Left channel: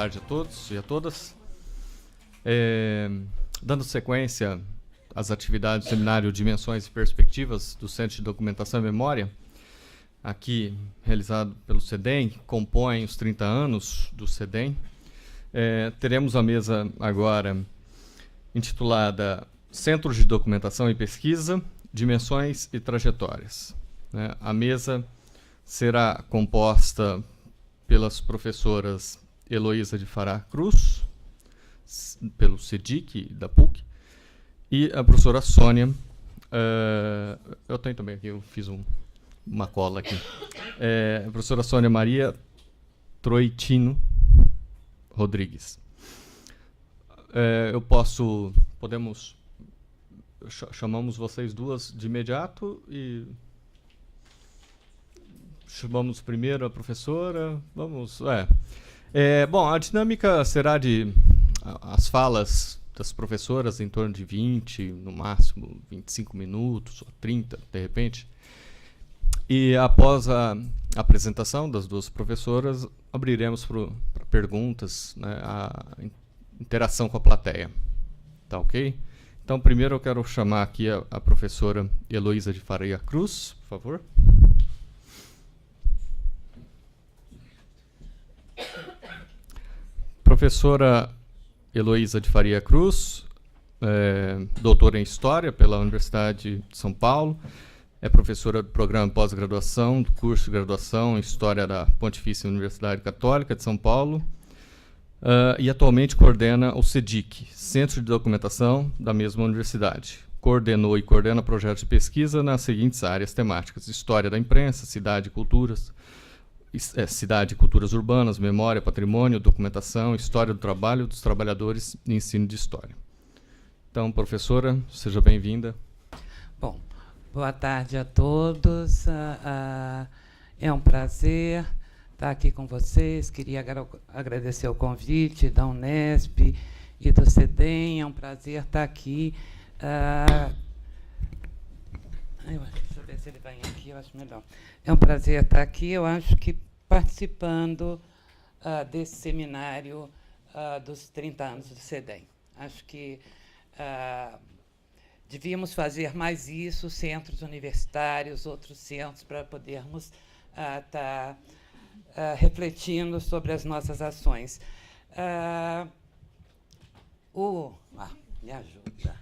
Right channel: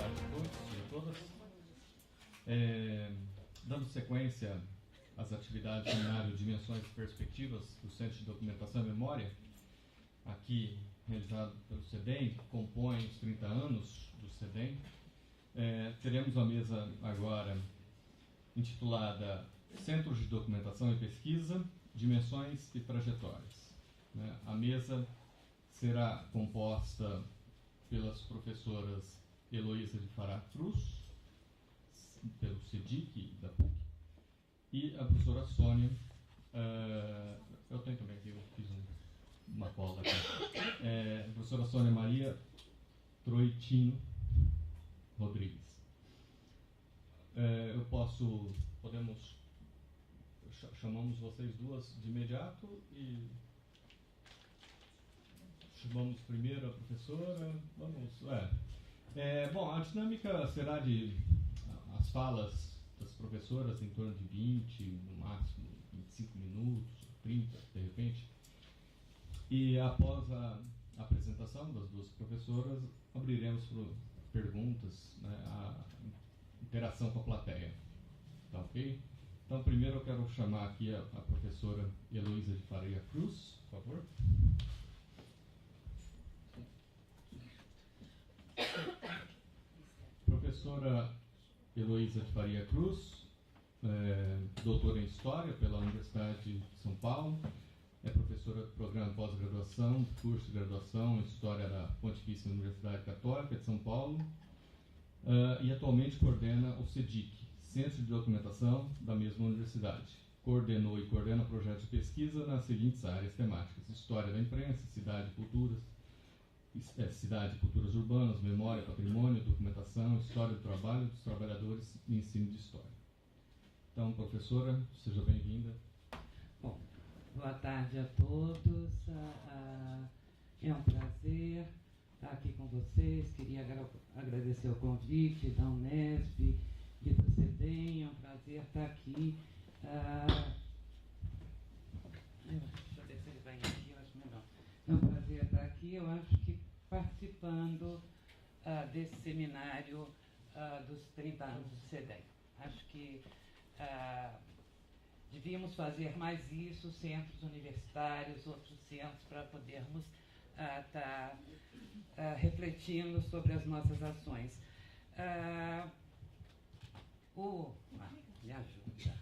tarde a todos e a todas. Dando sequência às atividades do seminário Dimensões e Perspectivas do Centro de Documentação e Memória, aqui realizado pelo CEDEM, que compõe os 30 anos do CEDEM, teremos a mesa agora intitulada Centros de Documentação e Pesquisa, Dimensões e Trajetórias. A mesa será composta pelas professoras Heloísa de Fará Cruz, pelo CEDIC da PUC, e a professora Sônia, eu tenho também aqui, eu fiz uma cola aqui, a professora Sônia Maria Troitino Rodrigues. Chamamos vocês duas de imediato e chamamos primeiro a professora. Bom, a dinâmica será de as falas das professoras em torno de 20, no máximo 25 minutos, ou 30, de repente. E após a apresentação das duas professoras, abriremos para perguntas, a interação com a plateia. Tá ok? Então, primeiro eu quero chamar aqui a professora Heloísa de Faria Cruz, por favor. Professora Heloísa de Faria Cruz, doutora em História pela Universidade de São Paulo, é professora do programa de pós-graduação, do curso de graduação em História da Pontifícia Universidade Católica de São Paulo, e atualmente coordena o CEDIC, Centro de Documentação da mesma universidade. Coordenou e coordena projetos de pesquisa nas seguintes áreas temáticas: História da Imprensa, Cidade e Culturas, Cidade e Culturas Urbanas, Memória, Patrimônio, Documentação, História do Trabalho, dos Trabalhadores e Ensino de História. Então, professora, seja bem-vinda. Bom, boa tarde a todos. É um prazer estar aqui com vocês. Queria agradecer o convite da Unesp e do CEDEM. É um prazer estar aqui. Deixa eu ver se ele vai aqui, eu acho melhor. É um prazer estar aqui, eu acho que participando desse seminário dos 30 anos do CEDEM. Acho que devíamos fazer mais isso, centros universitários, outros centros, para podermos estar refletindo sobre as nossas ações. Me ajuda.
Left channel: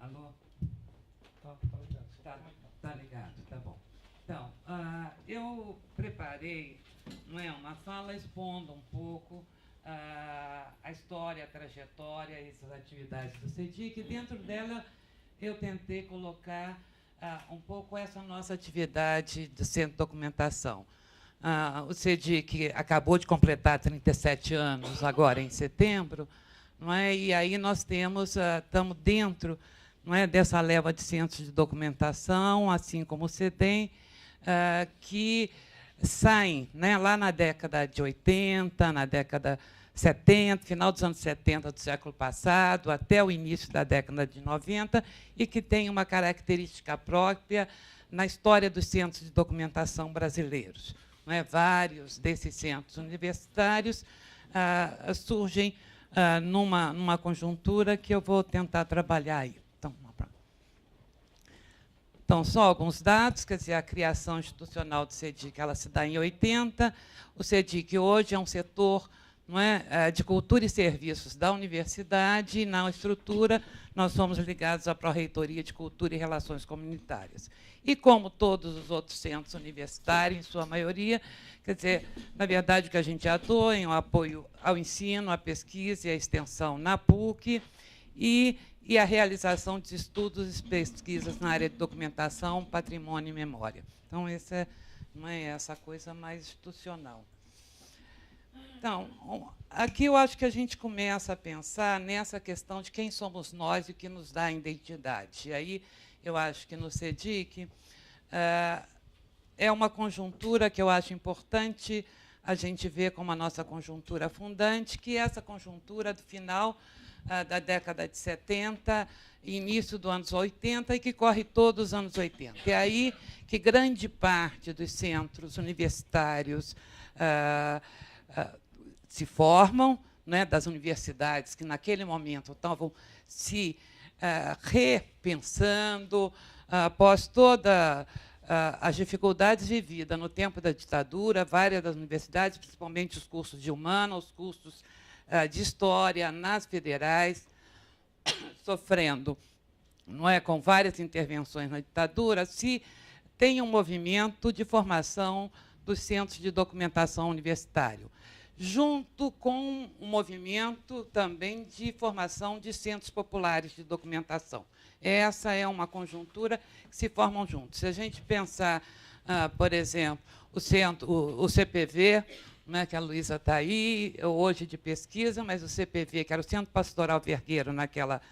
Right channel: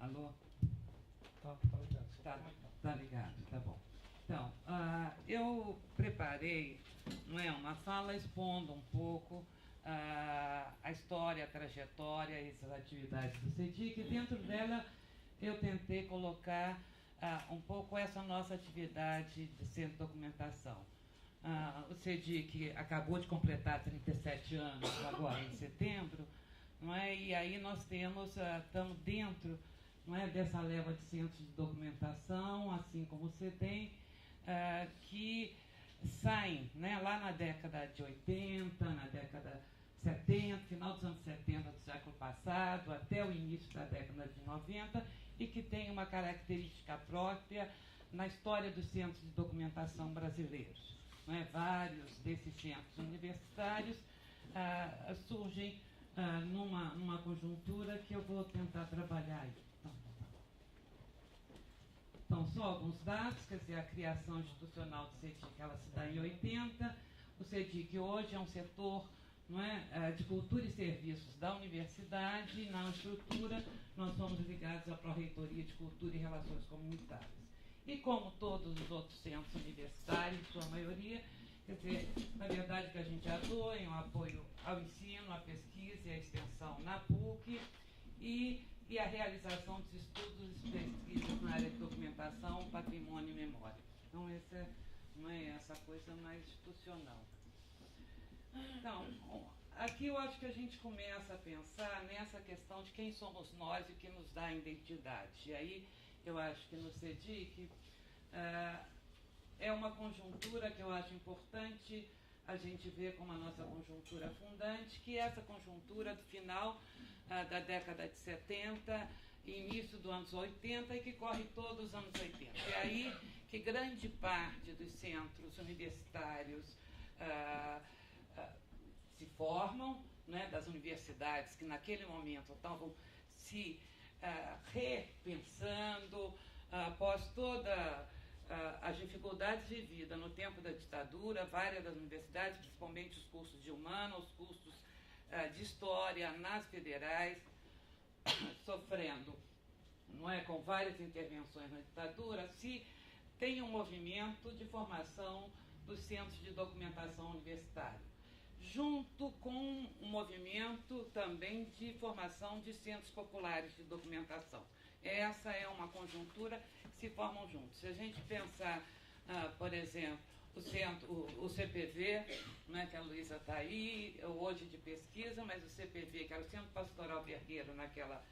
Alô? Tá ligado, tá bom. Então, eu preparei uma fala expondo um pouco a história, a trajetória e as atividades do CEDIC. Dentro dela, eu tentei colocar um pouco essa nossa atividade do Centro de Documentação. O CEDIC acabou de completar 37 anos, agora em setembro, e aí nós estamos dentro dessa leva de centros de documentação, assim como o CEDEM, que saem lá na década de 80, na década 70, final dos anos 70 do século passado, até o início da década de 90, e que tem uma característica própria na história dos centros de documentação brasileiros. Vários desses centros universitários surgem numa conjuntura que eu vou tentar trabalhar aí. Então, só alguns dados, quer dizer, a criação institucional do CEDIC, ela se dá em 80. O CEDIC hoje é um setor de cultura e serviços da universidade, e na estrutura nós somos ligados à Pró-Reitoria de Cultura e Relações Comunitárias. E, como todos os outros centros universitários, em sua maioria, quer dizer, na verdade, o que a gente atua em um apoio ao ensino, à pesquisa e à extensão na PUC, e a realização de estudos e pesquisas na área de documentação, patrimônio e memória. Então, essa é essa coisa mais institucional. Então, aqui eu acho que a gente começa a pensar nessa questão de quem somos nós e o que nos dá a identidade. E aí, eu acho que no CEDIC é uma conjuntura que eu acho importante a gente ver como a nossa conjuntura fundante, que é essa conjuntura do final da década de 70, início dos anos 80, e que corre todos os anos 80. É aí que grande parte dos centros universitários se formam, né, das universidades que, naquele momento, estavam se repensando, após todas as dificuldades vividas no tempo da ditadura, várias das universidades, principalmente os cursos de humanas, os cursos de história nas federais, sofrendo, não é, com várias intervenções na ditadura, se tem um movimento de formação dos centros de documentação universitário, junto com um movimento também de formação de centros populares de documentação. Essa é uma conjuntura que se formam juntos. Se a gente pensar, por exemplo, o CPV, né, que a Luísa está aí, hoje de pesquisa, mas o CPV, que era o Centro Pastoral Vergueiro naquela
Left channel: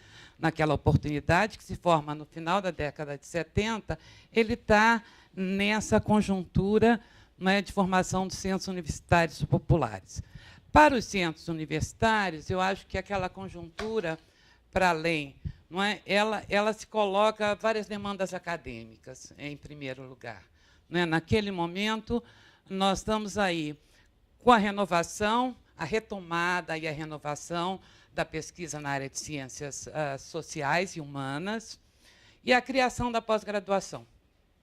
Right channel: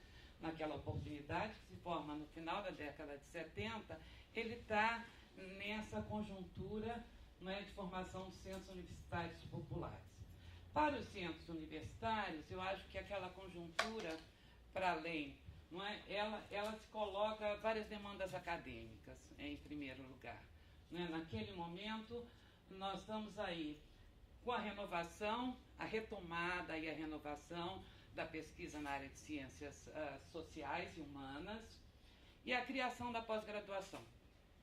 oportunidade, que se forma no final da década de 70, ele está nessa conjuntura, né, de formação de centros universitários populares. Para os centros universitários, eu acho que aquela conjuntura, para além, não é, ela se coloca várias demandas acadêmicas, em primeiro lugar. Não é? Naquele momento, nós estamos aí com a renovação, a retomada e a renovação da pesquisa na área de ciências sociais e humanas e a criação da pós-graduação.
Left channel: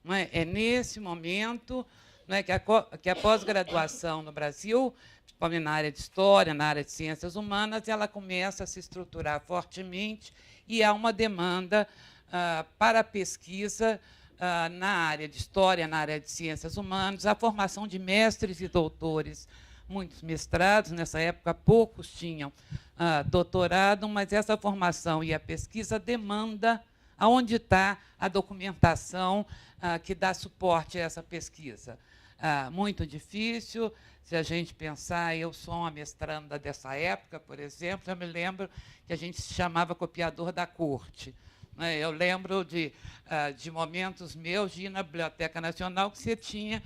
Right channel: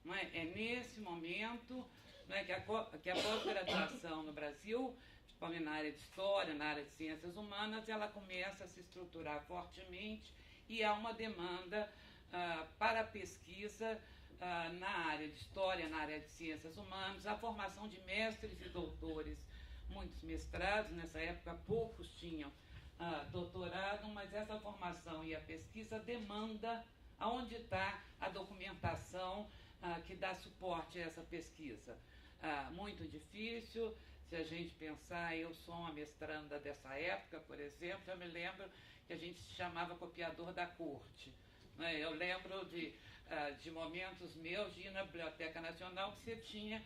Não é? É nesse momento, não é, que a pós-graduação no Brasil, principalmente na área de história, na área de ciências humanas, ela começa a se estruturar fortemente e há uma demanda para a pesquisa na área de história, na área de ciências humanas, a formação de mestres e doutores, muitos mestrados, nessa época poucos tinham doutorado, mas essa formação e a pesquisa demanda aonde está a documentação que dá suporte a essa pesquisa. Muito difícil, se a gente pensar, eu sou uma mestranda dessa época, por exemplo, eu me lembro que a gente se chamava copiador da corte. Eu lembro de momentos meus de ir na Biblioteca Nacional que você tinha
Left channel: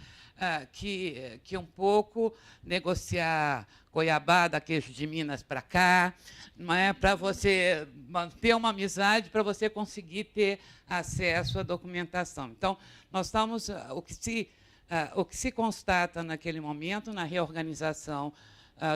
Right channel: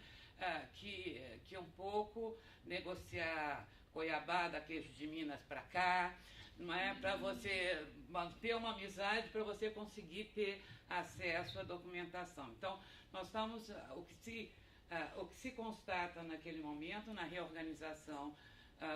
que um pouco negociar goiabada, queijo de Minas para cá, não é, para você manter uma amizade, para você conseguir ter acesso à documentação. Então, nós estamos o que se constata naquele momento na reorganização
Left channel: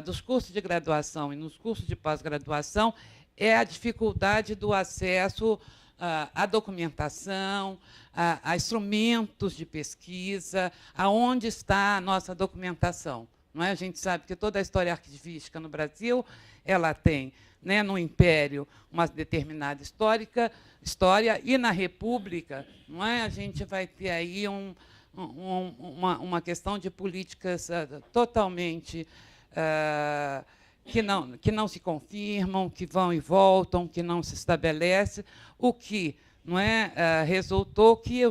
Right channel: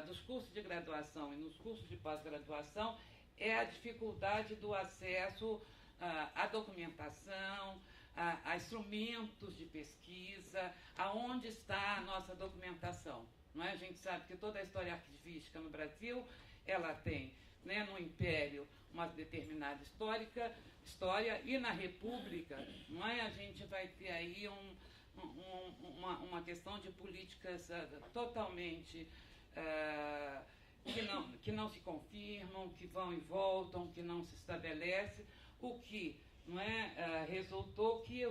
dos cursos de graduação e nos cursos de pós-graduação é a dificuldade do acesso à documentação, a instrumentos de pesquisa, aonde está a nossa documentação. Não é? A gente sabe que toda a história arquivística no Brasil ela tem, né, no Império, uma determinada história, e na República, não é? A gente vai ter aí uma questão de políticas totalmente que não se confirmam, que vão e voltam, que não se estabelece, o que não é, resultou que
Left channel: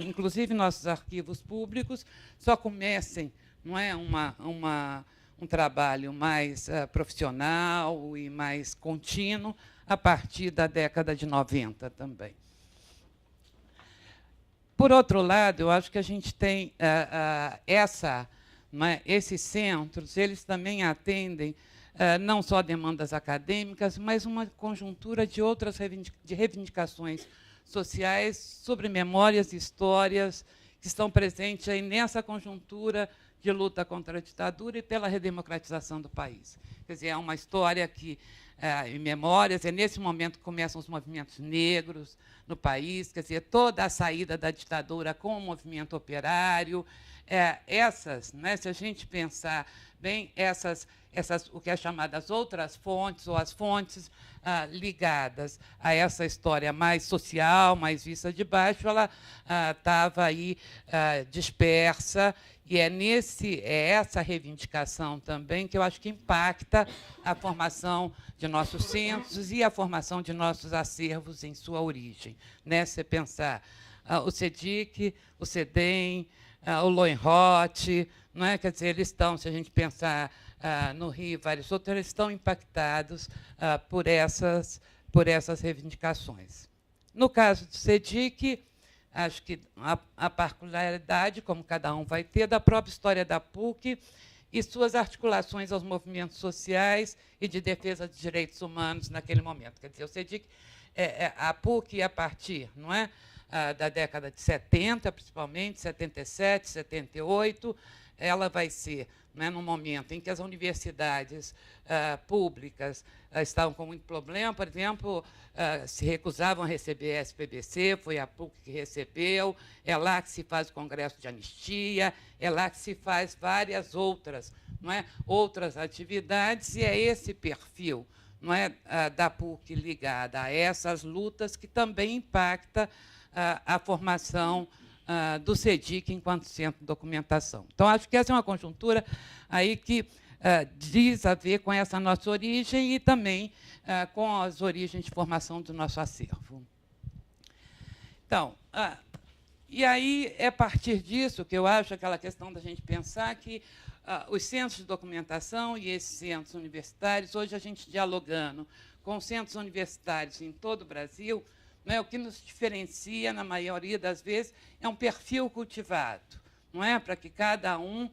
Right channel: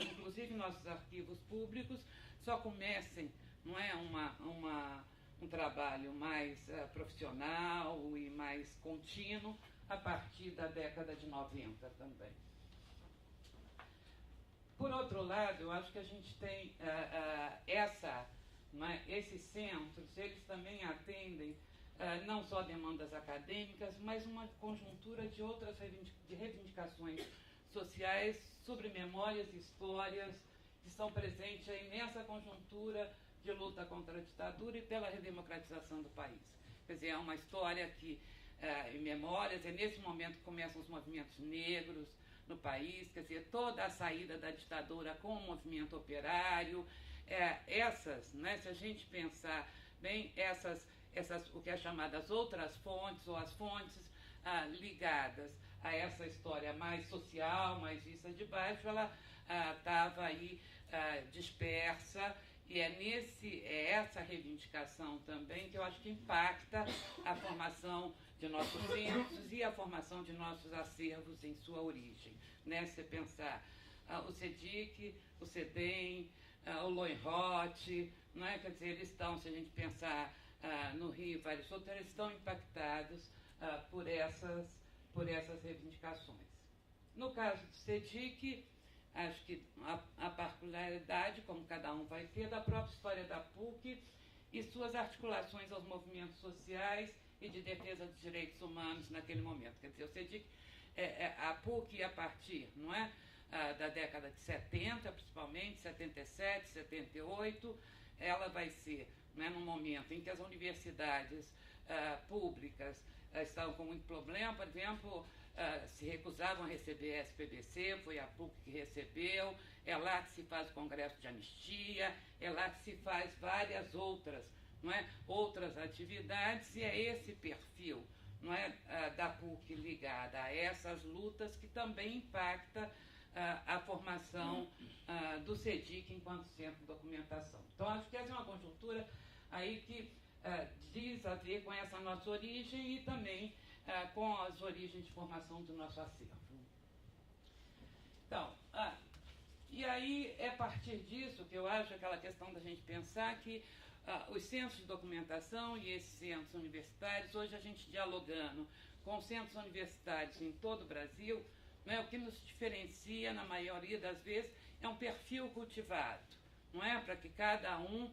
inclusive nossos arquivos públicos, só comecem, não é, um trabalho mais profissional e mais contínuo a partir da década de 90 também. Por outro lado, eu acho que a gente tem esses centros, eles também atendem não só demandas acadêmicas, mas uma conjuntura de outras reivindicações sociais sobre memórias e histórias que estão presentes aí nessa conjuntura de luta contra a ditadura e pela redemocratização do país. Quer dizer, é uma história que, em memórias, é nesse momento que começam os movimentos negros no país, quer dizer, toda a saída da ditadura com o movimento operário, né, se a gente pensar bem, o que é chamado as outras fontes, ou as fontes ligadas a essa história mais social, mais vista de baixo, ela estava aí dispersa, e é essa reivindicação também que eu acho que impacta a formação de nossos centros e a formação de nossos acervos em sua origem. Né? Se você pensar o CEDIC, o CEDEM, o Loenroth, não é? Quer dizer, eles estão, se a gente pensar no Rio e vários outros, eles estão impactados por essas reivindicações. No caso do CEDIC, acho que a particularidade, como cada um vai ter, da própria história da PUC e suas articulações aos movimentos sociais e de defesa dos direitos humanos naquele momento. Quer dizer, o CEDIC, a PUC, a partir, não é, da década de 70, principalmente, 77, 78, ela vai ser, né, no momento em que as universidades públicas estavam com muito problema, por exemplo, se recusavam a receber a SPBC, foi a PUC que recebeu, é lá que se faz o Congresso de Anistia, é lá que se faz várias outras, não é, outras atividades, e é esse perfil, não é, da PUC ligada a essas lutas que também impacta a formação do CEDIC enquanto centro de documentação. Então, acho que essa é uma conjuntura aí que diz a ver com essa nossa origem e também com as origens de formação do nosso acervo. Então, e aí é a partir disso que eu acho aquela questão da gente pensar que os centros de documentação e esses centros universitários, hoje a gente dialogando com centros universitários em todo o Brasil, não é, o que nos diferencia, na maioria das vezes, é um perfil cultivado, não é, para que cada um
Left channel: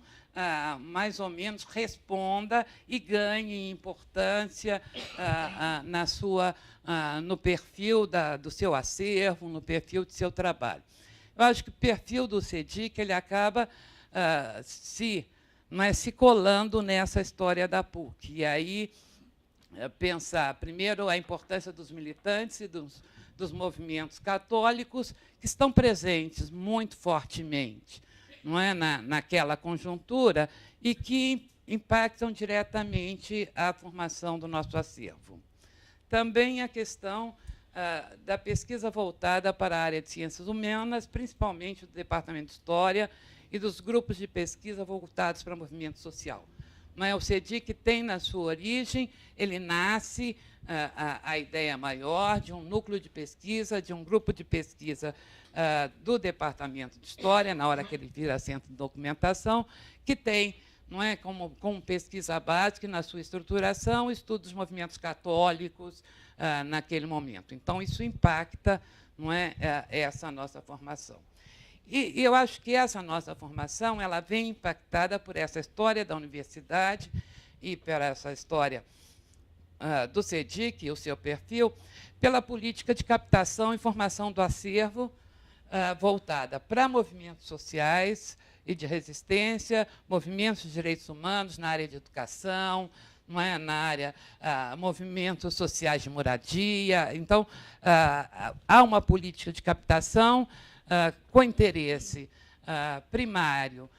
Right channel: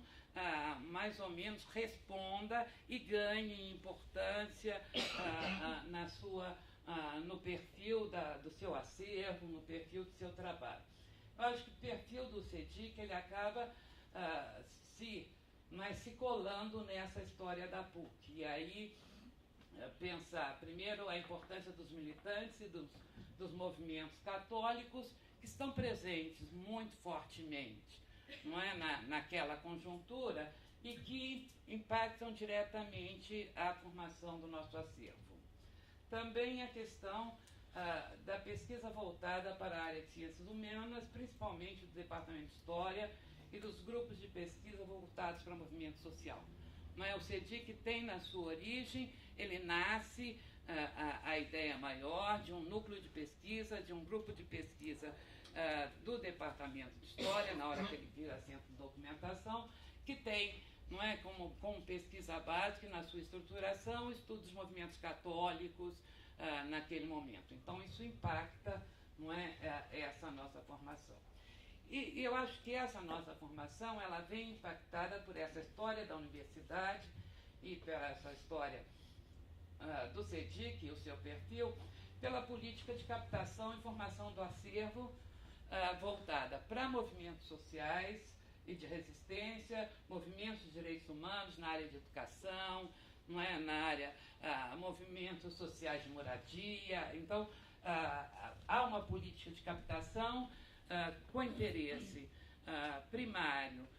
mais ou menos responda e ganhe importância no perfil do seu acervo, no perfil do seu trabalho. Eu acho que o perfil do CEDIC ele acaba se colando nessa história da PUC. E aí pensar, primeiro, a importância dos militantes e dos movimentos católicos que estão presentes muito fortemente, não é, naquela conjuntura e que impactam diretamente a formação do nosso acervo. Também a questão da pesquisa voltada para a área de ciências humanas, principalmente do Departamento de História e dos grupos de pesquisa voltados para o movimento social. Não é? O CEDIC tem, na sua origem, ele nasce a ideia maior de um núcleo de pesquisa, de um grupo de pesquisa do Departamento de História, na hora que ele vira centro de documentação, que tem, não é, como pesquisa básica, na sua estruturação, estudo dos movimentos católicos naquele momento. Então, isso impacta, não é, essa nossa formação. E eu acho que essa nossa formação ela vem impactada por essa história da universidade e por essa história do CEDIC, o seu perfil, pela política de captação e formação do acervo voltada para movimentos sociais e de resistência, movimentos de direitos humanos na área de educação, não é? Na área movimentos sociais de moradia. Então, há uma política de captação com interesse primário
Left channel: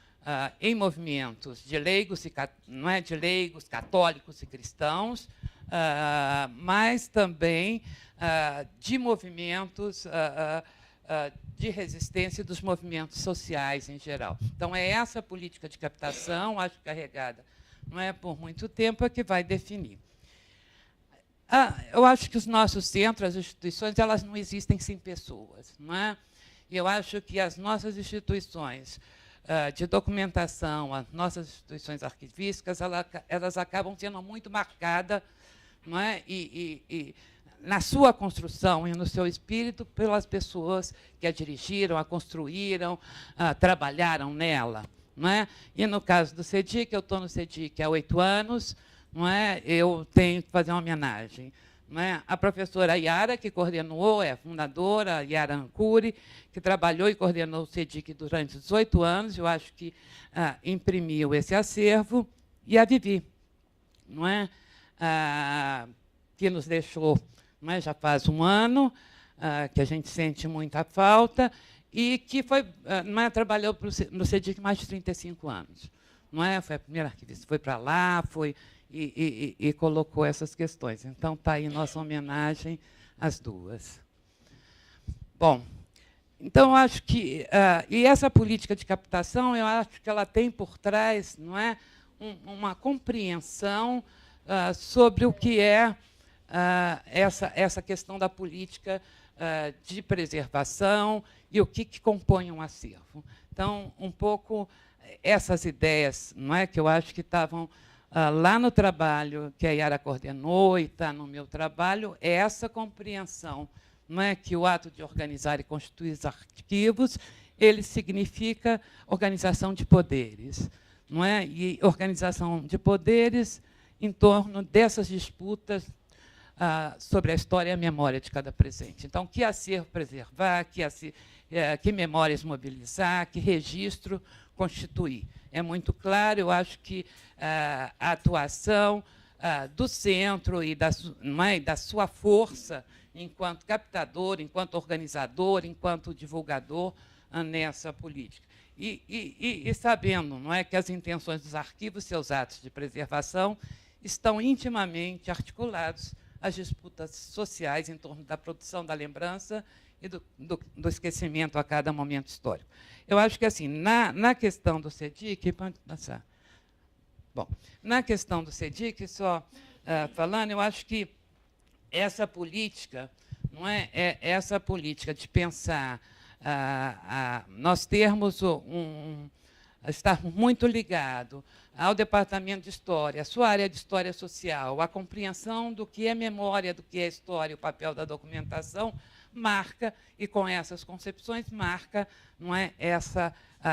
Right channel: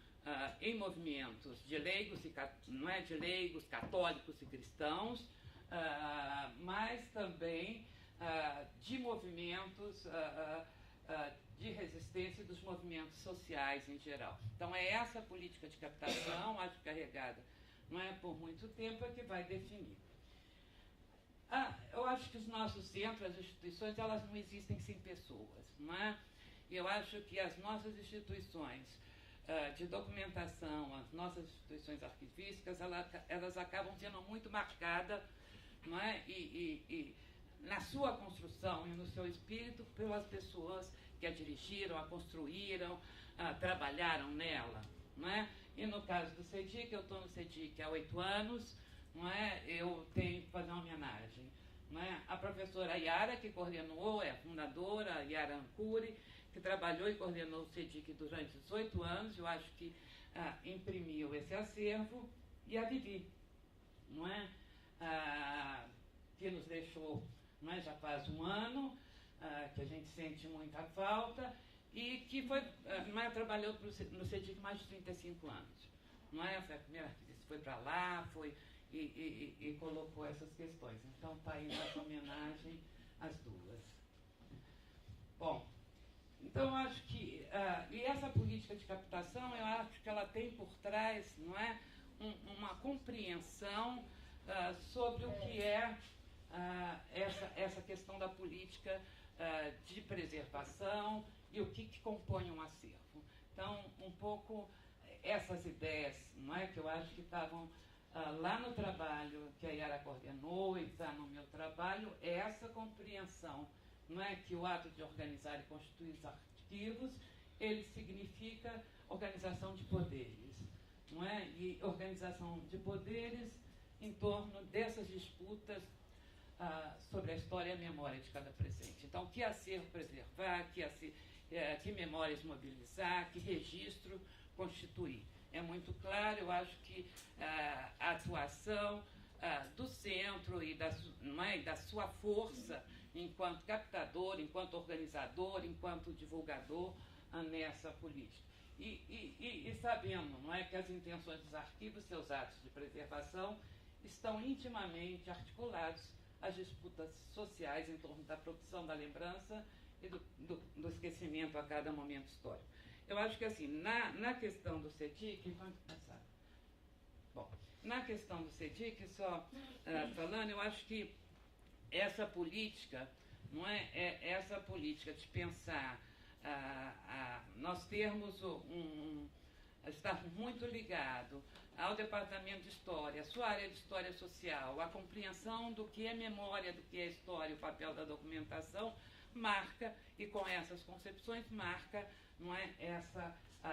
em movimentos de leigos, não é, de leigos católicos e cristãos, mas também de movimentos de resistência dos movimentos sociais em geral. Então, é essa política de captação, acho carregada, não é, por muito tempo, é que vai definir. Eu acho que os nossos centros, as instituições, elas não existem sem pessoas, não é? Eu acho que as nossas instituições de documentação, as nossas instituições arquivísticas, elas acabam sendo muito marcadas, não é? E na sua construção e no seu espírito pelas pessoas que a dirigiram, a construíram, trabalharam nela, não é? E no caso do CEDIC, eu estou no CEDIC há 8 anos, não é? Eu tenho que fazer uma homenagem, não é? A professora Yara, que coordenou, é a fundadora, Yara Ancuri, que trabalhou e coordenou o CEDIC durante 18 anos, eu acho que imprimiu esse acervo, e a Vivi, não é? Que nos deixou, não é? Já faz um ano, que a gente sente muita falta, e que foi, não é? Trabalhou no CEDIC mais de 35 anos. Não é? Foi a primeira arquivista, foi para lá, foi e colocou essas questões. Então, está aí nossa homenagem às duas. Bom, então, eu acho que... e essa política de captação, eu acho que ela tem por trás, não é, uma compreensão sobre o que é essa questão da política de preservação e o que compõe um acervo. Então, um pouco essas ideias, não é, que eu acho que estavam lá no trabalho que a Yara coordenou e está no meu trabalho, é essa compreensão, não é, que o ato de organizar e constituir os arquivos, ele significa organização de poderes, não é? E organização de poderes em torno dessas disputas sobre a história e a memória de cada presente. Então, que acervo preservar, que memórias mobilizar, que registro constituir. É muito claro, eu acho que a atuação do centro e da sua força enquanto captador, enquanto organizador, enquanto divulgador nessa política. E sabendo, não é, que as intenções dos arquivos, seus atos de preservação, estão intimamente articulados às disputas sociais em torno da produção da lembrança e do esquecimento a cada momento histórico. Eu acho que, assim, na questão do CEDIC, pode passar. Bom, na questão do CEDIC, só falando, eu acho que essa política, não é, essa política de pensar, nós termos estar muito ligado ao Departamento de História, a sua área de História Social, a compreensão do que é memória, do que é história, o papel da documentação, marca, e com essas concepções, marca, não é,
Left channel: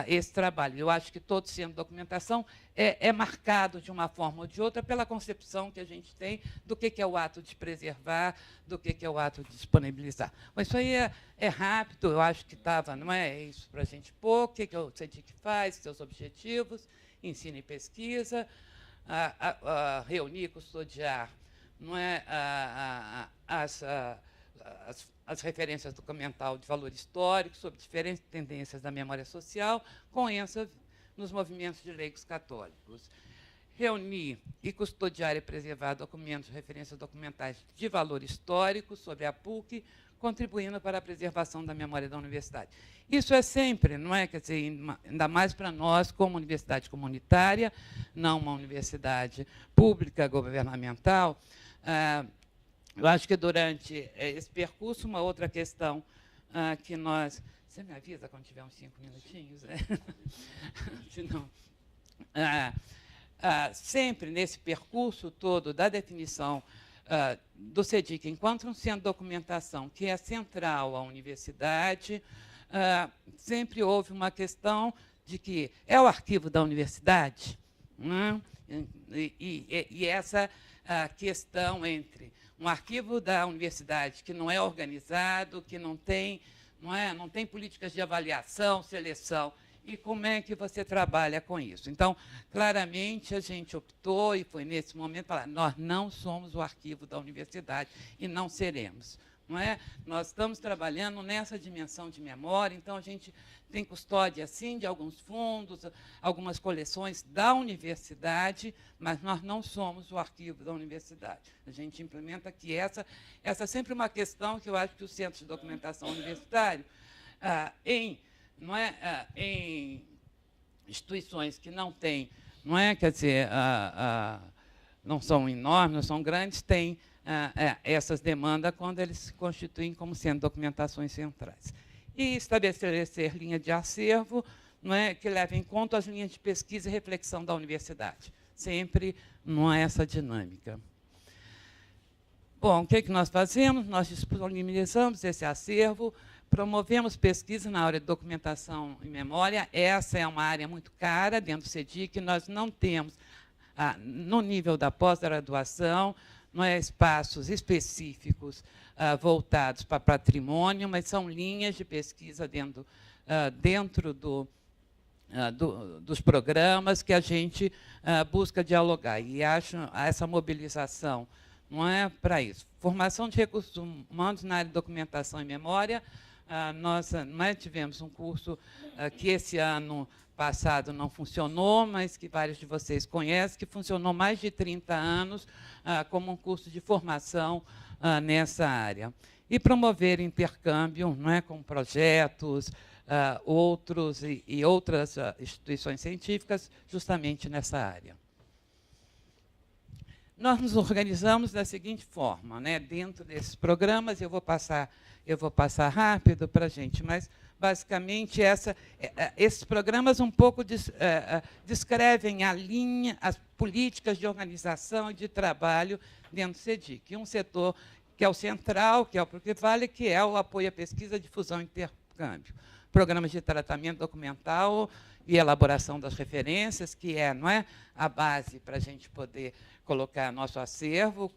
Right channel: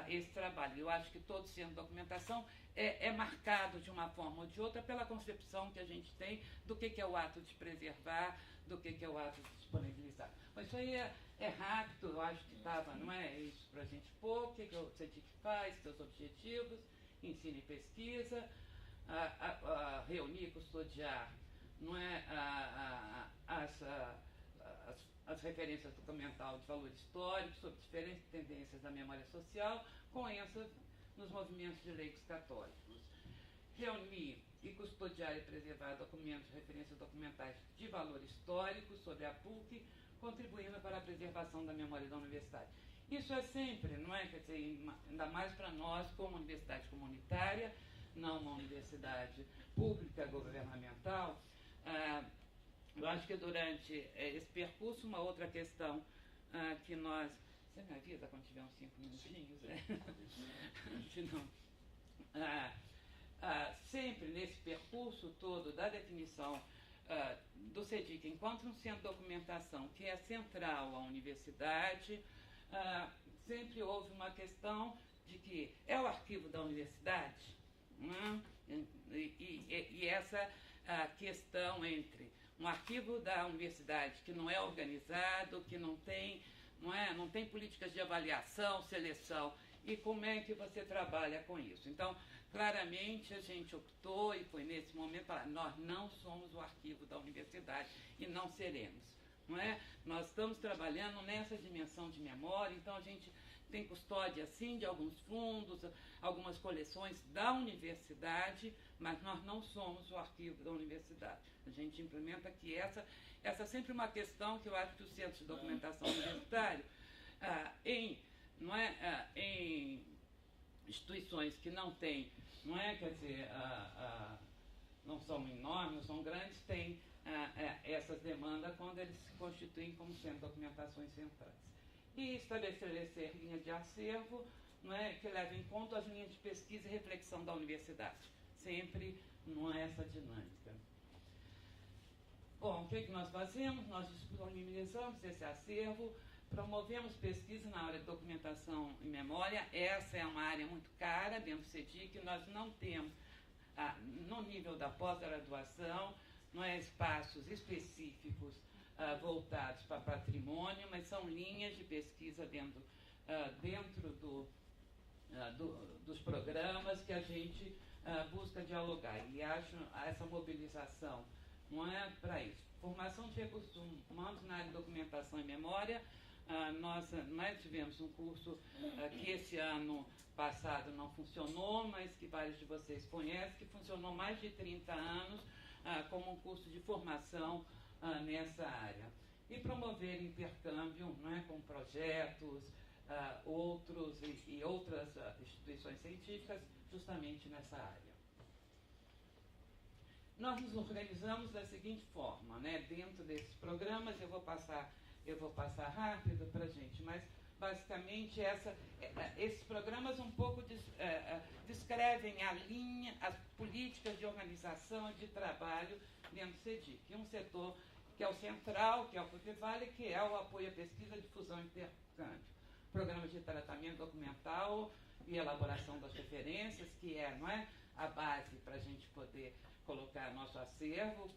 esse trabalho. Eu acho que todo centro de documentação é marcado, de uma forma ou de outra, pela concepção que a gente tem do que é o ato de preservar, do que é o ato de disponibilizar. Mas isso aí é rápido, eu acho que estava, não é isso para a gente pôr, o que o CEDIC faz, seus objetivos, ensino e pesquisa, reunir, custodiar, não é, as referências documental de valor histórico sobre diferentes tendências da memória social, com ênfase nos movimentos de leigos católicos. Reunir e custodiar e preservar documentos de referências documentais de valor histórico sobre a PUC, contribuindo para a preservação da memória da universidade. Isso é sempre, não é? Quer dizer, ainda mais para nós, como universidade comunitária, não uma universidade pública, governamental. Eu acho que, durante esse percurso, uma outra questão que nós... Você me avisa quando tiver uns 5 minutinhos? Senão, sempre nesse percurso todo da definição do CEDIC enquanto um centro de documentação que é central à universidade, sempre houve uma questão de que é o arquivo da universidade, né? E essa questão entre um arquivo da universidade que não é organizado, que não tem políticas de avaliação, seleção, e como é que você trabalha com isso. Então, claramente, a gente optou, e foi nesse momento, falar, nós não somos o arquivo da universidade e não seremos. Não é? Nós estamos trabalhando nessa dimensão de memória, então a gente tem custódia, sim, de alguns fundos, algumas coleções da universidade, mas nós não somos o arquivo da universidade. A gente implementa que essa é sempre uma questão que eu acho que os centros de documentação universitário, em instituições que não têm, não é, quer dizer, não são enormes, não são grandes, têm essas demandas quando eles se constituem como sendo documentações centrais. E estabelecer linha de acervo, não é, que leve em conta as linhas de pesquisa e reflexão da universidade. Sempre não é essa dinâmica. Bom, o que nós fazemos? Nós disponibilizamos esse acervo, promovemos pesquisa na área de documentação e memória. Essa é uma área muito cara dentro do CEDIC. Nós não temos, no nível da pós-graduação, não é, espaços específicos voltados para patrimônio, mas são linhas de pesquisa dentro dos programas que a gente busca dialogar. E acho essa mobilização não é para isso. Formação de recursos humanos na área de documentação e memória. Nós tivemos um curso que esse ano passado não funcionou, mas que vários de vocês conhecem, que funcionou mais de 30 anos como um curso de formação nessa área. E promover intercâmbio, não é, com projetos, outros e outras instituições científicas, justamente nessa área. Nós nos organizamos da seguinte forma, né, dentro desses programas, eu vou passar rápido para a gente, mas, basicamente, esses programas um pouco descrevem as políticas de organização e de trabalho dentro do CEDIC. Um setor que é o central, que é o que vale, que é o apoio à pesquisa, difusão e intercâmbio. Programas de tratamento documental e elaboração das referências, que não é a base para a gente poder colocar nosso acervo,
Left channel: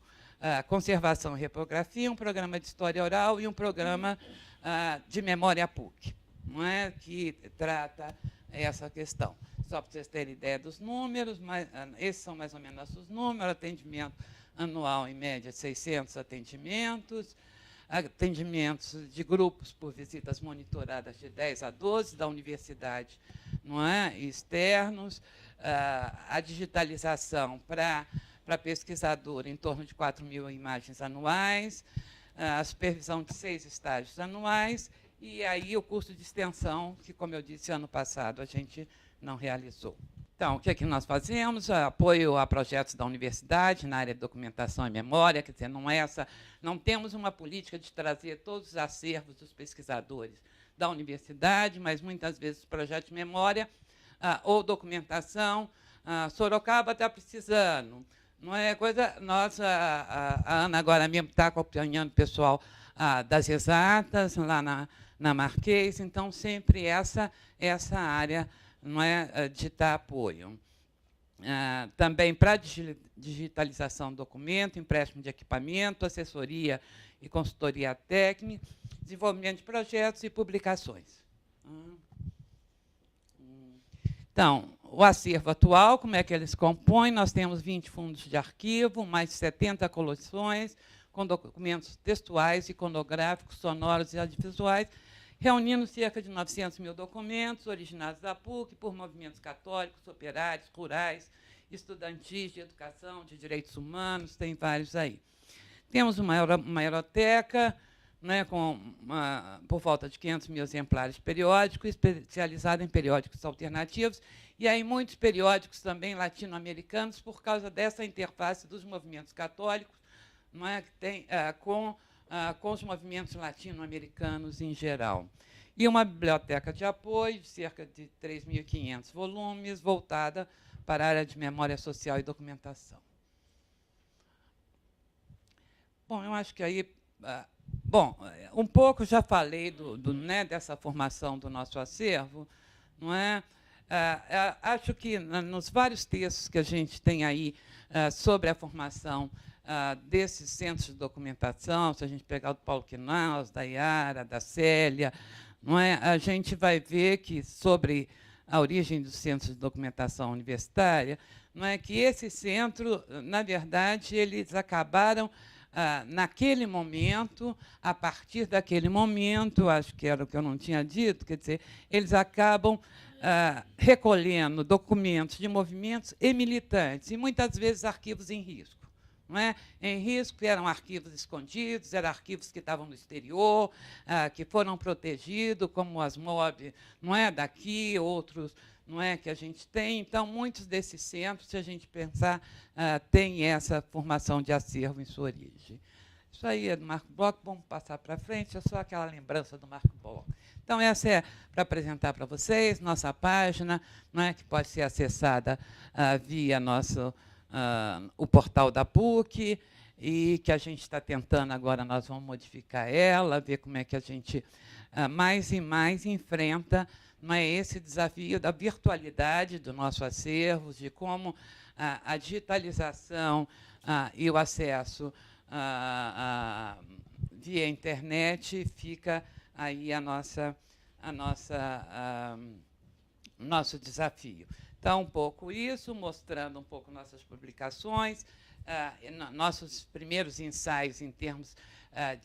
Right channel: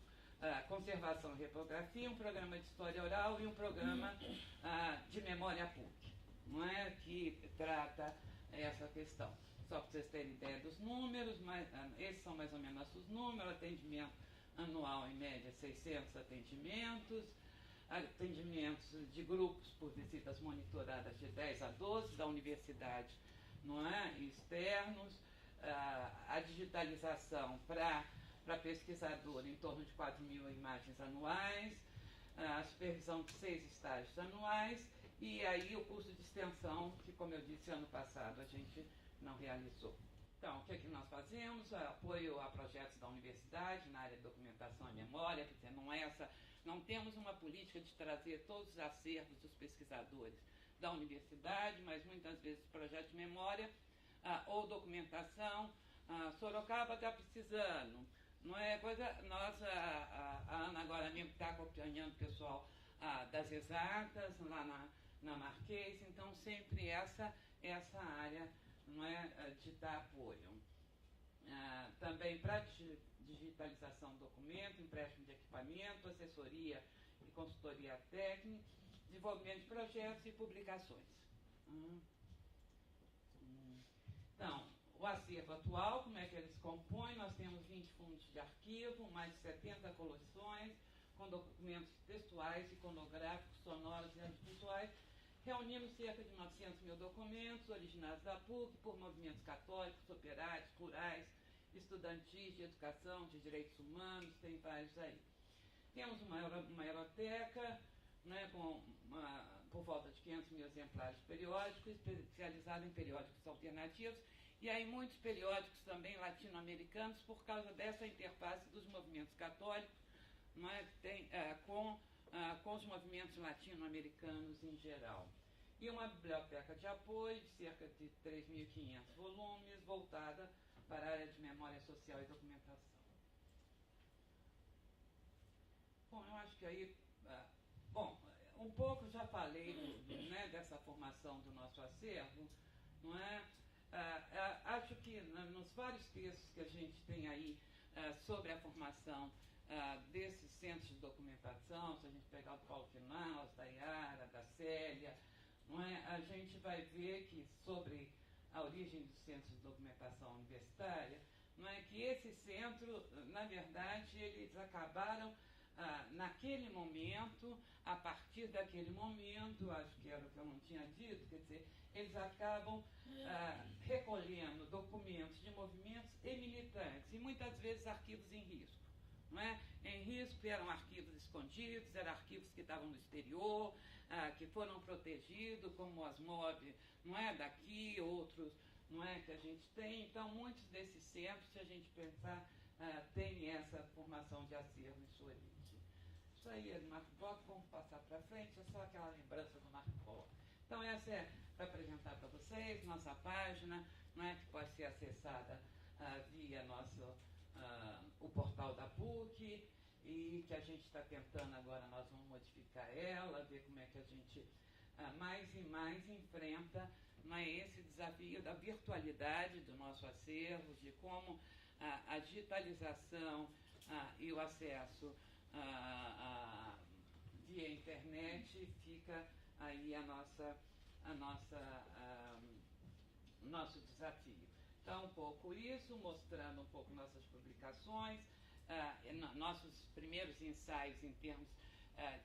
Conservação e Reprografia, um programa de História Oral e um programa de Memória PUC, não é, que trata essa questão. Só para vocês terem ideia dos números, esses são mais ou menos nossos números, atendimento anual, em média, 600 atendimentos, atendimentos de grupos por visitas monitoradas de 10 a 12 da universidade, não é, externos, a digitalização para pesquisador em torno de 4.000 imagens anuais, a supervisão de 6 estágios anuais, e aí o curso de extensão, que, como eu disse, ano passado a gente não realizou. Então, o que é que nós fazemos? Apoio a projetos da universidade na área de documentação e memória, quer dizer, não temos uma política de trazer todos os acervos dos pesquisadores da universidade, mas muitas vezes projetos de memória ou documentação. Sorocaba está precisando. Não é coisa. A Ana agora mesmo está acompanhando o pessoal das exatas, lá na Marquês, então sempre essa área, não é, de dar apoio. Também para digitalização do documento, empréstimo de equipamento, assessoria e consultoria técnica, desenvolvimento de projetos e publicações. Então, o acervo atual, como é que ele se compõe? Nós temos 20 fundos de arquivo, mais de 70 coleções, com documentos textuais, iconográficos, sonoros e audiovisuais, reunindo cerca de 900.000 documentos originários da PUC por movimentos católicos, operários, rurais, estudantis, de educação, de direitos humanos, tem vários aí. Temos uma hemeroteca, né, por volta de 500.000 exemplares periódicos, especializada em periódicos alternativos, e aí muitos periódicos também latino-americanos, por causa dessa interface dos movimentos católicos, não é, que tem, com os movimentos latino-americanos em geral. E uma biblioteca de apoio, de cerca de 3.500 volumes, voltada para a área de memória social e documentação. Bom, eu acho que aí... Bom, um pouco já falei né, dessa formação do nosso acervo, não é? Acho que nos vários textos que a gente tem aí sobre a formação desses centros de documentação, se a gente pegar o do Paulo Quinaus, da Iara, da Célia, não é? A gente vai ver que, sobre a origem dos centros de documentação universitária, não é, que esse centro, na verdade, eles acabaram, naquele momento, a partir daquele momento, acho que era o que eu não tinha dito, quer dizer, eles acabam recolhendo documentos de movimentos e militantes, e muitas vezes arquivos em risco. Não é? Em risco eram arquivos escondidos, eram arquivos que estavam no exterior, que foram protegidos, como as MOB, não é, daqui, outros, não é, que a gente tem. Então, muitos desses centros, se a gente pensar, têm essa formação de acervo em sua origem. Isso aí é do Marco Bloch, vamos passar para frente, é só aquela lembrança do Marco Bloch. Então, essa é para apresentar para vocês, nossa página, não é, que pode ser acessada via o portal da PUC, e que a gente está tentando agora, nós vamos modificar ela, ver como é que a gente mais e mais enfrenta, não é, esse desafio da virtualidade do nosso acervo, de como a digitalização e o acesso via internet fica aí nosso desafio. Então, um pouco isso, mostrando um pouco nossas publicações, nossos primeiros ensaios em termos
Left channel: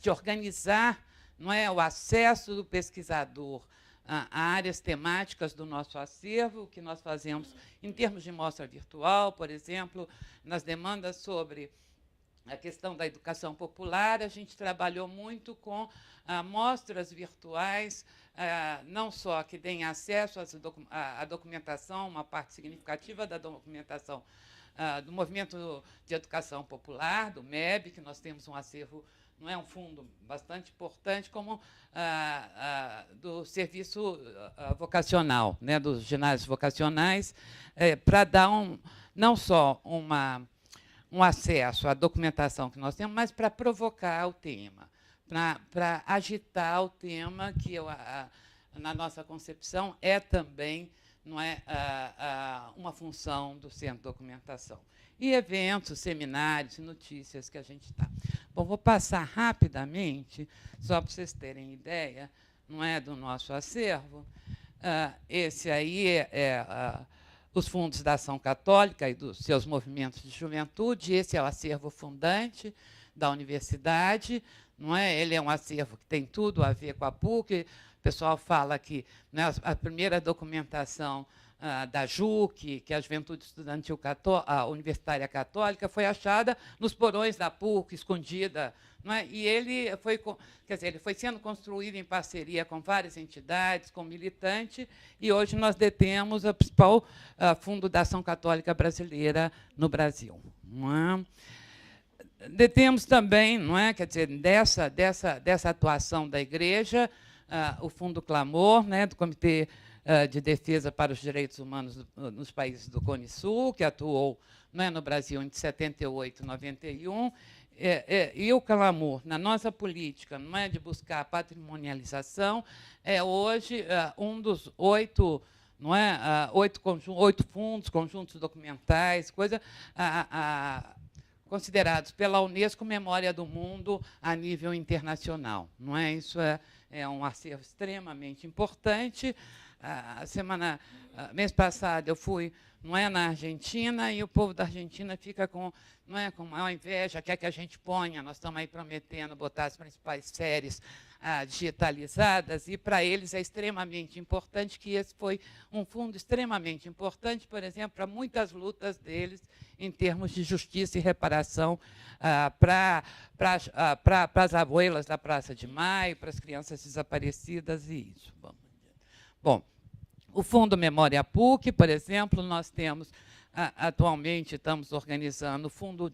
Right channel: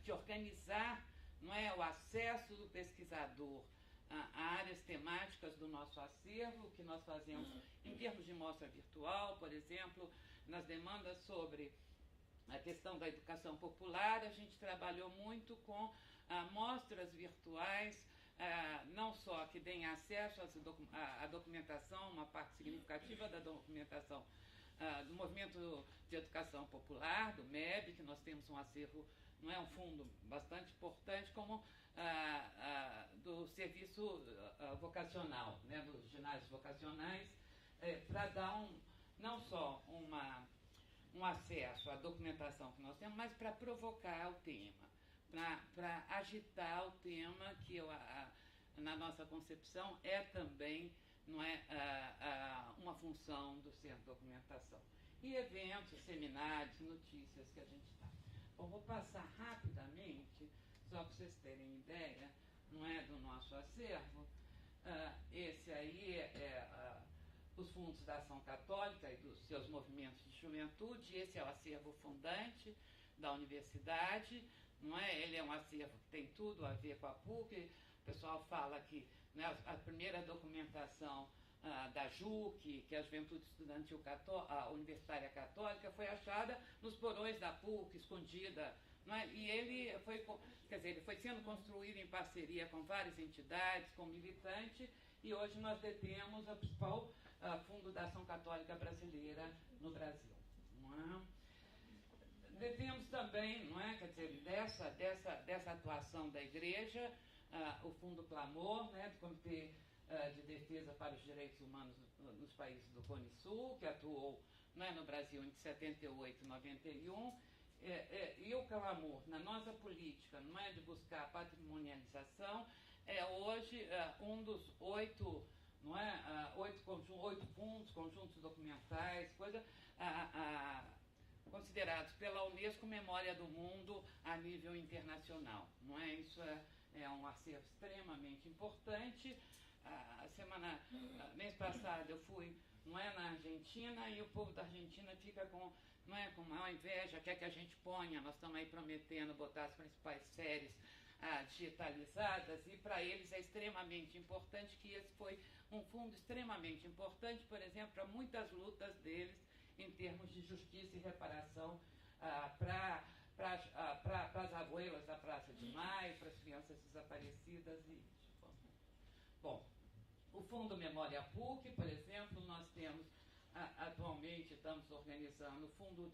de organizar, não é, o acesso do pesquisador a áreas temáticas do nosso acervo, o que nós fazemos em termos de mostra virtual, por exemplo, nas demandas sobre a questão da educação popular, a gente trabalhou muito com mostras virtuais, não só que deem acesso à documentação, uma parte significativa da documentação do Movimento de Educação Popular, do MEB, que nós temos um acervo, não é, um fundo bastante importante, como do serviço vocacional, né, dos ginásios vocacionais, para dar não só um acesso à documentação que nós temos, mas para provocar o tema, para agitar o tema, que na nossa concepção é também, não é, uma função do Centro de Documentação. E eventos, seminários, notícias que a gente está. Bom, vou passar rapidamente, só para vocês terem ideia, não é, do nosso acervo. Esse aí os fundos da Ação Católica e dos seus movimentos de juventude. Esse é o acervo fundante da universidade, não é? Ele é um acervo que tem tudo a ver com a PUC. O pessoal fala que, né, a primeira documentação da JUC, que é a Juventude Estudantil Universitária Católica, foi achada nos porões da PUC, escondida. Não é? E ele foi, quer dizer, ele foi sendo construído em parceria com várias entidades, com militantes, e hoje nós detemos o principal fundo da Ação Católica Brasileira no Brasil. Não é? Detemos também, não é, quer dizer, dessa atuação da Igreja, o Fundo Clamor, né, do Comitê de Defesa para os Direitos Humanos nos países do Cone Sul, que atuou, não é, no Brasil entre 78 e 91, e o clamor na nossa política, não é, de buscar a patrimonialização, é hoje um dos 8, não é, 8 fundos, conjuntos documentais, considerados pela Unesco Memória do Mundo a nível internacional. Não é? Isso é um acervo extremamente importante. Mês passado eu fui, não é, na Argentina, e o povo da Argentina fica com, não é, com maior inveja, quer que a gente ponha, nós estamos aí prometendo botar as principais séries digitalizadas, e para eles é extremamente importante que esse foi um fundo extremamente importante, por exemplo, para muitas lutas deles em termos de justiça e reparação para as abuelas da Praça de Maio, para as crianças desaparecidas e isso. Bom, o Fundo Memória PUC, por exemplo, nós temos, atualmente, estamos organizando o fundo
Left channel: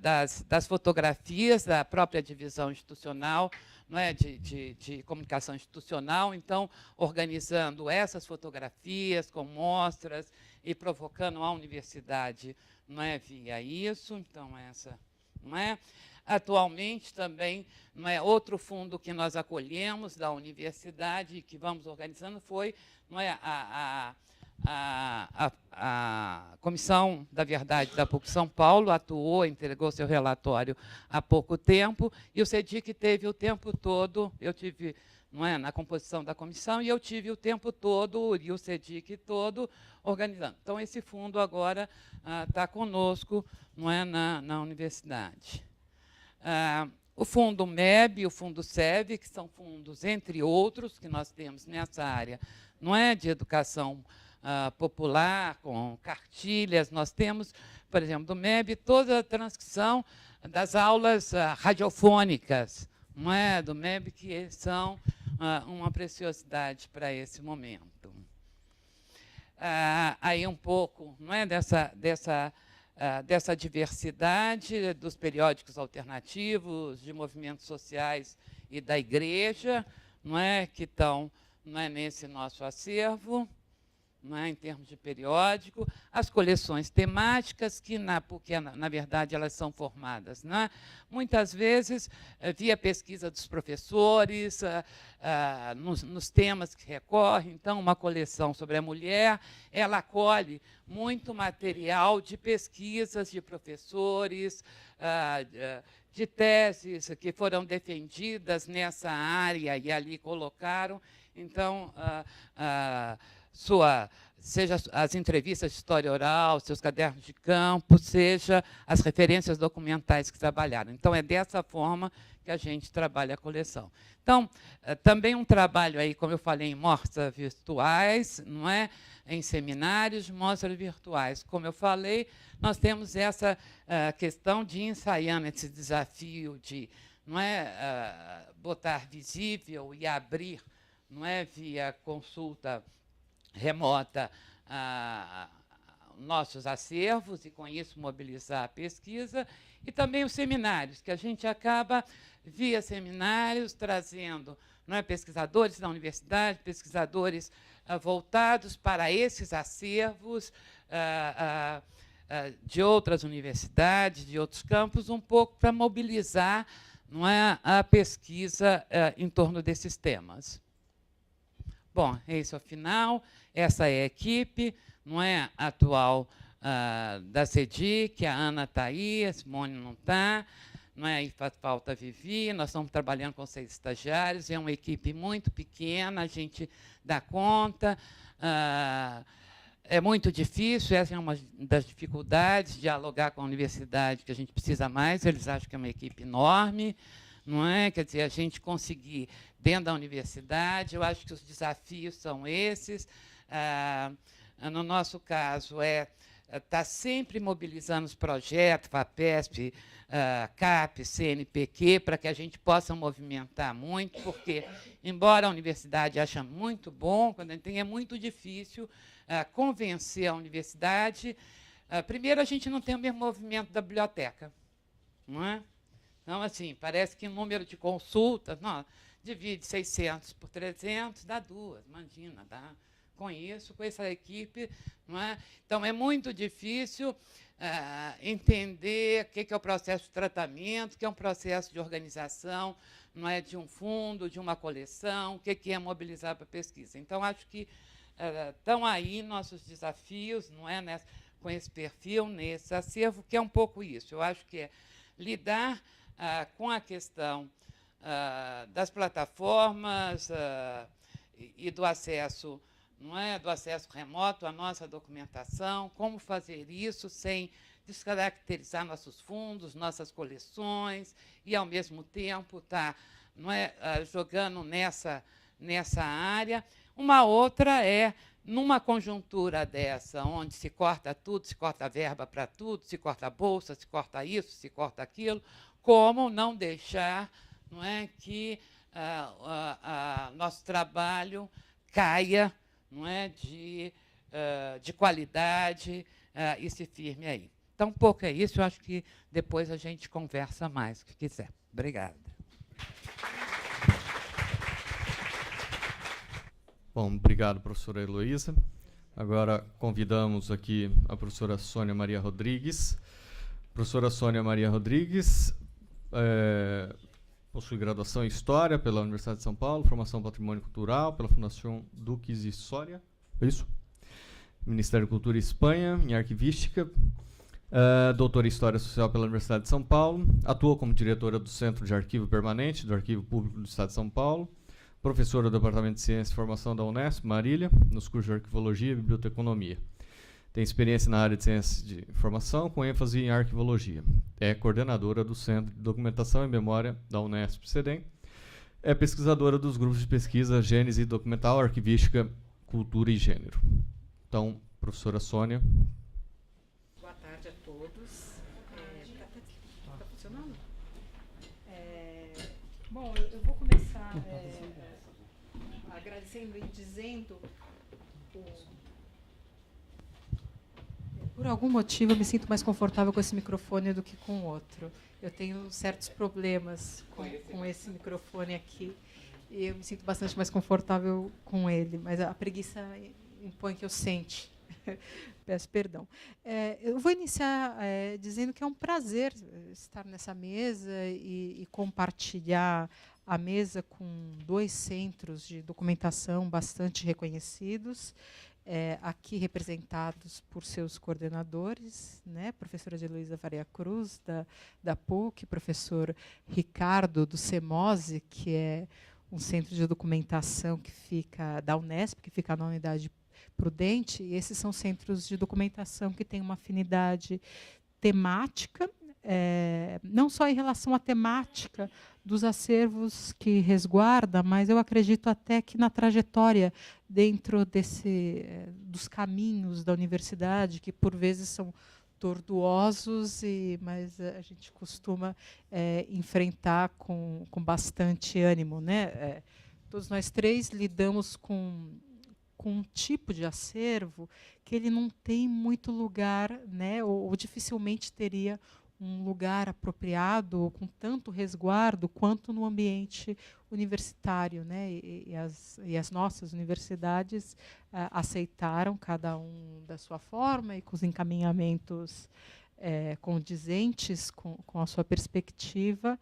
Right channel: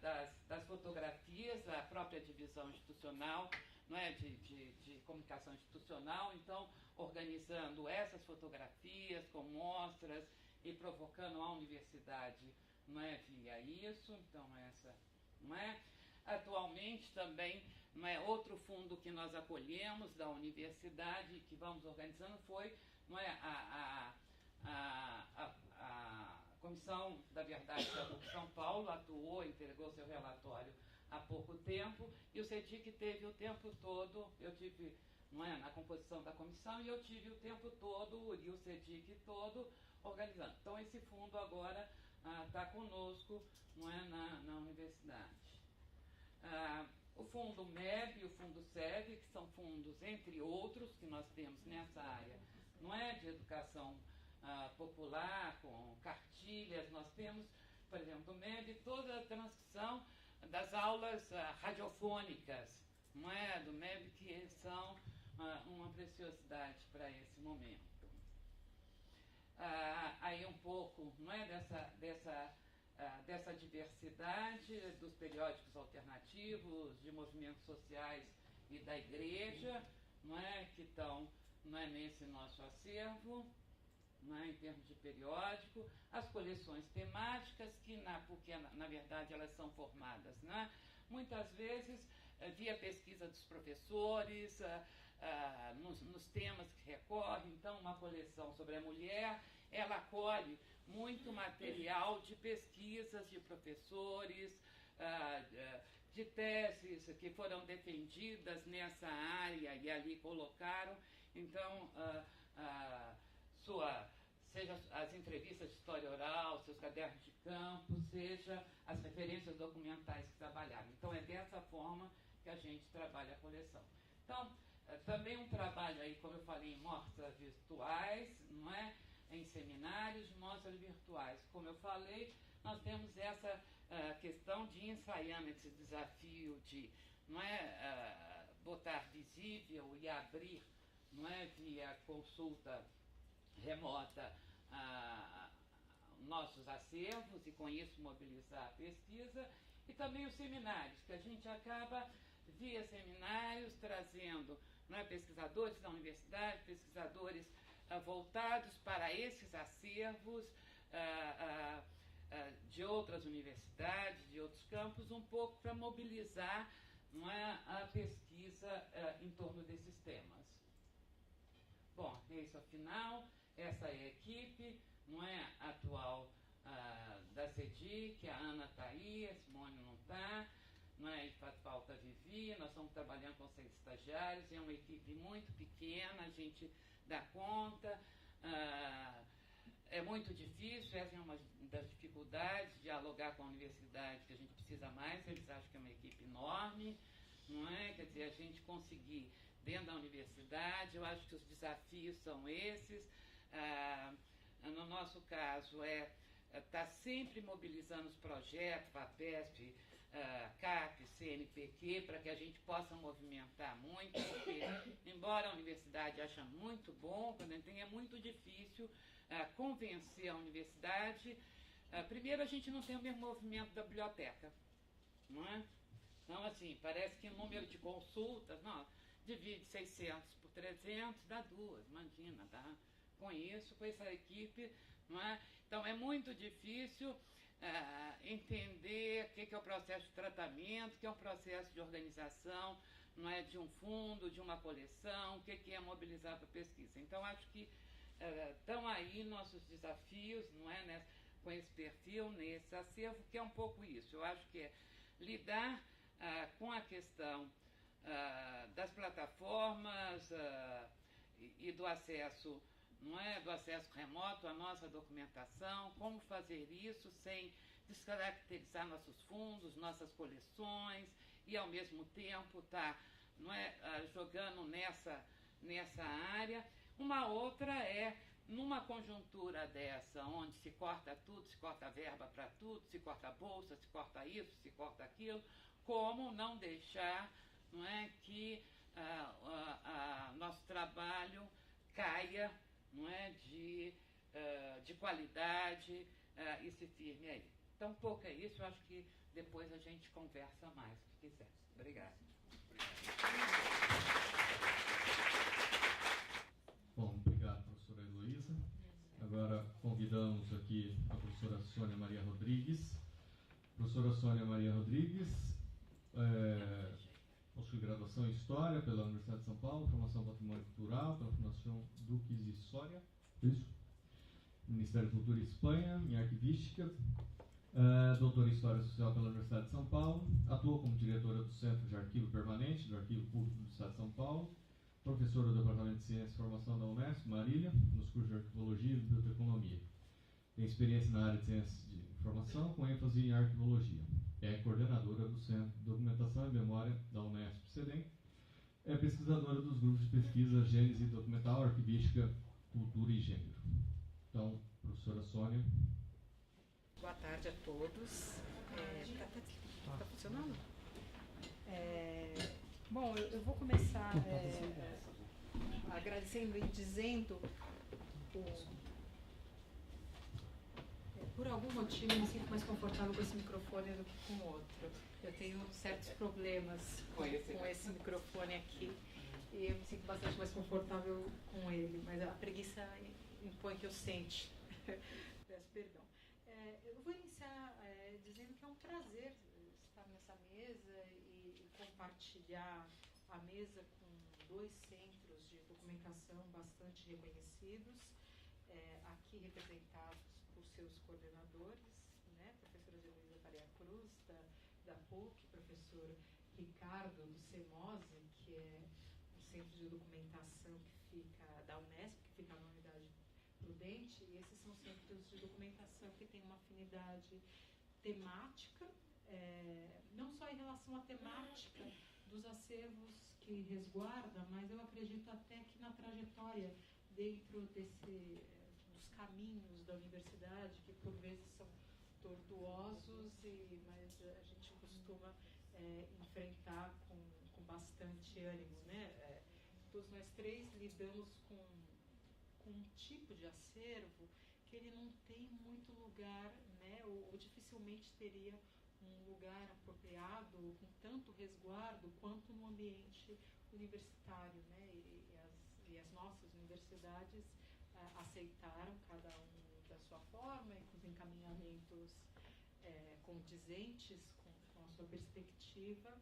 das fotografias da própria divisão institucional, não é, de comunicação institucional, então, organizando essas fotografias com mostras e provocando a universidade, não é, via isso. Então, essa, não é? Atualmente, também, não é, outro fundo que nós acolhemos da universidade e que vamos organizando foi, não é, a Comissão da Verdade da PUC São Paulo atuou, entregou seu relatório há pouco tempo, e o CEDIC teve o tempo todo, eu tive, não é, na composição da comissão, e eu tive o tempo todo, e o CEDIC todo, organizando. Então, esse fundo agora está conosco, não é, na universidade. O fundo MEB e o fundo SEV, que são fundos, entre outros, que nós temos nessa área, não é, de educação popular, com cartilhas. Nós temos, por exemplo, do MEB, toda a transcrição das aulas radiofônicas, não é, do MEB, que são uma preciosidade para esse momento. Aí um pouco, não é, dessa diversidade dos periódicos alternativos, de movimentos sociais e da Igreja, não é, que estão, não é, nesse nosso acervo, não é, em termos de periódico, as coleções temáticas, que, porque, na verdade, elas são formadas, não é, muitas vezes, via pesquisa dos professores, nos temas que recorrem. Então, uma coleção sobre a mulher, ela acolhe muito material de pesquisas de professores, de teses que foram defendidas nessa área e ali colocaram. Então, seja as entrevistas de história oral, seus cadernos de campo, seja as referências documentais que trabalharam. Então, é dessa forma que a gente trabalha a coleção. Então, também um trabalho aí, como eu falei, em mostras virtuais, não é? Em seminários, mostras virtuais. Como eu falei, nós temos essa questão de ensaiando esse desafio de, não é, botar visível e abrir, não é, via consulta remota, nossos acervos, e com isso mobilizar a pesquisa, e também os seminários, que a gente acaba, via seminários, trazendo, não é, pesquisadores da universidade, pesquisadores voltados para esses acervos de outras universidades, de outros campos, um pouco para mobilizar, não é, a pesquisa em torno desses temas. Bom, esse é o final. essa é a equipe, não é, atual da CEDIC, a Ana está aí, a Simone não está, não é? Aí faz falta a Vivi, nós estamos trabalhando com 6 estagiários, é uma equipe muito pequena, a gente dá conta. É muito difícil, essa é uma das dificuldades, dialogar com a universidade, que a gente precisa mais, eles acham que é uma equipe enorme, não é? Quer dizer, a gente conseguir dentro da universidade, eu acho que os desafios são esses. No nosso caso, está sempre mobilizando os projetos, FAPESP, CAP, CNPq, para que a gente possa movimentar muito, porque, embora a universidade ache muito bom, quando a gente tem, é muito difícil convencer a universidade. Primeiro, a gente não tem o mesmo movimento da biblioteca, não é? Então, assim, parece que o número de consultas, não, divide 600 por 300, dá 2, imagina, dá com isso, com essa equipe, não é? Então, é muito difícil entender o que é o processo de tratamento, o que é um processo de organização, não é, de um fundo, de uma coleção, o que é mobilizar para pesquisa. Então, acho que estão aí nossos desafios, não é, com esse perfil, nesse acervo, que é um pouco isso. Eu acho que é lidar com a questão das plataformas e do acesso, não é, do acesso remoto à nossa documentação, como fazer isso sem descaracterizar nossos fundos, nossas coleções, e, ao mesmo tempo, estar não é, jogando nessa área. Uma outra é, numa conjuntura dessa, onde se corta tudo, se corta verba para tudo, se corta a bolsa, se corta isso, se corta aquilo, como não deixar, não é, que nosso trabalho caia, não é, de qualidade e se firme aí. Então, um pouco é isso. Eu acho que depois a gente conversa mais, o que quiser. Obrigada. Bom, obrigado, professora Heloísa. Agora convidamos aqui a professora Sônia Maria Rodrigues. Professora Sônia Maria Rodrigues possui graduação em História pela Universidade de São Paulo, formação em Patrimônio Cultural pela Fundação Duques e Soria, isso? Ministério da Cultura Espanha, em Arquivística, doutora em História Social pela Universidade de São Paulo, atuou como diretora do Centro de Arquivo Permanente do Arquivo Público do Estado de São Paulo, professora do Departamento de Ciência e Formação da Unesp, Marília, nos cursos de Arquivologia e Biblioteconomia. Tem experiência na área de Ciência de Informação, com ênfase em Arquivologia. É coordenadora do Centro de Documentação e Memória da Unesp CEDEM. É pesquisadora dos grupos de pesquisa Gênese Documental, Arquivística, Cultura e Gênero. Então, professora Sônia. Boa tarde a todos. Está funcionando? Bom, eu vou começar agradecendo e dizendo, por algum motivo eu me sinto mais confortável com esse microfone do que com o outro. Eu tenho certos problemas com esse microfone aqui e eu me sinto bastante mais confortável com ele, mas a preguiça impõe que eu sente. Peço perdão. Eu vou iniciar dizendo que é um prazer estar nessa mesa e compartilhar a mesa com 2 centros de documentação bastante reconhecidos, aqui representados por seus coordenadores, né, professora Heloísa Faria Cruz, da PUC, professor Ricardo, do CEMOSE, que é um centro de documentação que fica da Unesp, que fica na Unidade Prudente, e esses são centros de documentação que têm uma afinidade temática, não só em relação à temática dos acervos que resguarda, mas eu acredito até que na trajetória dentro dos caminhos da universidade, que por vezes são tortuosos, mas a gente costuma enfrentar com bastante ânimo, né? Todos nós 3 lidamos com um tipo de acervo que ele não tem muito lugar, né, ou dificilmente teria um lugar apropriado ou com tanto resguardo quanto no ambiente universitário, né? E as nossas universidades aceitaram, cada um da sua forma e com os encaminhamentos condizentes com a sua perspectiva,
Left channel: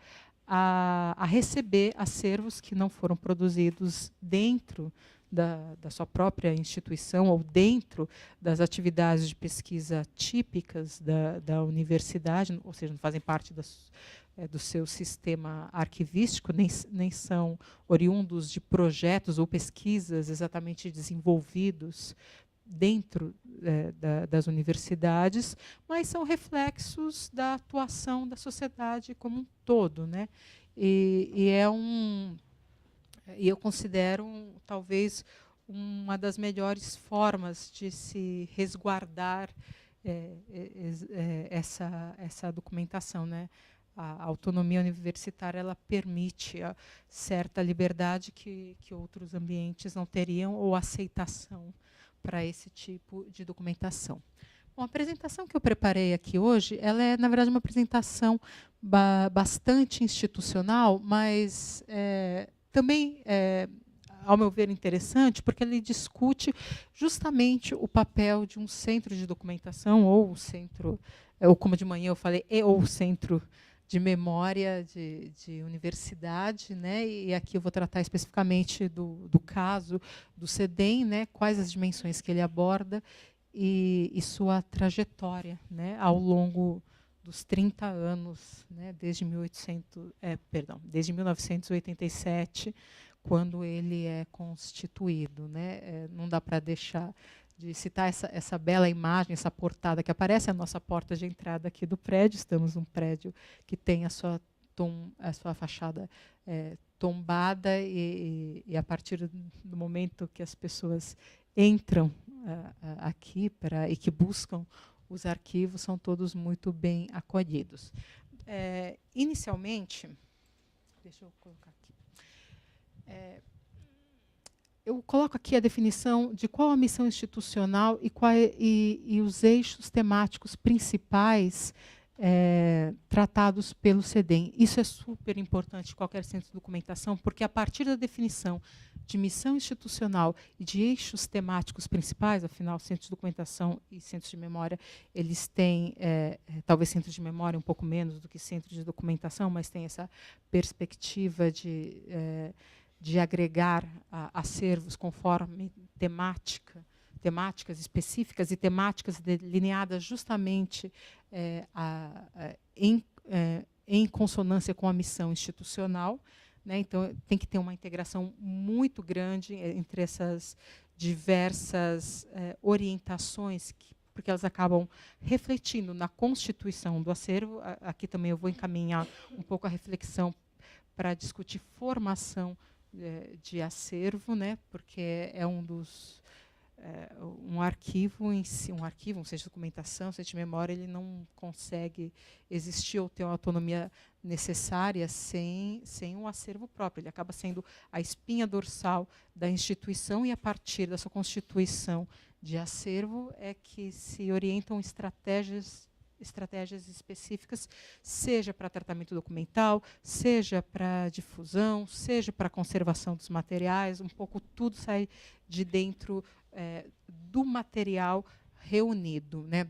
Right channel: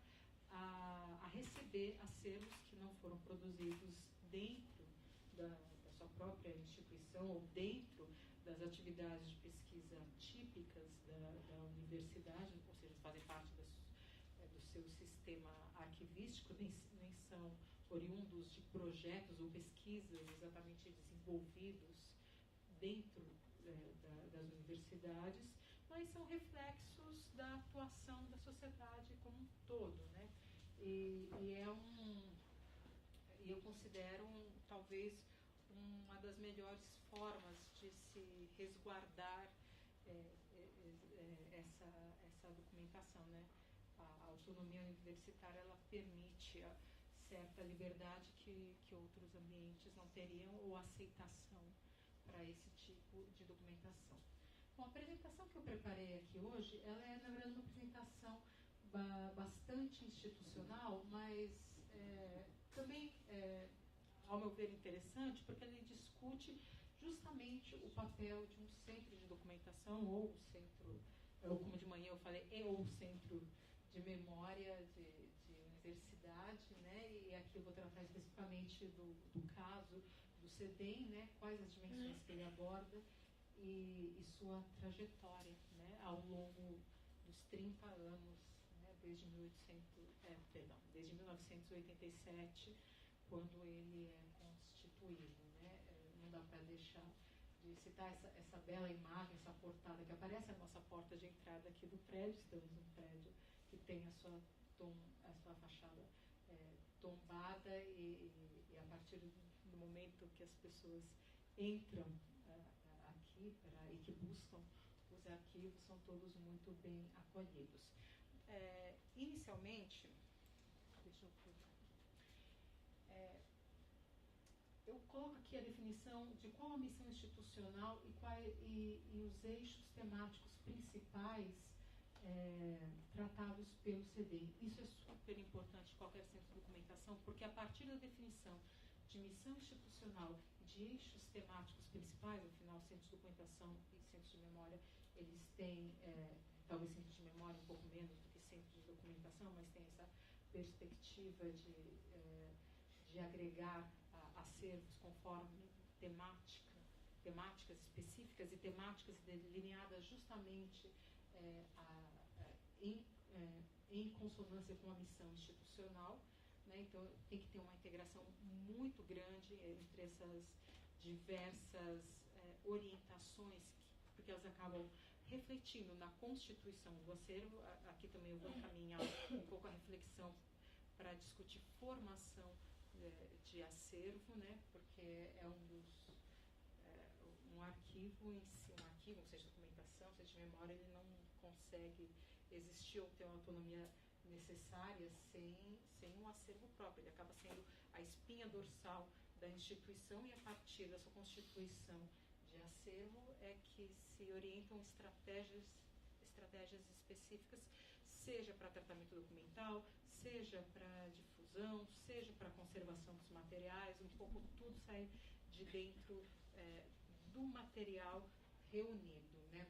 a receber acervos que não foram produzidos dentro da sua própria instituição ou dentro das atividades de pesquisa típicas da universidade, ou seja, não fazem parte do seu sistema arquivístico, nem são oriundos de projetos ou pesquisas exatamente desenvolvidos dentro das universidades, mas são reflexos da atuação da sociedade como um todo, né? E eu considero talvez uma das melhores formas de se resguardar essa documentação, né? A autonomia universitária, ela permite certa liberdade que outros ambientes não teriam, ou aceitação para esse tipo de documentação. Bom, a apresentação que eu preparei aqui hoje, ela é, na verdade, uma apresentação bastante institucional, mas também, ao meu ver, interessante, porque ele discute justamente o papel de um centro de documentação, ou o centro, ou como de manhã eu falei, ou o centro de memória de universidade, né? E aqui eu vou tratar especificamente do caso do CEDEM, né? Quais as dimensões que ele aborda e sua trajetória, né? Ao longo dos 30 anos, né? Desde 1987, quando ele é constituído, né? Não dá para deixar de citar essa bela imagem, essa portada que aparece, a nossa porta de entrada aqui do prédio. Estamos num prédio que tem a sua fachada tombada, e a partir do momento que as pessoas entram aqui e que buscam os arquivos, são todos muito bem acolhidos. Inicialmente, deixa eu colocar aqui. Eu coloco aqui a definição de qual a missão institucional e os eixos temáticos principais tratados pelo CEDEM. Isso é super importante em qualquer centro de documentação, porque a partir da definição de missão institucional e de eixos temáticos principais, afinal, centros de documentação e centros de memória, eles têm, talvez centros de memória um pouco menos do que centros de documentação, mas tem essa perspectiva de agregar acervos conforme temáticas específicas e temáticas delineadas justamente em consonância com a missão institucional, né? Então, tem que ter uma integração muito grande entre essas diversas orientações, porque elas acabam refletindo na constituição do acervo. Aqui também eu vou encaminhar um pouco a reflexão para discutir formação de acervo, né? Porque é um arquivo em si, um centro de documentação, um centro de memória, ele não consegue existir ou ter uma autonomia necessária sem um acervo próprio. Ele acaba sendo a espinha dorsal da instituição, e a partir da sua constituição de acervo é que se orientam estratégias específicas, seja para tratamento documental, seja para difusão, seja para conservação dos materiais. Um pouco tudo sai de dentro do material reunido, né?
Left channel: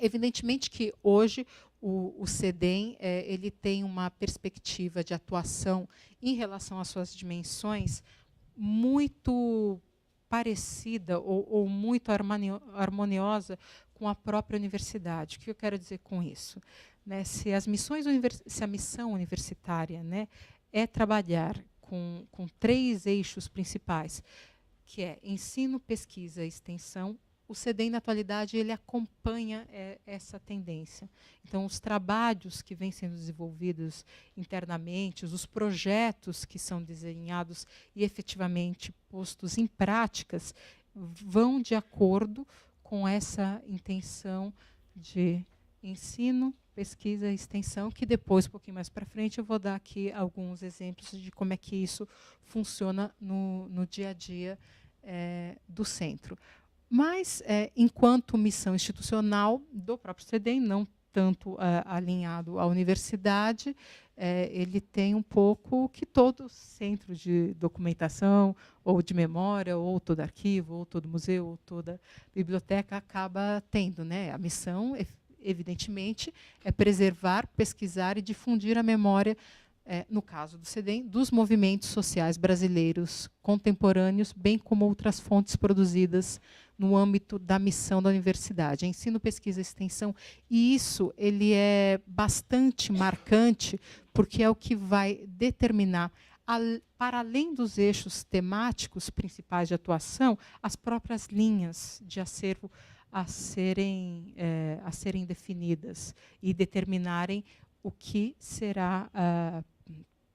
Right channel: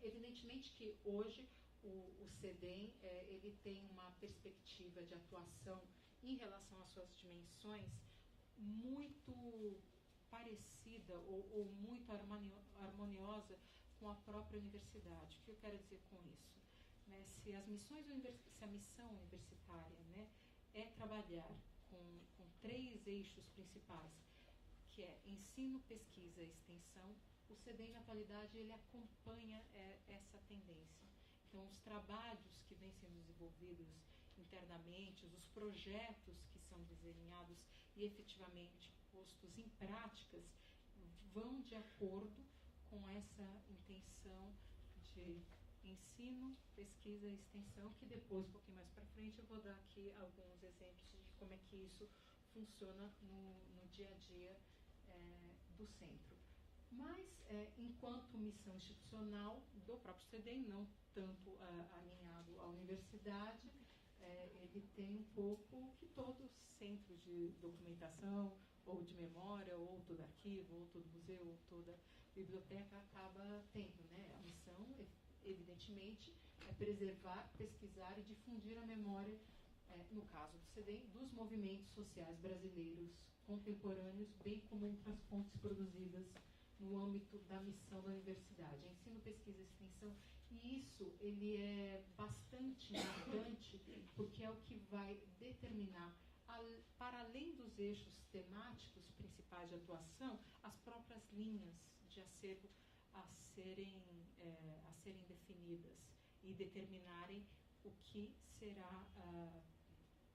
Evidentemente que hoje o CEDEM ele tem uma perspectiva de atuação em relação às suas dimensões muito parecida ou muito harmoniosa com a própria universidade. O que eu quero dizer com isso? Né, se a missão universitária, né, é trabalhar com 3 eixos principais, que é ensino, pesquisa e extensão, o CEDEM, na atualidade, ele acompanha essa tendência. Então, os trabalhos que vêm sendo desenvolvidos internamente, os projetos que são desenhados e efetivamente postos em práticas, vão de acordo com essa intenção de ensino, pesquisa e extensão, que depois, um pouquinho mais para frente, eu vou dar aqui alguns exemplos de como é que isso funciona no dia a dia do centro. Mas, enquanto missão institucional do próprio CEDEM, não tanto alinhado à universidade, ele tem um pouco que todo centro de documentação, ou de memória, ou todo arquivo, ou todo museu, ou toda biblioteca acaba tendo, né? A missão, evidentemente, é preservar, pesquisar e difundir a memória no caso do CEDEM, dos movimentos sociais brasileiros contemporâneos, bem como outras fontes produzidas no âmbito da missão da universidade, ensino, pesquisa e extensão. E isso ele é bastante marcante, porque é o que vai determinar, para além dos eixos temáticos principais de atuação, as próprias linhas de acervo a serem definidas e determinarem o que será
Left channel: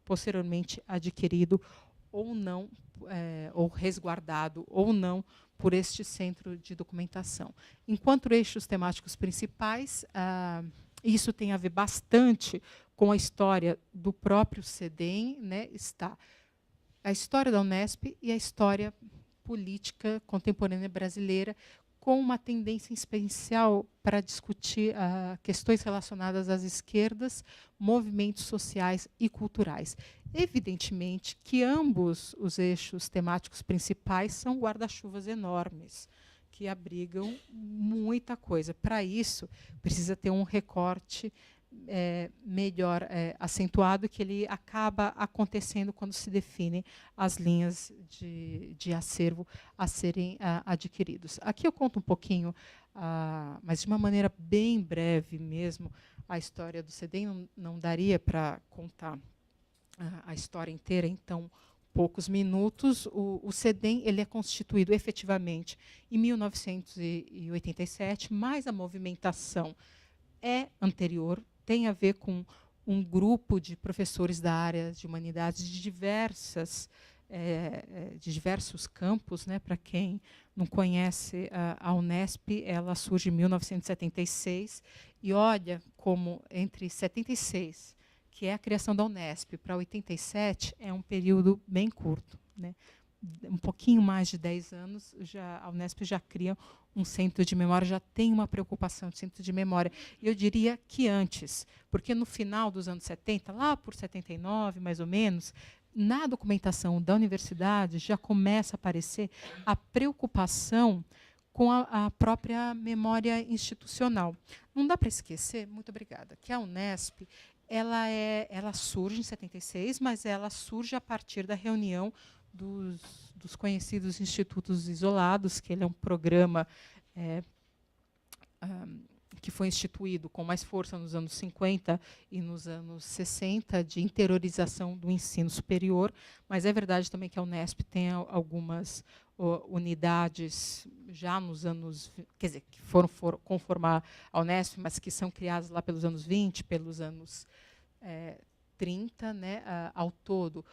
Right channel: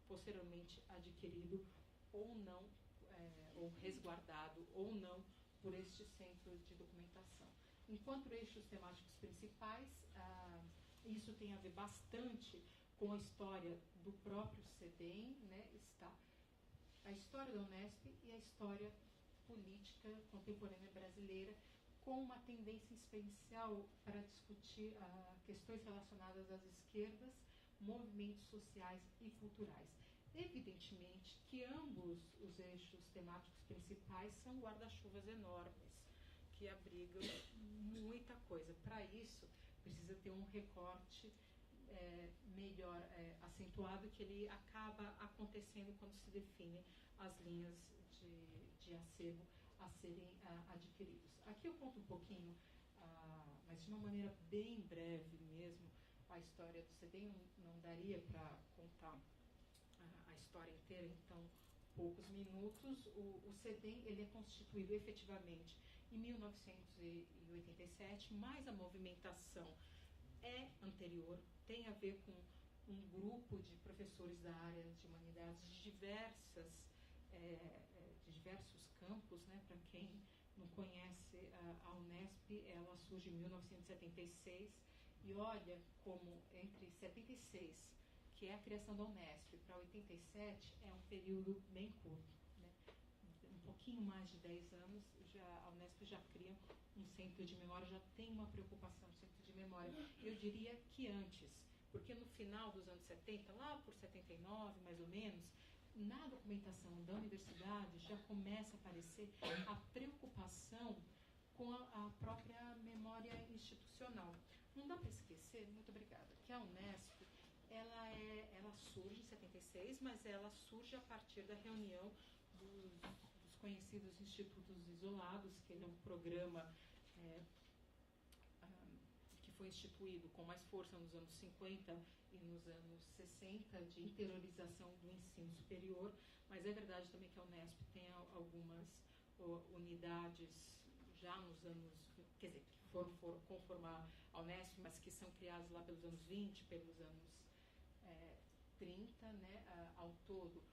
posteriormente adquirido ou não, ou resguardado ou não por este centro de documentação. Enquanto eixos temáticos principais, isso tem a ver bastante com a história do próprio CEDEM, né, está a história da Unesp e a história política contemporânea brasileira, com uma tendência especial para discutir questões relacionadas às esquerdas, movimentos sociais e culturais. Evidentemente que ambos os eixos temáticos principais são guarda-chuvas enormes, que abrigam muita coisa. Para isso, precisa ter um recorte melhor acentuado, que ele acaba acontecendo quando se definem as linhas de acervo a serem adquiridos. Aqui eu conto um pouquinho, mas de uma maneira bem breve mesmo, a história do CEDEM. Não daria para contar a história inteira, então, poucos minutos. O CEDEM ele é constituído efetivamente em 1987, mas a movimentação é anterior, tem a ver com um grupo de professores da área de humanidades de diversos campos, né? Para quem não conhece a Unesp, ela surge em 1976, e olha como entre 76, que é a criação da Unesp, para 87, é um período bem curto, né? Um pouquinho mais de 10 anos, a Unesp já cria um centro de memória, já tem uma preocupação de centro de memória. E eu diria que antes, porque no final dos anos 70, lá por 79, mais ou menos, na documentação da universidade já começa a aparecer a preocupação com a própria memória institucional. Não dá para esquecer, muito obrigada, que a Unesp ela surge em 76, mas ela surge a partir da reunião dos conhecidos institutos isolados, que ele é um programa que foi instituído com mais força nos anos 50 e nos anos 60, de interiorização do ensino superior, mas é verdade também que a Unesp tem algumas unidades já nos anos, quer dizer, que foram conformar a Unesp, mas que são criadas lá pelos anos 20, pelos anos 30, né, ao todo.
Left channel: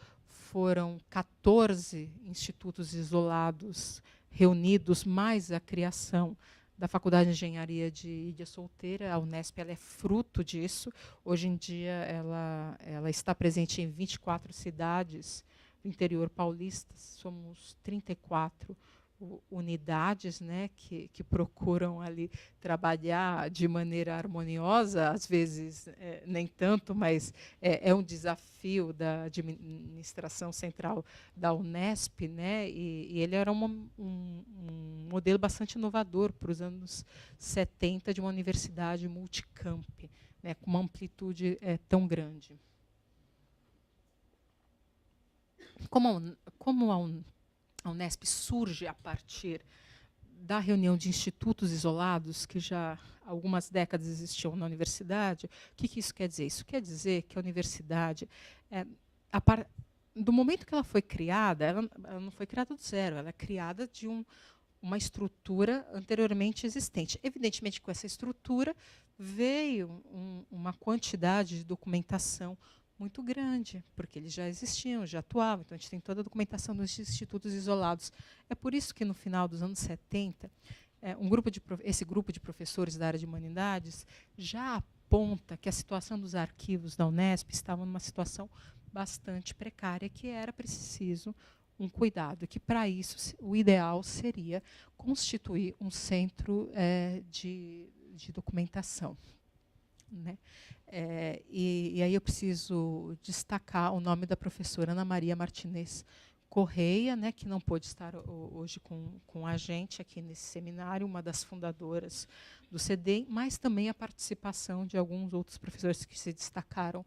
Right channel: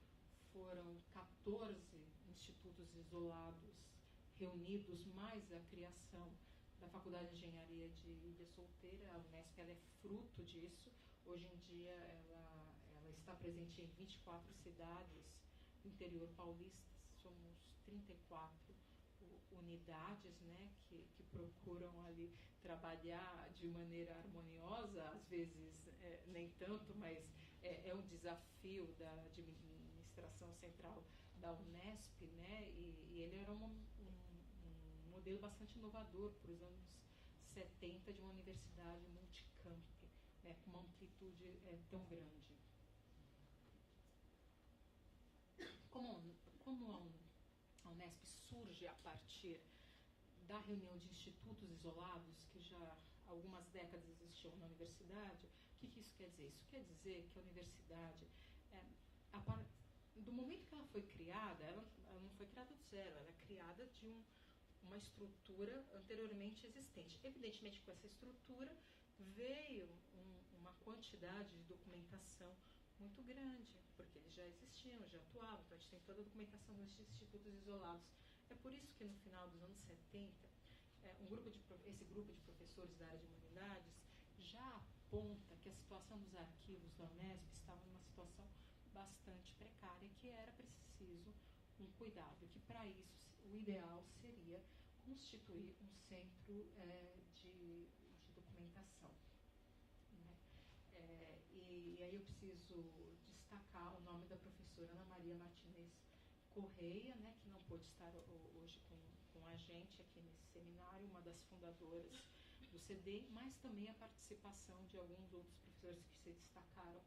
Foram 14 institutos isolados reunidos, mais a criação da Faculdade de Engenharia de Ilha Solteira. A Unesp ela é fruto disso. Hoje em dia, ela está presente em 24 cidades do interior paulista. Somos 34 unidades, né, que procuram ali trabalhar de maneira harmoniosa, às vezes nem tanto, mas é um desafio da administração central da Unesp, né, e ele era um modelo bastante inovador para os anos 70 de uma universidade multicamp, né, com uma amplitude tão grande. Como a Unesp surge a partir da reunião de institutos isolados, que já há algumas décadas existiam na universidade. O que isso quer dizer? Isso quer dizer que a universidade, do momento que ela foi criada, ela não foi criada do zero, ela é criada de uma estrutura anteriormente existente. Evidentemente, com essa estrutura veio uma quantidade de documentação muito grande, porque eles já existiam, já atuavam. Então, a gente tem toda a documentação dos institutos isolados. É por isso que, no final dos anos 70, esse grupo de professores da área de humanidades já aponta que a situação dos arquivos da Unesp estava numa situação bastante precária, que era preciso um cuidado, que, para isso, o ideal seria constituir um centro de documentação, né? E aí eu preciso destacar o nome da professora Ana Maria Martinez Correia, né, que não pôde estar hoje com a gente aqui nesse seminário, uma das fundadoras do CEDEM, mas também a participação de alguns outros professores que se destacaram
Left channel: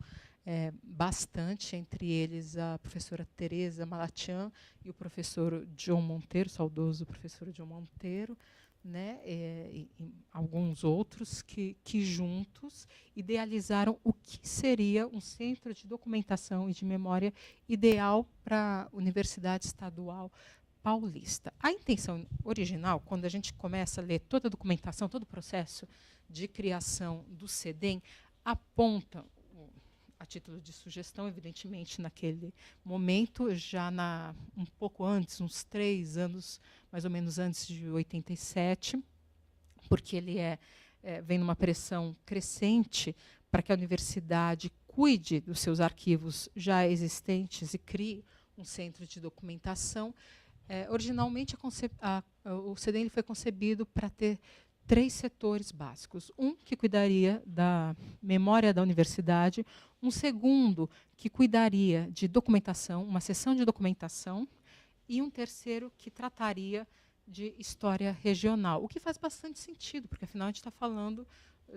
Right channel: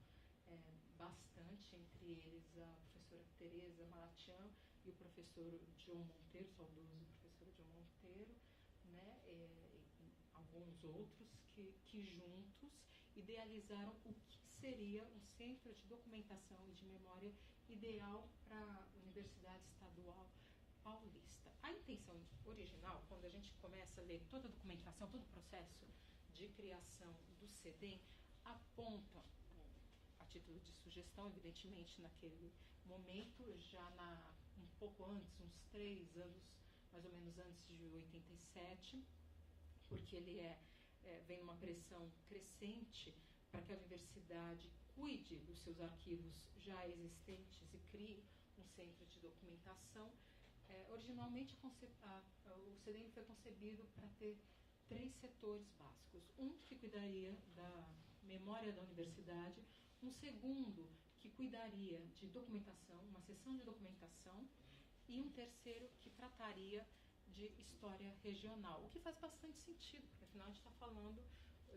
bastante, entre eles a professora Teresa Malatian e o professor John Monteiro, saudoso professor John Monteiro, né, e alguns outros que juntos idealizaram o que seria um centro de documentação e de memória ideal para a Universidade Estadual Paulista. A intenção original, quando a gente começa a ler toda a documentação, todo o processo de criação do CEDEM, aponta, a título de sugestão, evidentemente, naquele momento, já um pouco antes, uns 3 anos, mais ou menos antes de 87, porque ele vem numa pressão crescente para que a universidade cuide dos seus arquivos já existentes e crie um centro de documentação. Originalmente, o CEDEM foi concebido para ter 3 setores básicos. Um que cuidaria da memória da universidade, um segundo que cuidaria de documentação, uma seção de documentação, e um terceiro que trataria de história regional, o que faz bastante sentido, porque, afinal, a gente está falando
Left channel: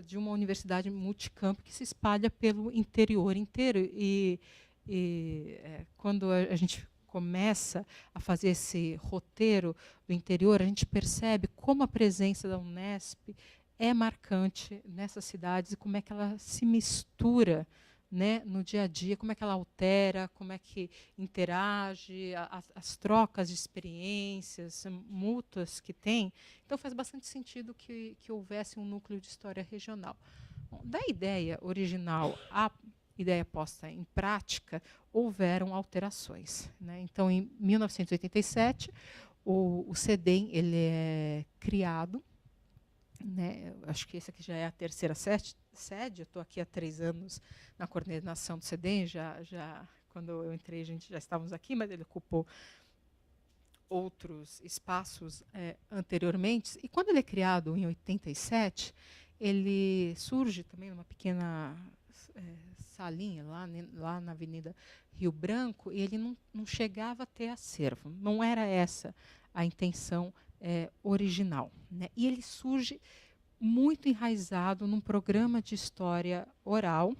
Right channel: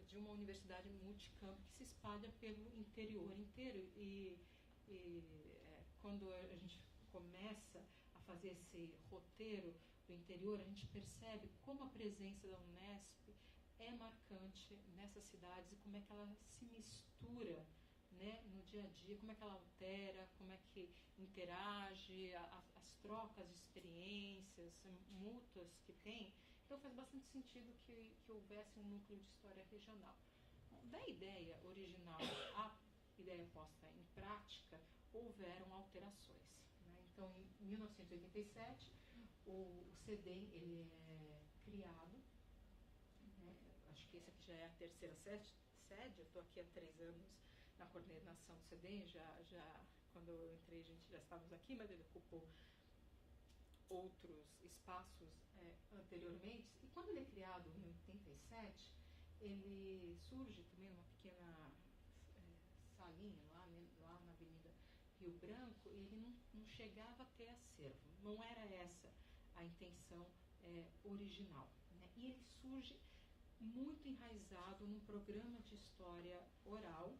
de uma universidade multicampo que se espalha pelo interior inteiro. Quando a gente começa a fazer esse roteiro do interior, a gente percebe como a presença da Unesp é marcante nessas cidades e como é que ela se mistura, né, no dia a dia, como é que ela altera, como é que interage, as trocas de experiências mútuas que tem. Então, faz bastante sentido que houvesse um núcleo de história regional. Bom, da ideia original à ideia posta em prática, houveram alterações, né? Então, em 1987, o CEDEM ele é criado, né? Acho que esse aqui já é a 3ª sede. Eu estou aqui há 3 anos na coordenação do CEDEM. Quando eu entrei, a gente já estávamos aqui, mas ele ocupou outros espaços anteriormente. E quando ele é criado em 87, ele surge também numa pequena salinha lá na Avenida Rio Branco, e ele não chegava a ter acervo. Não era essa a intenção original, né? E ele surge muito enraizado num programa de história oral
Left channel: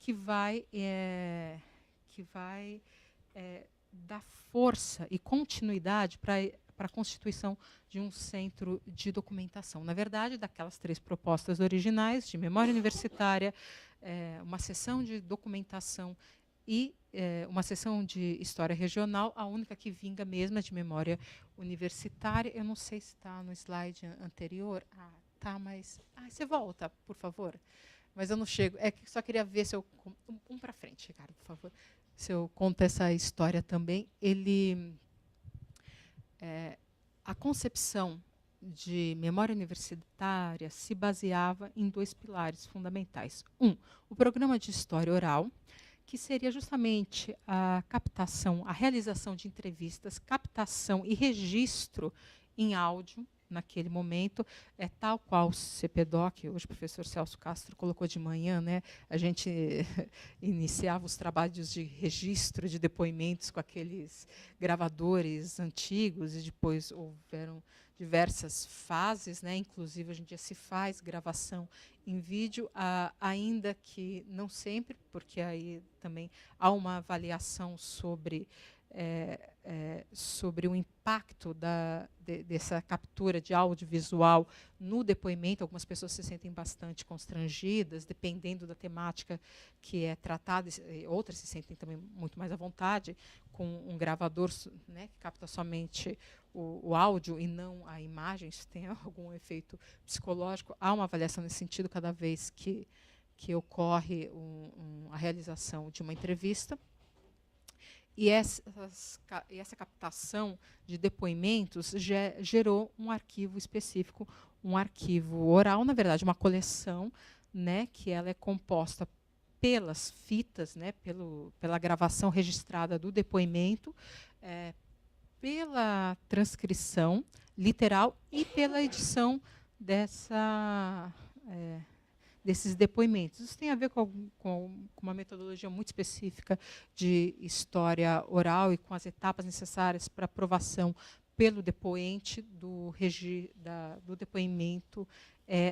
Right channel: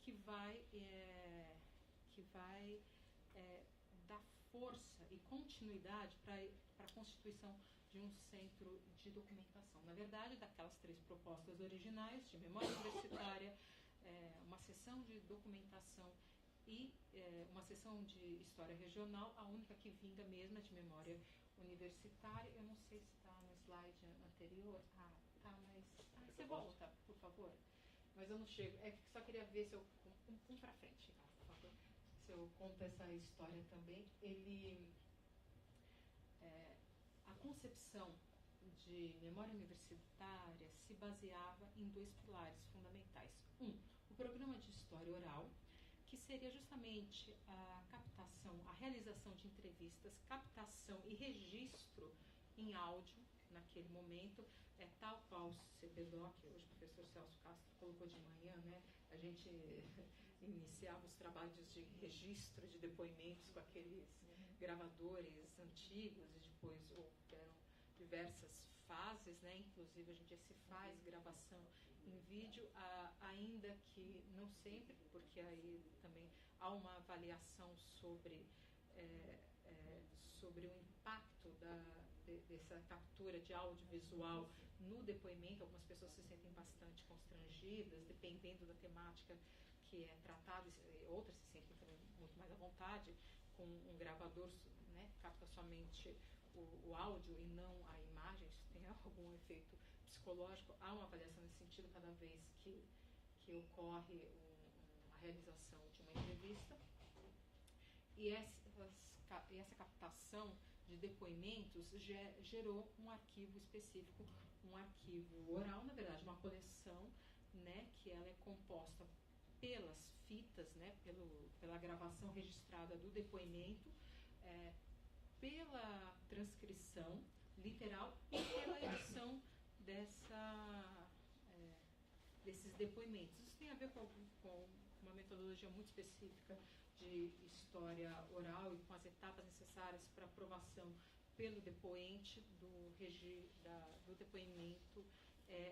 que vai dar força e continuidade para a constituição de um centro de documentação. Na verdade, daquelas 3 propostas originais, de memória universitária, uma seção de documentação e uma seção de história regional, a única que vinga mesmo é de memória universitária. Eu não sei se está no slide anterior. Tá, mas... você volta, por favor. Mas eu não chego. Só queria ver se eu... Um para frente, Ricardo, por favor. Se eu conto essa história também. A concepção de memória universitária se baseava em 2 pilares fundamentais. O programa de história oral, que seria justamente a captação, a realização de entrevistas, captação e registro em áudio, naquele momento, tal qual o CPDOC, hoje o professor Celso Castro colocou de manhã, né, a gente iniciava os trabalhos de registro de depoimentos com aqueles gravadores antigos, e depois houveram diversas fases, né, inclusive hoje em dia se faz gravação em vídeo, ainda que não sempre, porque aí também há uma avaliação sobre o impacto dessa captura de audiovisual no depoimento. Algumas pessoas se sentem bastante constrangidas, dependendo da temática que é tratada, outras se sentem também muito mais à vontade, com um gravador, né, que capta somente o áudio e não a imagem, se tem algum efeito psicológico. Há uma avaliação nesse sentido cada vez que ocorre a realização de uma entrevista. E essa captação de depoimentos gerou um arquivo específico, um arquivo oral, na verdade, uma coleção, né, que ela é composta pelas fitas, né, pela gravação registrada do depoimento, pela transcrição literal e pela edição desses depoimentos. Isso tem a ver com uma metodologia muito específica de história oral e com as etapas necessárias para aprovação pelo depoente do depoimento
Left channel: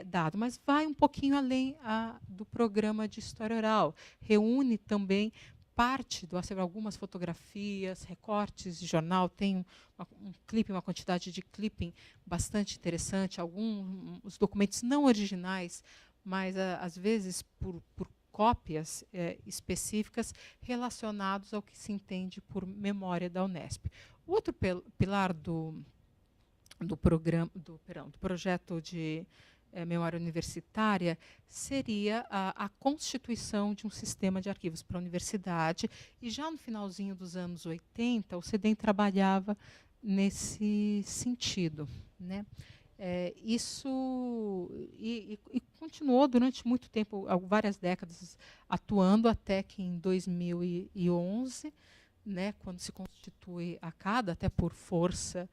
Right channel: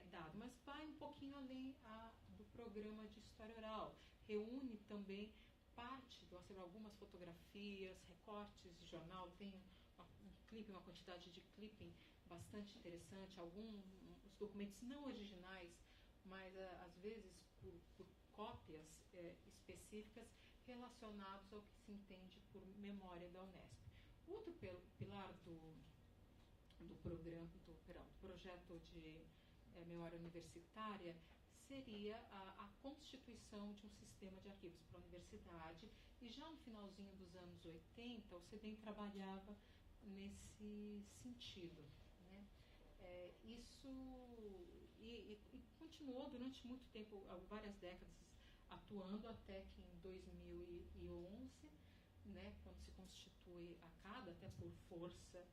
dado. Mas vai um pouquinho além do programa de história oral. Reúne também parte do acervo, algumas fotografias, recortes de jornal, tem um clipe, uma quantidade de clipping bastante interessante, alguns documentos não originais, mas às vezes por cópias específicas relacionados ao que se entende por memória da Unesp. O outro pilar do projeto de memória universitária seria a constituição de um sistema de arquivos para a universidade, e já no finalzinho dos anos 80, o CEDEM trabalhava nesse sentido, né? Isso e continuou durante muito tempo, várias décadas, atuando, até que em 2011, né, quando se constitui a CADA, até por força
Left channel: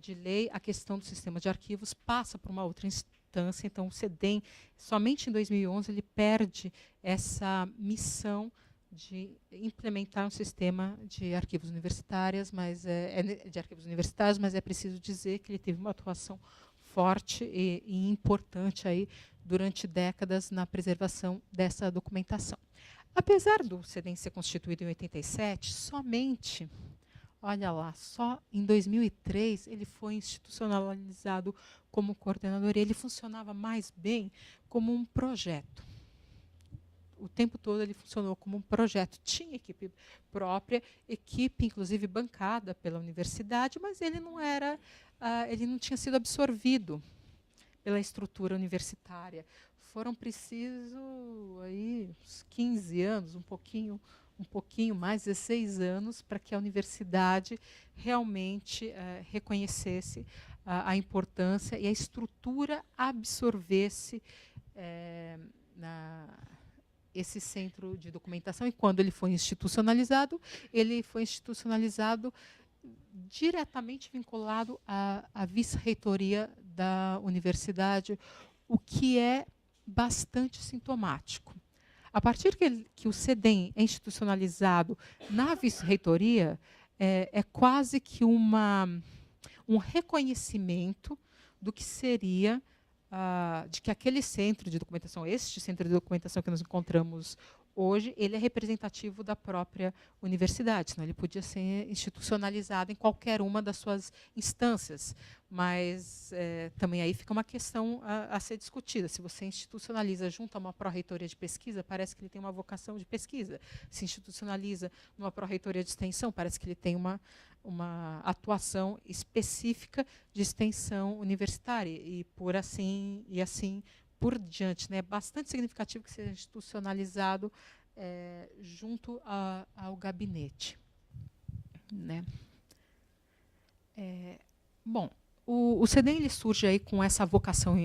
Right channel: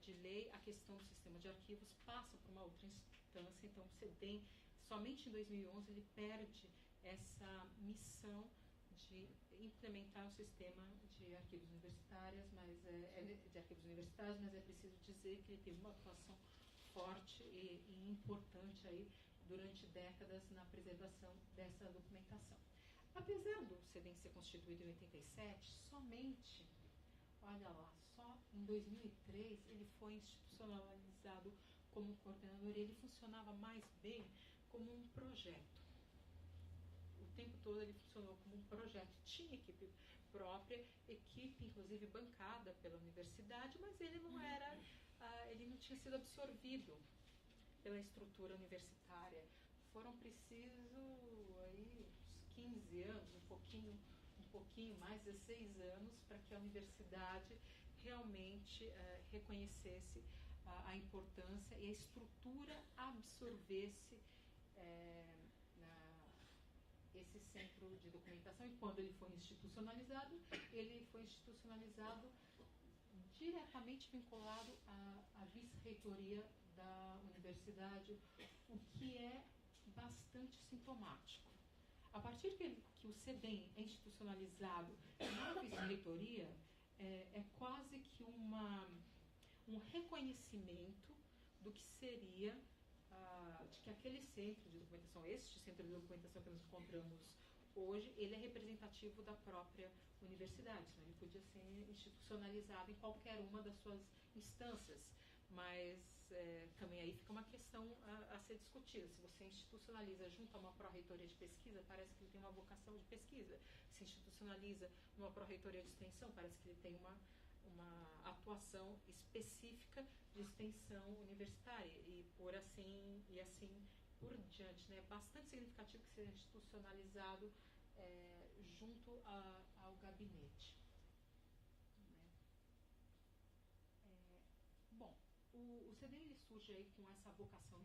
de lei, a questão do sistema de arquivos passa para uma outra instância. Então, o CEDEM, somente em 2011, ele perde essa missão de implementar um sistema de arquivos universitários, mas é preciso dizer que ele teve uma atuação forte e importante aí durante décadas na preservação dessa documentação. Apesar do CEDEM ser constituído em 87, somente, olha lá, só em 2003 ele foi institucionalizado como coordenador, e ele funcionava mais bem como um projeto. O tempo todo ele funcionou como um projeto. Tinha equipe própria, equipe inclusive bancada pela universidade, mas ele não tinha sido absorvido pela estrutura universitária. Foram precisos aí uns 15 anos, um pouquinho mais, 16 anos, para que a universidade realmente reconhecesse a importância e a estrutura absorvesse esse centro de documentação. E quando ele foi institucionalizado diretamente vinculado à vice-reitoria da universidade, o que é bastante sintomático. A partir que o CEDEM é institucionalizado na vice-reitoria, é quase que um reconhecimento do que seria, de que aquele centro de documentação, este centro de documentação que nós encontramos hoje, ele é representativo da própria universidade, senão ele podia ser institucionalizado em qualquer uma das suas instâncias. Mas também aí fica uma questão a ser discutida. Se você institucionaliza junto a uma pró-reitoria de pesquisa, parece que ele tem uma vocação de pesquisa. Se institucionaliza numa pró-reitoria de extensão, parece que ele tem uma atuação específica de extensão universitária, e assim por diante, né? É bastante significativo que seja institucionalizado junto ao gabinete, né? Bom, o CEDEM ele surge aí com essa vocação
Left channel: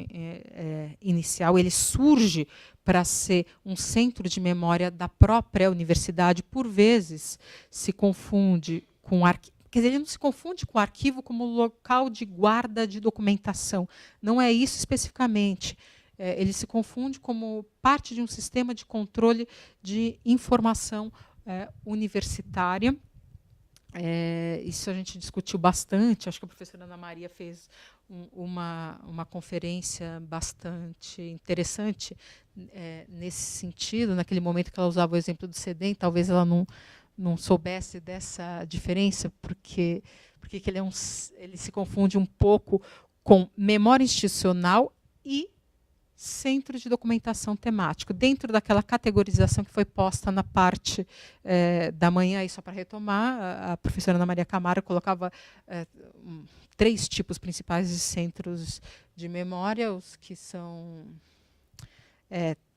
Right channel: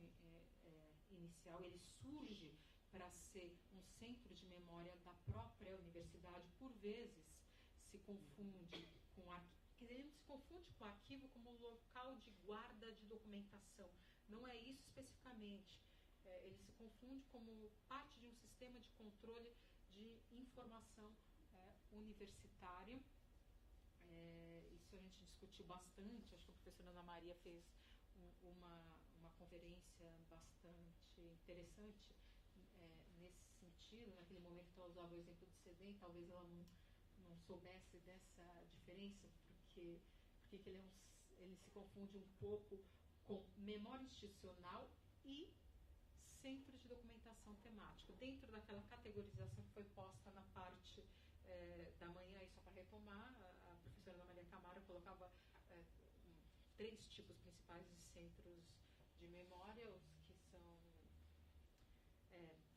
inicial. Ele surge para ser um centro de memória da própria universidade. Por vezes se confunde com quer dizer, ele não se confunde com o arquivo como local de guarda de documentação. Não é isso especificamente. Ele se confunde como parte de um sistema de controle de informação universitária. Isso a gente discutiu bastante. Acho que a professora Ana Maria fez uma conferência bastante interessante nesse sentido. Naquele momento que ela usava o exemplo do CEDEM, talvez ela não soubesse dessa diferença, porque ele se confunde um pouco com memória institucional e centro de documentação temático, dentro daquela categorização que foi posta na parte da manhã. E só para retomar, a professora Ana Maria Camargo colocava 3 tipos principais de centros de memória: os que são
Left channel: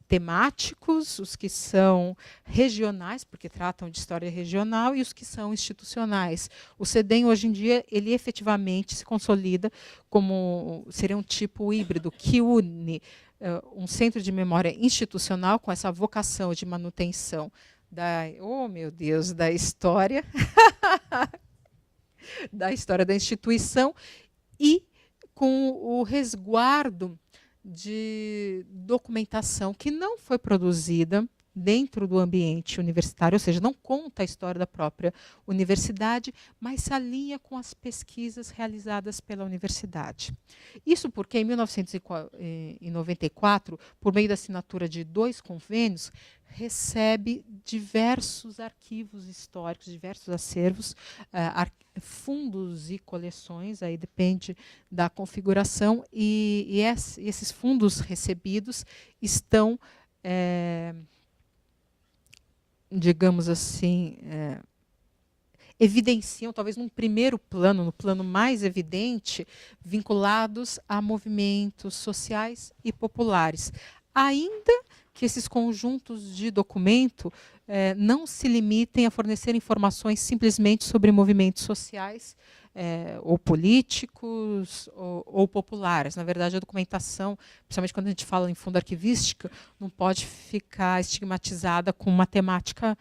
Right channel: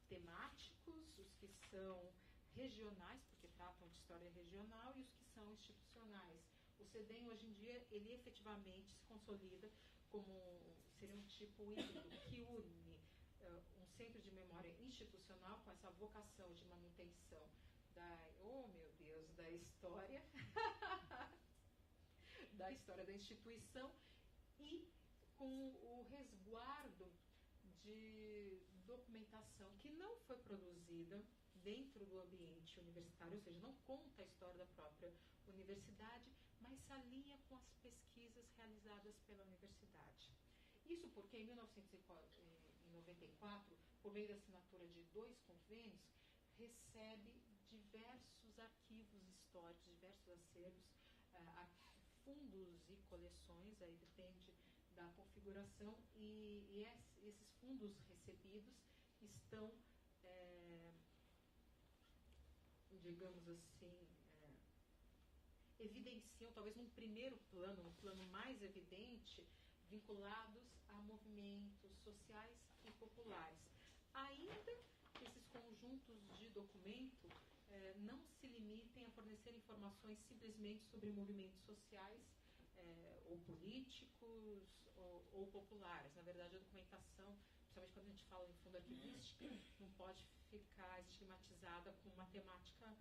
temáticos, os que são regionais, porque tratam de história regional, e os que são institucionais. O CEDEM, hoje em dia, ele efetivamente se consolida como seria um tipo híbrido, que une um centro de memória institucional, com essa vocação de manutenção da história, da história da instituição, e com o resguardo de documentação que não foi produzida dentro do ambiente universitário, ou seja, não conta a história da própria universidade, mas se alinha com as pesquisas realizadas pela universidade. Isso porque, em 1994, por meio da assinatura de 2 convênios, recebe diversos arquivos históricos, diversos acervos, fundos e coleções, aí depende da configuração, e esses fundos recebidos estão, digamos assim, evidenciam, talvez num primeiro plano, no plano mais evidente, vinculados a movimentos sociais e populares. Ainda que esses conjuntos de documento não se limitem a fornecer informações simplesmente sobre movimentos sociais ou políticos ou populares. Na verdade, a documentação, principalmente quando a gente fala em fundo arquivística, não pode ficar estigmatizada com uma temática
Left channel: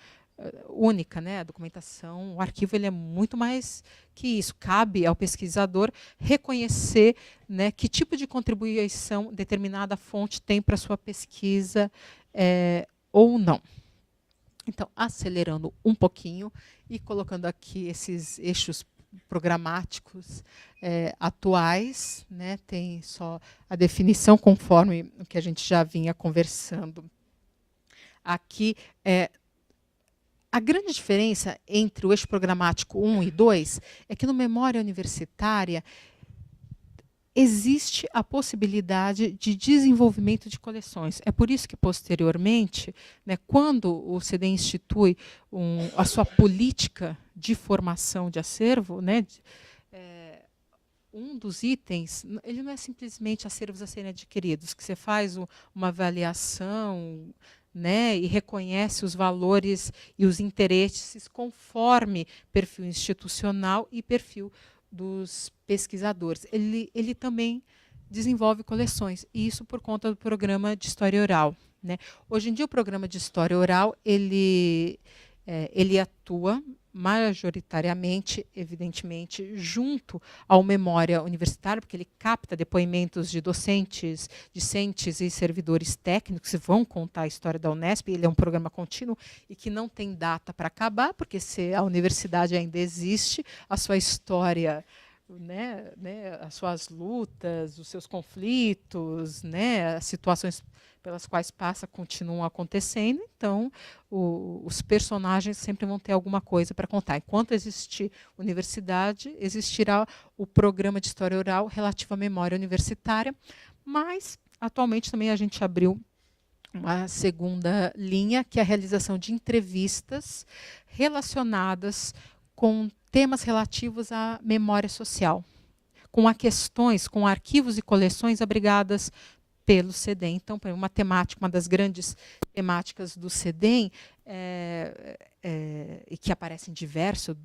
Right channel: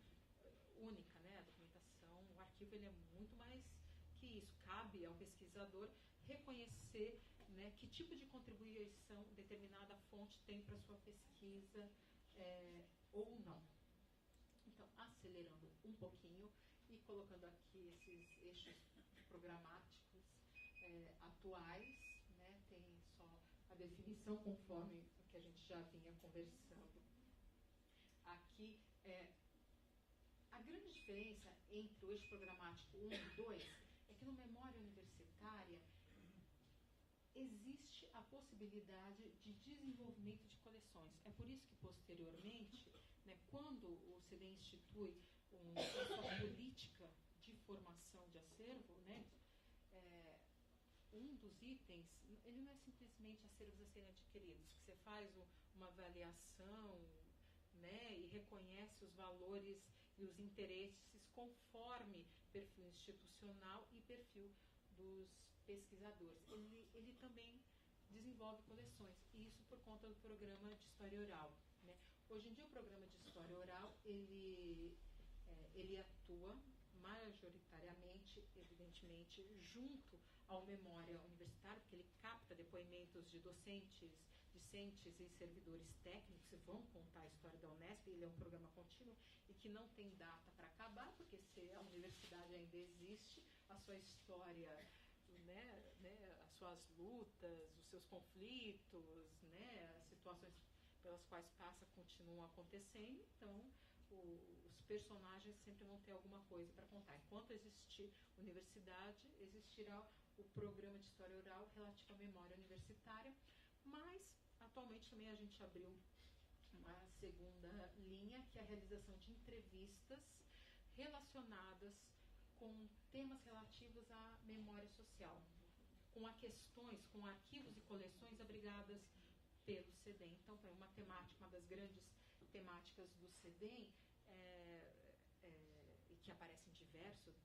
única, né? A documentação, o arquivo, ele é muito mais que isso. Cabe ao pesquisador reconhecer, né, que tipo de contribuição determinada fonte tem para a sua pesquisa ou não. Então, acelerando um pouquinho e colocando aqui esses eixos programáticos atuais, né, tem só a definição conforme o que a gente já vinha conversando aqui. A grande diferença entre o eixo programático 1 e 2 é que no Memória Universitária existe a possibilidade de desenvolvimento de coleções. É por isso que, posteriormente, né, quando o CEDEM institui a sua política de formação de acervo, né, um dos itens, ele não é simplesmente acervos a serem adquiridos, que você faz uma avaliação, né, e reconhece os valores e os interesses conforme perfil institucional e perfil dos pesquisadores. Ele também desenvolve coleções, e isso por conta do programa de História Oral, né. Hoje em dia, o programa de História Oral ele atua majoritariamente, evidentemente, junto ao Memória Universitária, porque ele capta depoimentos de docentes, discentes e servidores técnicos que vão contar a história da Unesp. Ele é um programa contínuo e que não tem data para acabar, porque se a universidade ainda existe, a sua história, né, as suas lutas, os seus conflitos, né, as situações pelas quais passa continuam acontecendo, então os personagens sempre vão ter alguma coisa para contar. Enquanto existir universidade, existirá o programa de História Oral relativo à memória universitária, mas atualmente também a gente abriu uma segunda linha, que é a realização de entrevistas relacionadas com temas relativos à memória social, com arquivos e coleções abrigadas pelo CEDEM. Então, uma das grandes temáticas do CEDEM, e que aparece em diversos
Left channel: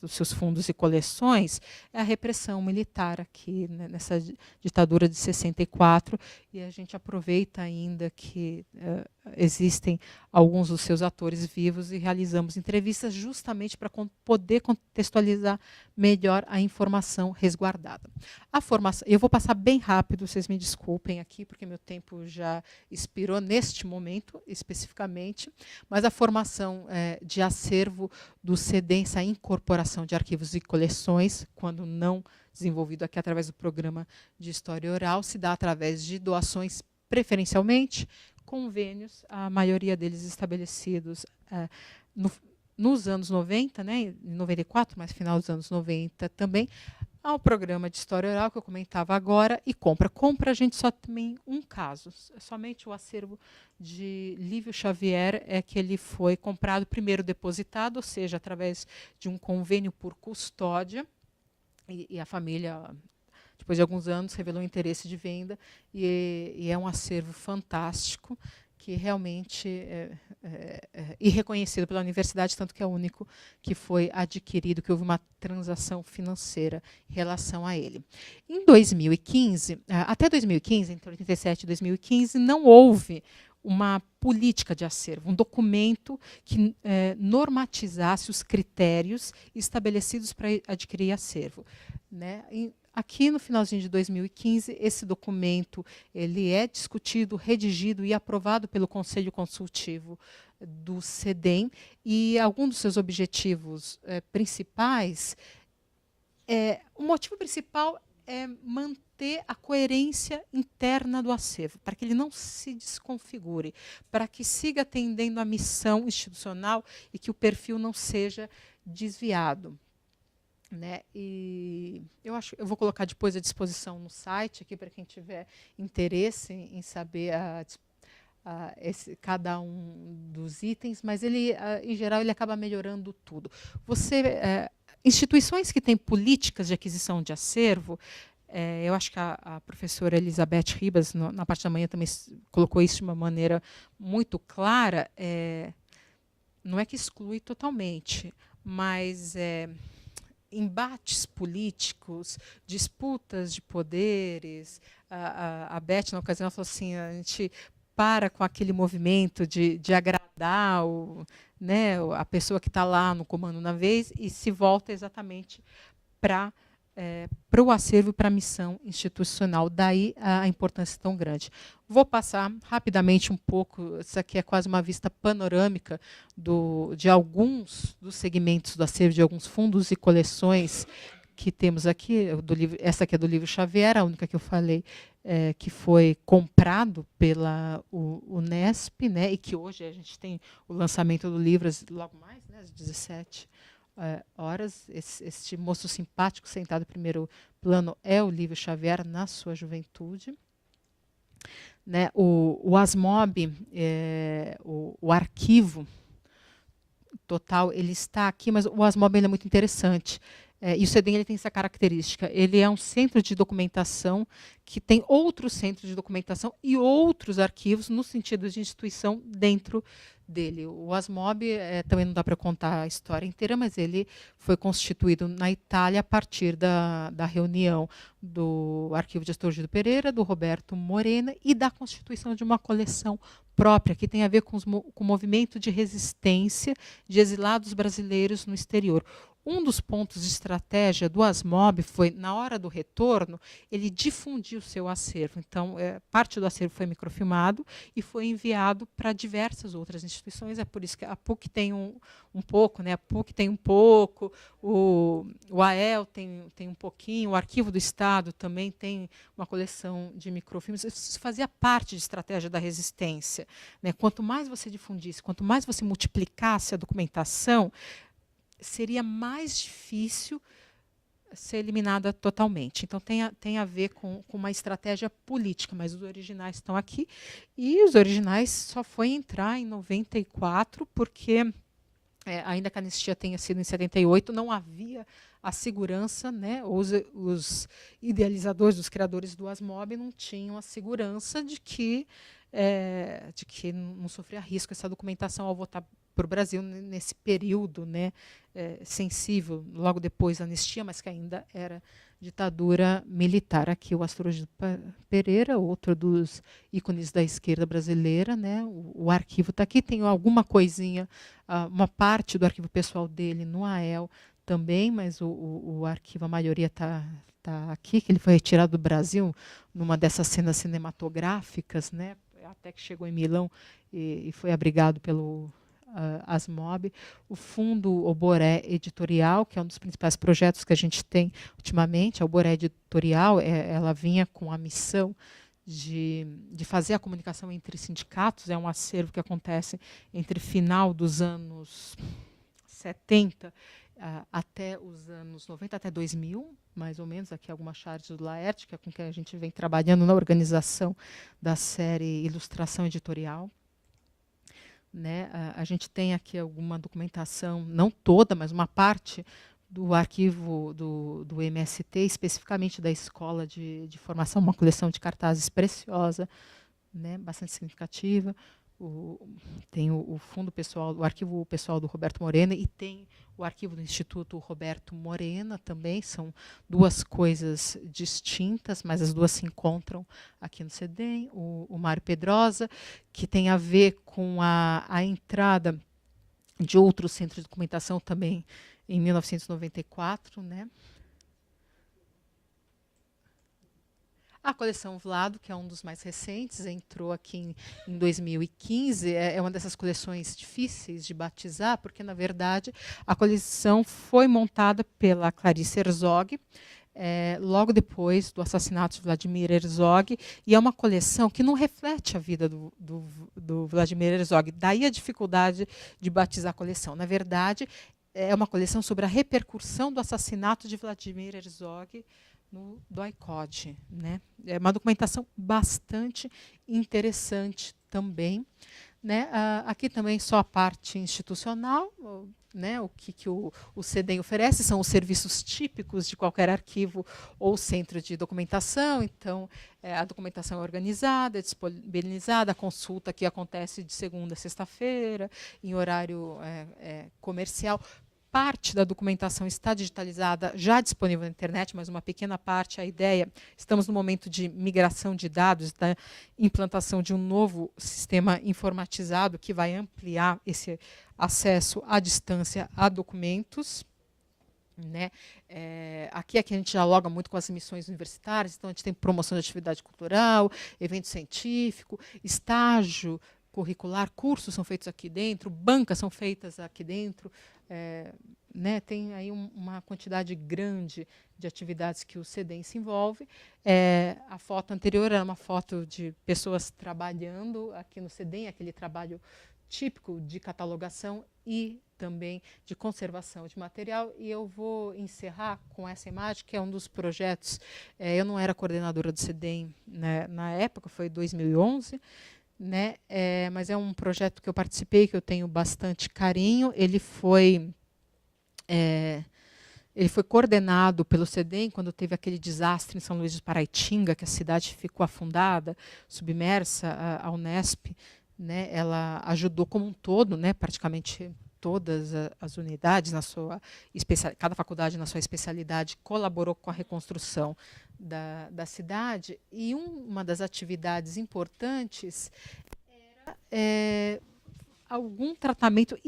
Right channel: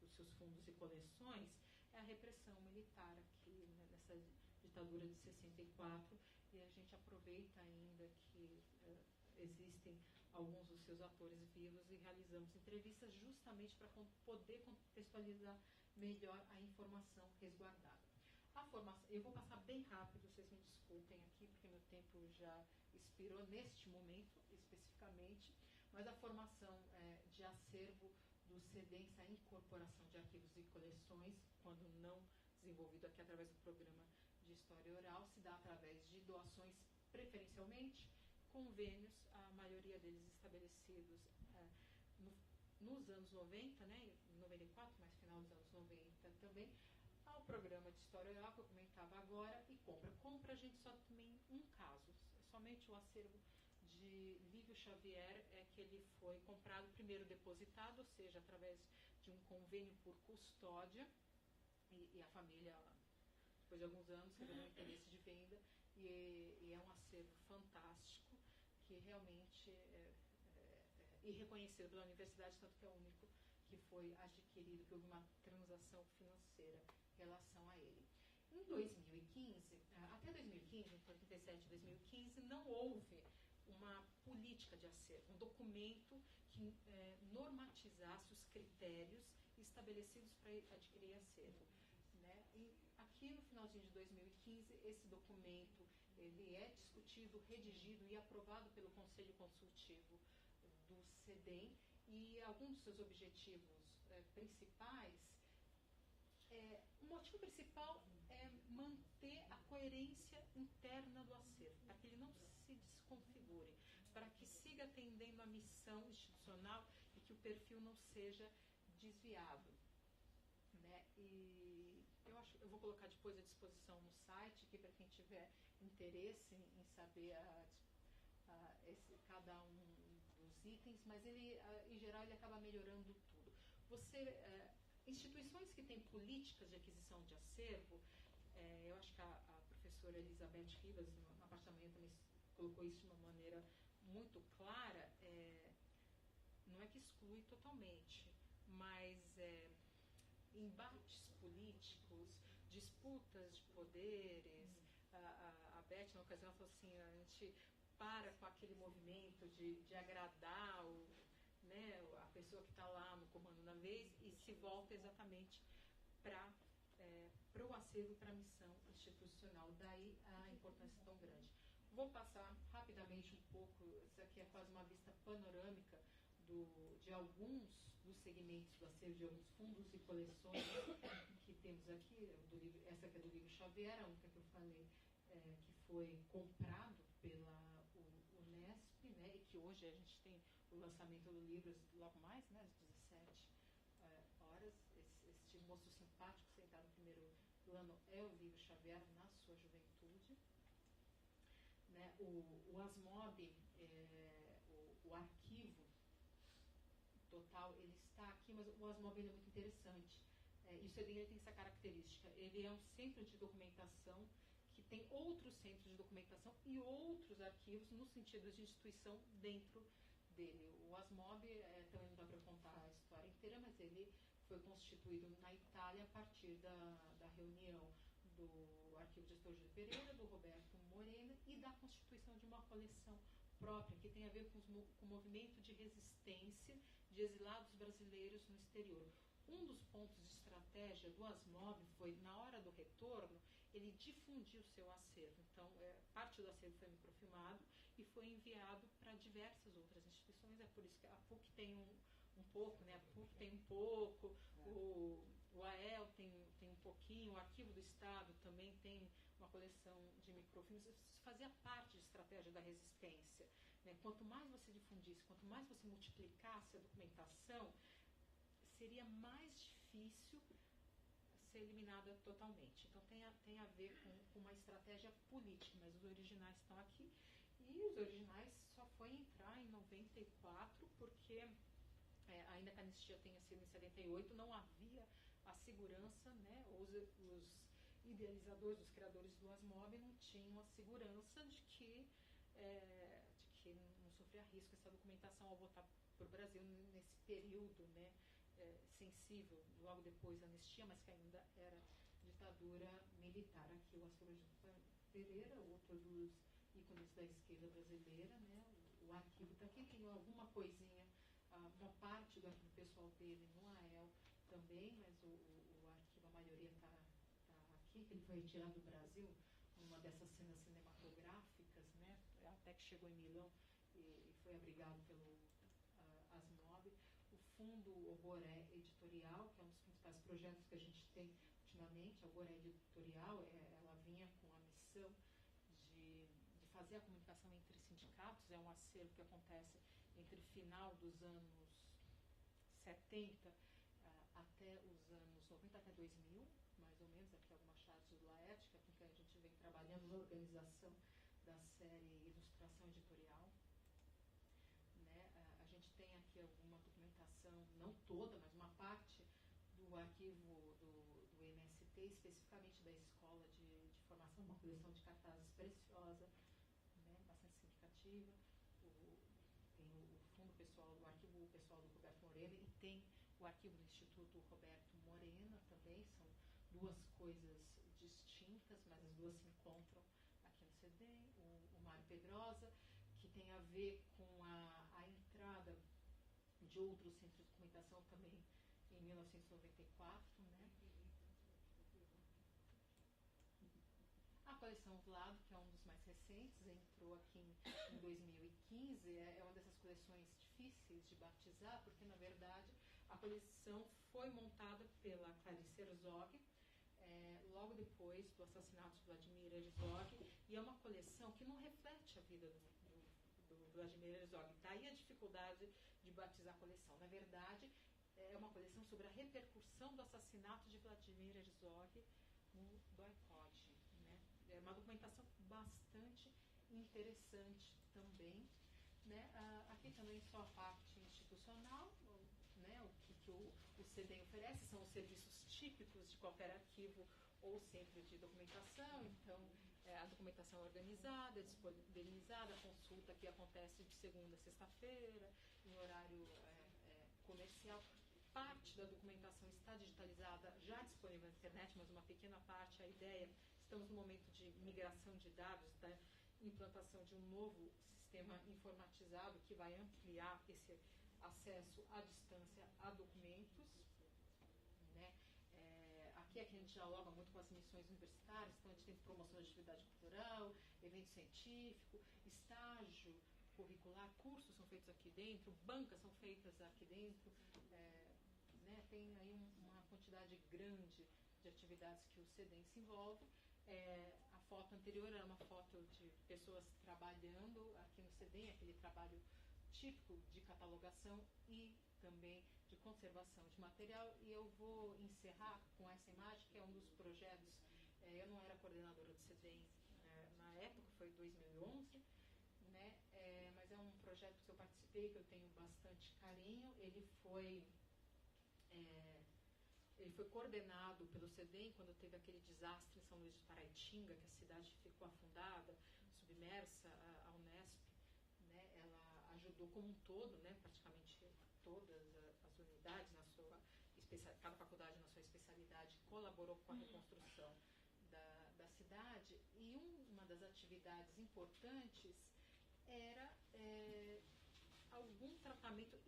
dos seus fundos e coleções, é a repressão militar aqui, né, nessa ditadura de 64, e a gente aproveita ainda que existem alguns dos seus atores vivos e realizamos entrevistas justamente para poder contextualizar melhor a informação resguardada. A formação, eu vou passar bem rápido, vocês me desculpem aqui, porque meu tempo já expirou neste momento, especificamente, mas a formação de acervo do CEDEM, essa incorporação de arquivos e coleções, quando não desenvolvido aqui através do programa de História Oral, se dá através de doações, preferencialmente, convênios, a maioria deles estabelecidos nos anos 90, né, em 94, mas final dos anos 90 também, ao programa de História Oral, que eu comentava agora, e compra. Compra a gente só tem um caso, somente o acervo de Lívio Xavier é que ele foi comprado, primeiro depositado, ou seja, através de um convênio por custódia, e a família, depois de alguns anos, revelou interesse de venda, e é um acervo fantástico, que realmente e reconhecido pela universidade, tanto que é o único que foi adquirido, que houve uma transação financeira em relação a ele. Em 2015, até 2015, entre 87 e 2015, não houve uma política de acervo, um documento que normatizasse os critérios estabelecidos para adquirir acervo, né? aqui no finalzinho de 2015, esse documento ele é discutido, redigido e aprovado pelo Conselho Consultivo do CEDEM, e algum dos seus objetivos principais, o motivo principal é manter a coerência interna do acervo, para que ele não se desconfigure, para que siga atendendo à missão institucional e que o perfil não seja desviado. Né? E eu vou colocar depois à disposição no site aqui para quem tiver interesse em saber cada um dos itens, mas ele, em geral, ele acaba melhorando tudo. Instituições que têm políticas de aquisição de acervo, eu acho que a professora Elizabeth Ribas, na parte da manhã, também colocou isso de uma maneira muito clara, não é que exclui totalmente, mas embates políticos, disputas de poderes. A Beth, na ocasião, falou assim, a gente para com aquele movimento de agradar né, a pessoa que está lá no comando na vez e se volta exatamente para o acervo e para a missão institucional. Daí a importância tão grande. Vou passar rapidamente um pouco, isso aqui é quase uma vista panorâmica de alguns dos segmentos do acervo, de alguns fundos e coleções que temos aqui. Essa aqui é do livro Xavier, a única que eu falei, que foi comprado pela Unesp, né, e que hoje a gente tem o lançamento do livro logo mais, né, às 17 horas. Este moço simpático sentado em primeiro plano é o Lívio Xavier na sua juventude. Né, o ASMOB, o arquivo total, ele está aqui, mas o ASMOB ele é muito interessante. E o CEDEM ele tem essa característica. Ele é um centro de documentação que tem outros centros de documentação e outros arquivos no sentido de instituição dentro dele. O ASMOB, também não dá para contar a história inteira, mas ele foi constituído na Itália a partir da reunião do Arquivo de Astorgildo Pereira, do Roberto Morena e da constituição de uma coleção própria, que tem a ver com o movimento de resistência de exilados brasileiros no exterior. Um dos pontos de estratégia do ASMOB foi, na hora do retorno, ele difundir o seu acervo. Então, parte do acervo foi microfilmado e foi enviado para diversas outras instituições. É por isso que a PUC tem um pouco, né? A PUC tem um pouco, o AEL tem um pouquinho, o Arquivo do Estado também tem uma coleção de microfilmes. Isso fazia parte de estratégia da resistência. Né? Quanto mais você difundisse, quanto mais você multiplicasse a documentação, seria mais difícil ser eliminada totalmente. Então, tem a ver com uma estratégia política, mas os originais estão aqui. E os originais só foi entrar em 94, porque, ainda que a anistia tenha sido em 78, não havia a segurança, né? Os idealizadores, os criadores do ASMOB não tinham a segurança de que não sofria risco essa documentação ao voltar para o Brasil nesse período, né, sensível, logo depois da anistia, mas que ainda era ditadura militar. Aqui o Astorgildo Pereira, outro dos ícones da esquerda brasileira, né, o arquivo está aqui, tem alguma coisinha, uma parte do arquivo pessoal dele no AEL também, mas o arquivo, a maioria está aqui, que ele foi retirado do Brasil numa dessas cenas cinematográficas, né, até que chegou em Milão e foi abrigado pelo ASMOB. O Fundo Oboré Editorial, que é um dos principais projetos que a gente tem ultimamente. A Oboré Editorial, ela vinha com a missão de fazer a comunicação entre sindicatos. É um acervo que acontece entre final dos anos 70 até os anos 90, até 2000, mais ou menos. Aqui algumas charges do Laerte, que é com que a gente vem trabalhando na organização da série Ilustração Editorial. Né, a gente tem aqui alguma documentação, não toda, mas uma parte do arquivo do MST, especificamente da Escola de Formação, uma coleção de cartazes preciosa, né, bastante significativa. Tem o fundo pessoal, o arquivo pessoal do Roberto Morena e tem o arquivo do Instituto Roberto Morena também. São duas coisas distintas, mas as duas se encontram aqui no CEDEM. O Mário Pedrosa, que tem a ver com a entrada de outros centros de documentação também em 1994, né? A coleção Vlado, que é um dos mais recentes, entrou aqui em 2015, é uma dessas coleções difíceis de batizar, porque, na verdade, a coleção foi montada pela Clarice Herzog, logo depois do assassinato de Vladimir Herzog, e é uma coleção que não reflete a vida do Vladimir Herzog. Daí a dificuldade de batizar a coleção. Na verdade, é uma coleção sobre a repercussão do assassinato de Vladimir Herzog do ICOD, né? É uma documentação bastante interessante também. Né? Aqui também só a parte institucional, né? O que o CEDEM oferece são os serviços típicos de qualquer arquivo ou centro de documentação. Então, a documentação é organizada, é disponibilizada, a consulta que acontece de segunda a sexta-feira, em horário comercial. Parte da documentação está digitalizada, já disponível na internet, mas uma pequena parte, a ideia, estamos no momento de migração de dados, da implantação de um novo sistema informatizado que vai ampliar esse acesso à distância a documentos. Né? Aqui a gente dialoga muito com as missões universitárias, então a gente tem promoção de atividade cultural, evento científico, estágio curricular, cursos são feitos aqui dentro, bancas são feitas aqui dentro, né, tem aí uma quantidade grande de atividades que o CEDEM se envolve. A foto anterior era uma foto de pessoas trabalhando aqui no CEDEM, aquele trabalho típico de catalogação e também de conservação de material. E eu vou encerrar com essa imagem, que é um dos projetos. Eu não era coordenadora do CEDEM, né, na época, foi 2011, né, mas é um projeto que eu participei, que eu tenho bastante carinho. Ele foi coordenado pelo CEDEM quando teve aquele desastre em São Luís de Paraitinga, que a cidade ficou afundada, submersa. A Unesp, né, ela ajudou como um todo, né, praticamente todas as unidades, cada faculdade na sua especialidade, colaborou com a reconstrução da cidade. E uma das atividades importantes era algum tratamento,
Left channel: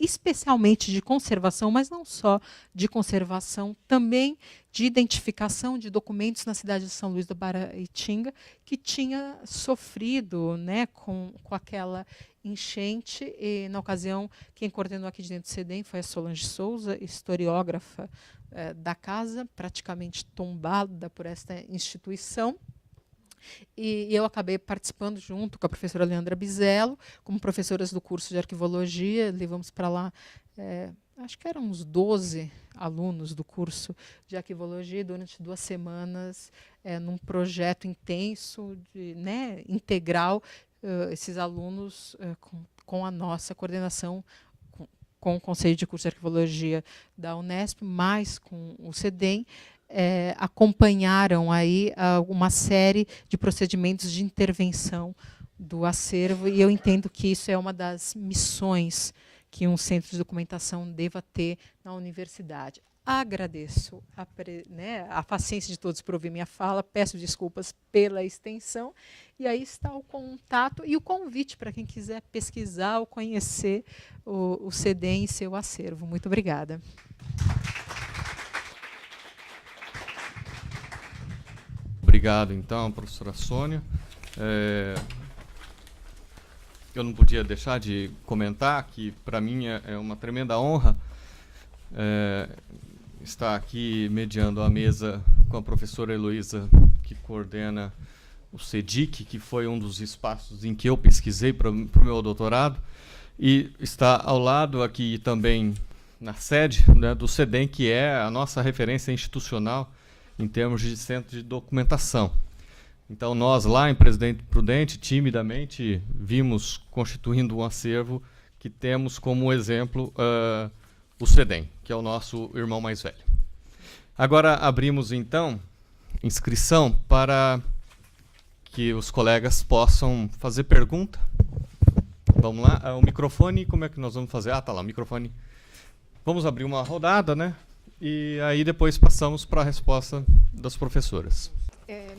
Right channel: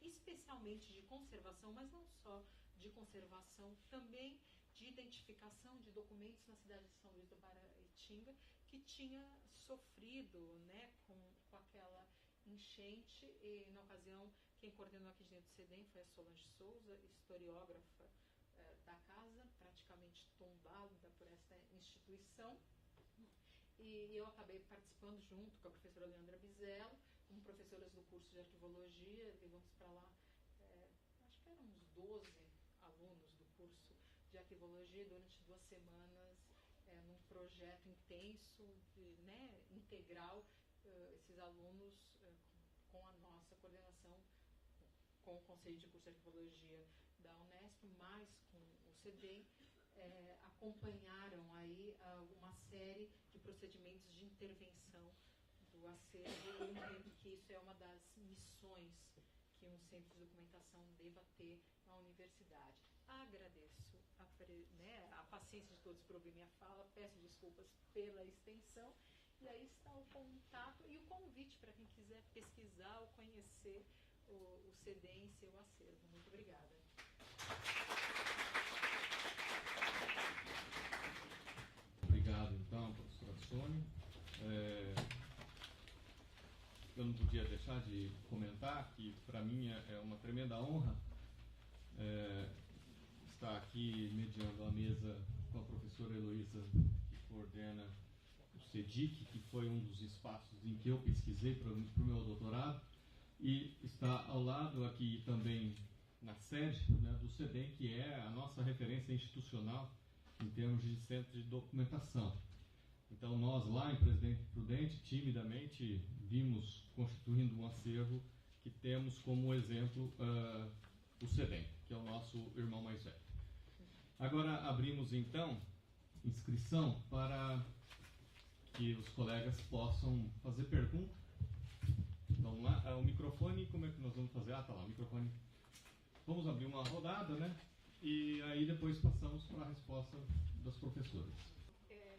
especialmente de conservação, mas não só de conservação, também de identificação de documentos na cidade de São Luís do Paraitinga, que tinha sofrido, né, com aquela enchente. E, na ocasião, quem coordenou aqui dentro do CEDEM foi a Solange Souza, historiógrafa da casa, praticamente tombada por esta instituição. E eu acabei participando junto com a professora Leandra Bizello, como professoras do curso de arquivologia. Levamos para lá, acho que eram uns 12 alunos do curso de arquivologia, durante 2 semanas, num projeto intenso, né, integral, esses alunos com a nossa coordenação, com o Conselho de Curso de Arquivologia da Unesp, mais com o CEDEM, acompanharam aí uma série de procedimentos de intervenção do acervo, e eu entendo que isso é uma das missões que um centro de documentação deva ter na universidade. Agradeço a paciência de todos por ouvir minha fala, peço desculpas pela extensão, e aí está o contato e o convite para quem quiser pesquisar ou conhecer o CEDEM e seu acervo. Muito obrigada. Obrigado, então, professora Sônia. Eu não podia deixar de comentar que, para mim, é uma tremenda honra estar aqui mediando a mesa com a professora Heloísa, que coordena o CEDIC, que foi um dos espaços em que eu pesquisei para o meu doutorado, e está ao lado aqui também na sede, né, do CEDEM, que é a nossa referência institucional em termos de centro de documentação. Então, nós lá em Presidente Prudente, timidamente, vimos constituindo um acervo que temos como exemplo o CEDEM, que é o nosso irmão mais velho. Agora, abrimos, então, inscrição para que os colegas possam fazer pergunta. Vamos lá, o microfone, como é que nós vamos fazer? Ah, tá lá, o microfone. Vamos abrir uma rodada, né? E aí depois passamos para a resposta das professoras.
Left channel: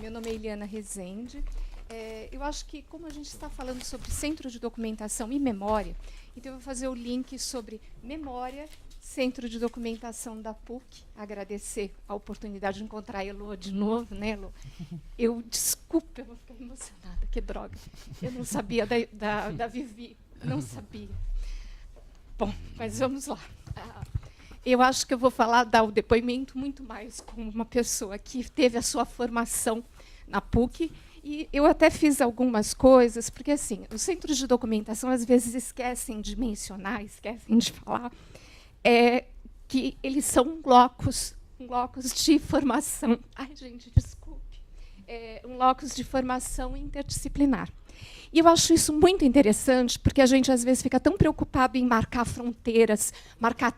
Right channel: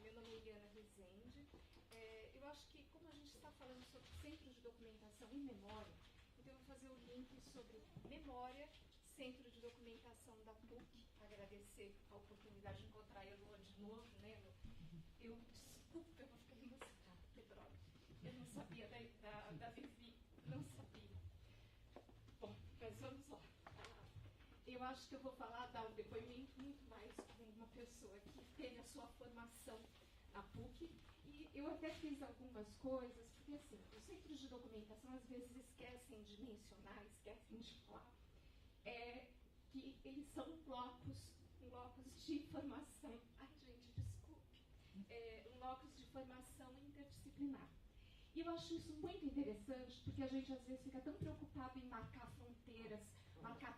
Meu nome é Eliana Rezende. Eu acho que, como a gente está falando sobre centro de documentação e memória, então eu vou fazer o link sobre memória, Centro de Documentação da PUC, agradecer a oportunidade de encontrar a Elô de novo, né, Elô? Desculpa, eu vou ficar emocionada, que droga. Eu não sabia da Vivi, não sabia. Bom, mas vamos lá. Eu acho que eu vou dar o depoimento muito mais como uma pessoa que teve a sua formação na PUC. E eu até fiz algumas coisas, porque assim, os centros de documentação às vezes esquecem de mencionar, esquecem de falar, que eles são um locus de formação. Ai, gente, desculpe. Um locus de formação interdisciplinar. E eu acho isso muito interessante, porque a gente, às vezes, fica tão preocupado em marcar fronteiras, marcar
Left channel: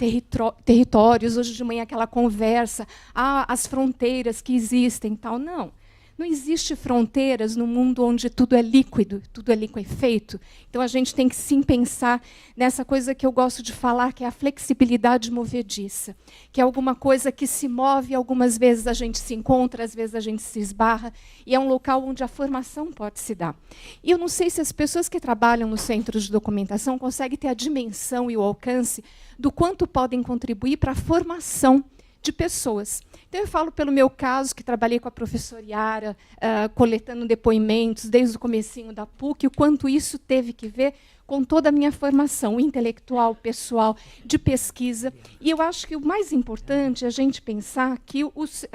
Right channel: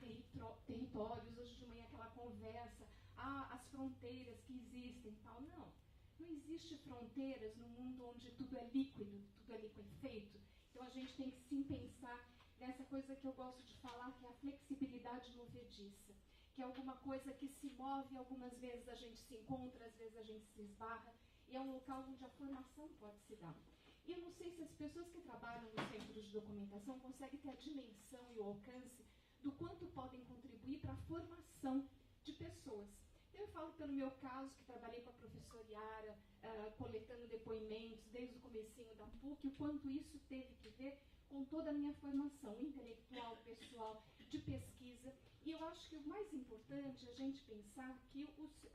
territórios. Hoje de manhã, aquela conversa, as fronteiras que existem, tal. Não existe fronteiras no mundo onde tudo é líquido, tudo é liquefeito. Então, a gente tem que, sim, pensar nessa coisa que eu gosto de falar, que é a flexibilidade movediça, que é alguma coisa que se move, algumas vezes a gente se encontra, às vezes a gente se esbarra, e é um local onde a formação pode se dar. E eu não sei se as pessoas que trabalham no centro de documentação conseguem ter a dimensão e o alcance do quanto podem contribuir para a formação de pessoas. Então, eu falo pelo meu caso, que trabalhei com a professora Yara, coletando depoimentos desde o comecinho da PUC, o quanto isso teve que ver com toda a minha formação intelectual, pessoal, de pesquisa. E eu acho que o mais importante é a gente pensar que os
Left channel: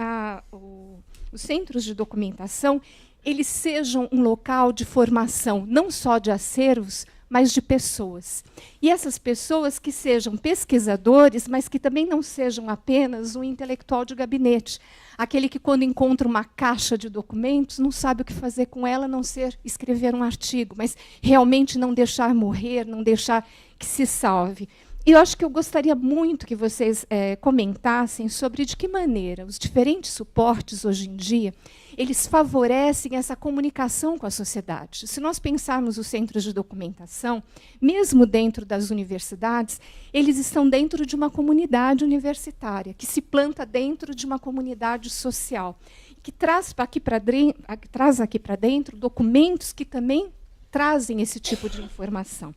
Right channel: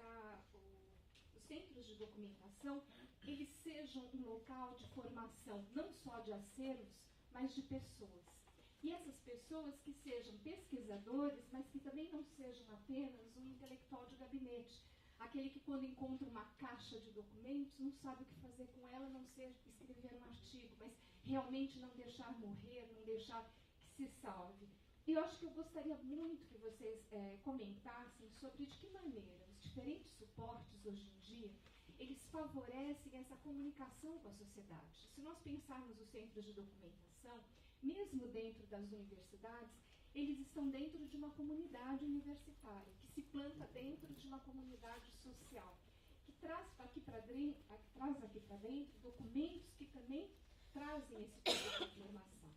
centros de documentação eles sejam um local de formação, não só de acervos, mas de pessoas. E essas pessoas que sejam pesquisadores, mas que também não sejam apenas um intelectual de gabinete, aquele que, quando encontra uma caixa de documentos, não sabe o que fazer com ela, a não ser escrever um artigo, mas realmente não deixar morrer, não deixar que se salve. E eu acho que eu gostaria muito que vocês comentassem sobre de que maneira os diferentes suportes, hoje em dia, eles favorecem essa comunicação com a sociedade. Se nós pensarmos os centros de documentação, mesmo dentro das universidades, eles estão dentro de uma comunidade universitária, que se planta dentro de uma comunidade social, que traz aqui para dentro documentos que também trazem esse tipo de informação.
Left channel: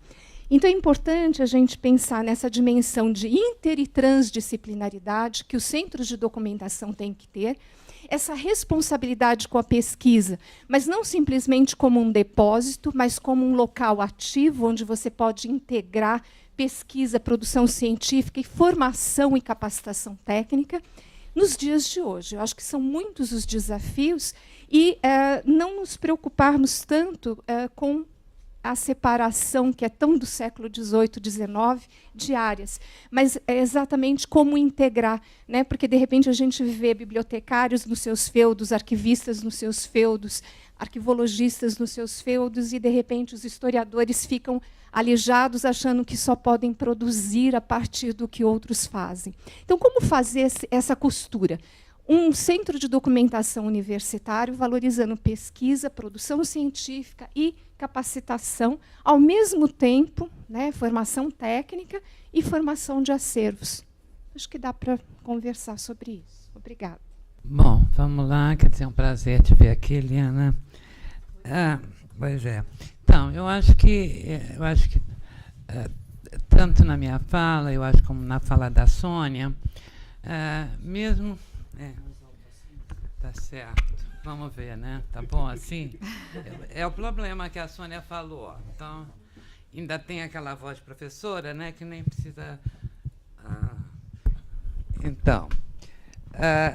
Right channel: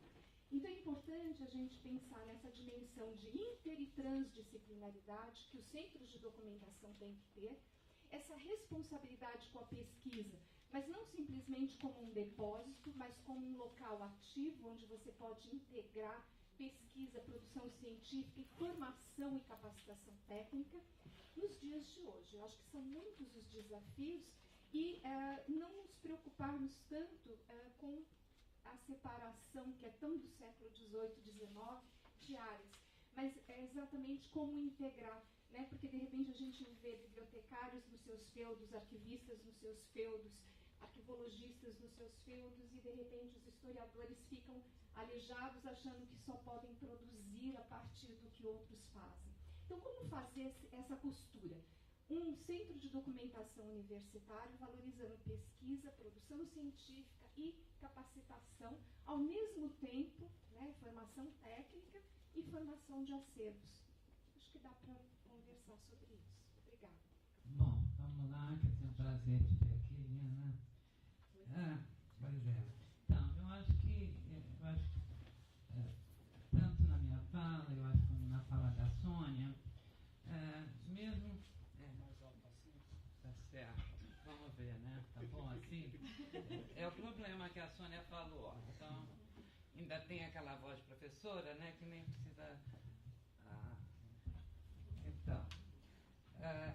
Então, é importante a gente pensar nessa dimensão de inter- e transdisciplinaridade que os centros de documentação têm que ter, essa responsabilidade com a pesquisa, mas não simplesmente como um depósito, mas como um local ativo, onde você pode integrar pesquisa, produção científica e formação e capacitação técnica nos dias de hoje. Eu acho que são muitos os desafios e não nos preocuparmos tanto com a separação, que é tão do século XVIII, XIX, de áreas, mas é exatamente como integrar, né? Porque, de repente, a gente vê bibliotecários nos seus feudos, arquivistas nos seus feudos, arquivologistas nos seus feudos, e, de repente, os historiadores ficam alijados, achando que só podem produzir a partir do que outros fazem. Então, como fazer essa costura? Um centro de documentação universitário valorizando pesquisa, produção científica e capacitação, ao mesmo tempo, né, formação técnica e formação de acervos. Acho que dá para conversar sobre isso. Obrigada. Bom, vamos lá, quer dizer, é um prazer te ver aqui, Eliana. Pois é. Então, eu acho que tanto na minha fala, eu acho como na fala da Sônia, mesmo... tá certo. Vamos ver, né? Tá bom assim? É o problema que a Sônia falou. Então, ainda tem aquela voz de professora, né, que nem precisa... Então,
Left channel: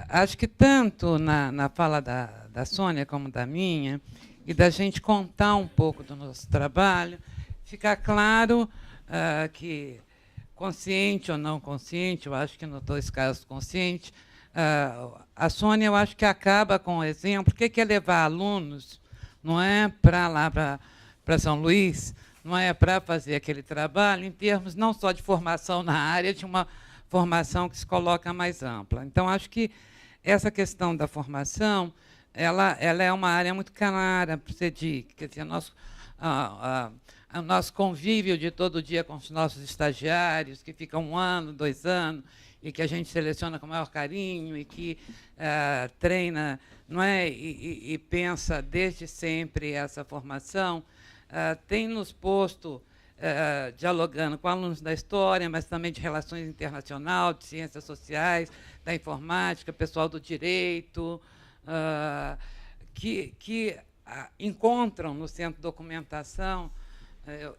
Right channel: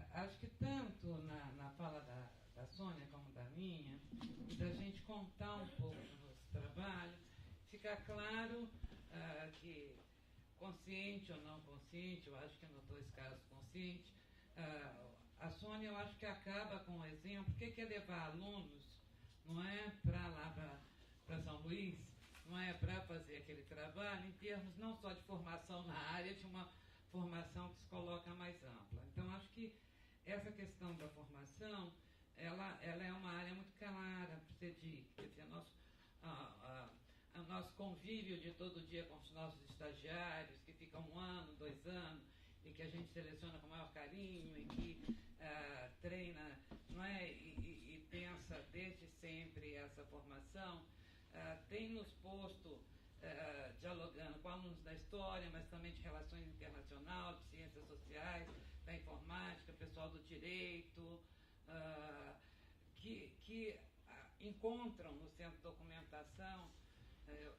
acho que tanto na fala da Sônia como da minha, e da gente contar um pouco do nosso trabalho, fica claro que, consciente ou não consciente, eu acho que nos dois casos consciente, a Sônia, eu acho que acaba com o exemplo. O que é levar alunos, não é para lá, para São Luís, não é para fazer aquele trabalho em termos não só de formação na área, de uma formação que se coloca mais ampla. Então, acho que essa questão da formação, ela é uma área muito clara para o CEDIC. Quer dizer, o nosso convívio de todo dia com os nossos estagiários, que ficam 1 ano, 2 anos, e que a gente seleciona com o maior carinho e que treina, não é? E pensa desde sempre essa formação, tem nos posto dialogando com alunos da história, mas também de relações internacionais, de ciências sociais, da informática, pessoal do direito, que encontram no Centro de Documentação.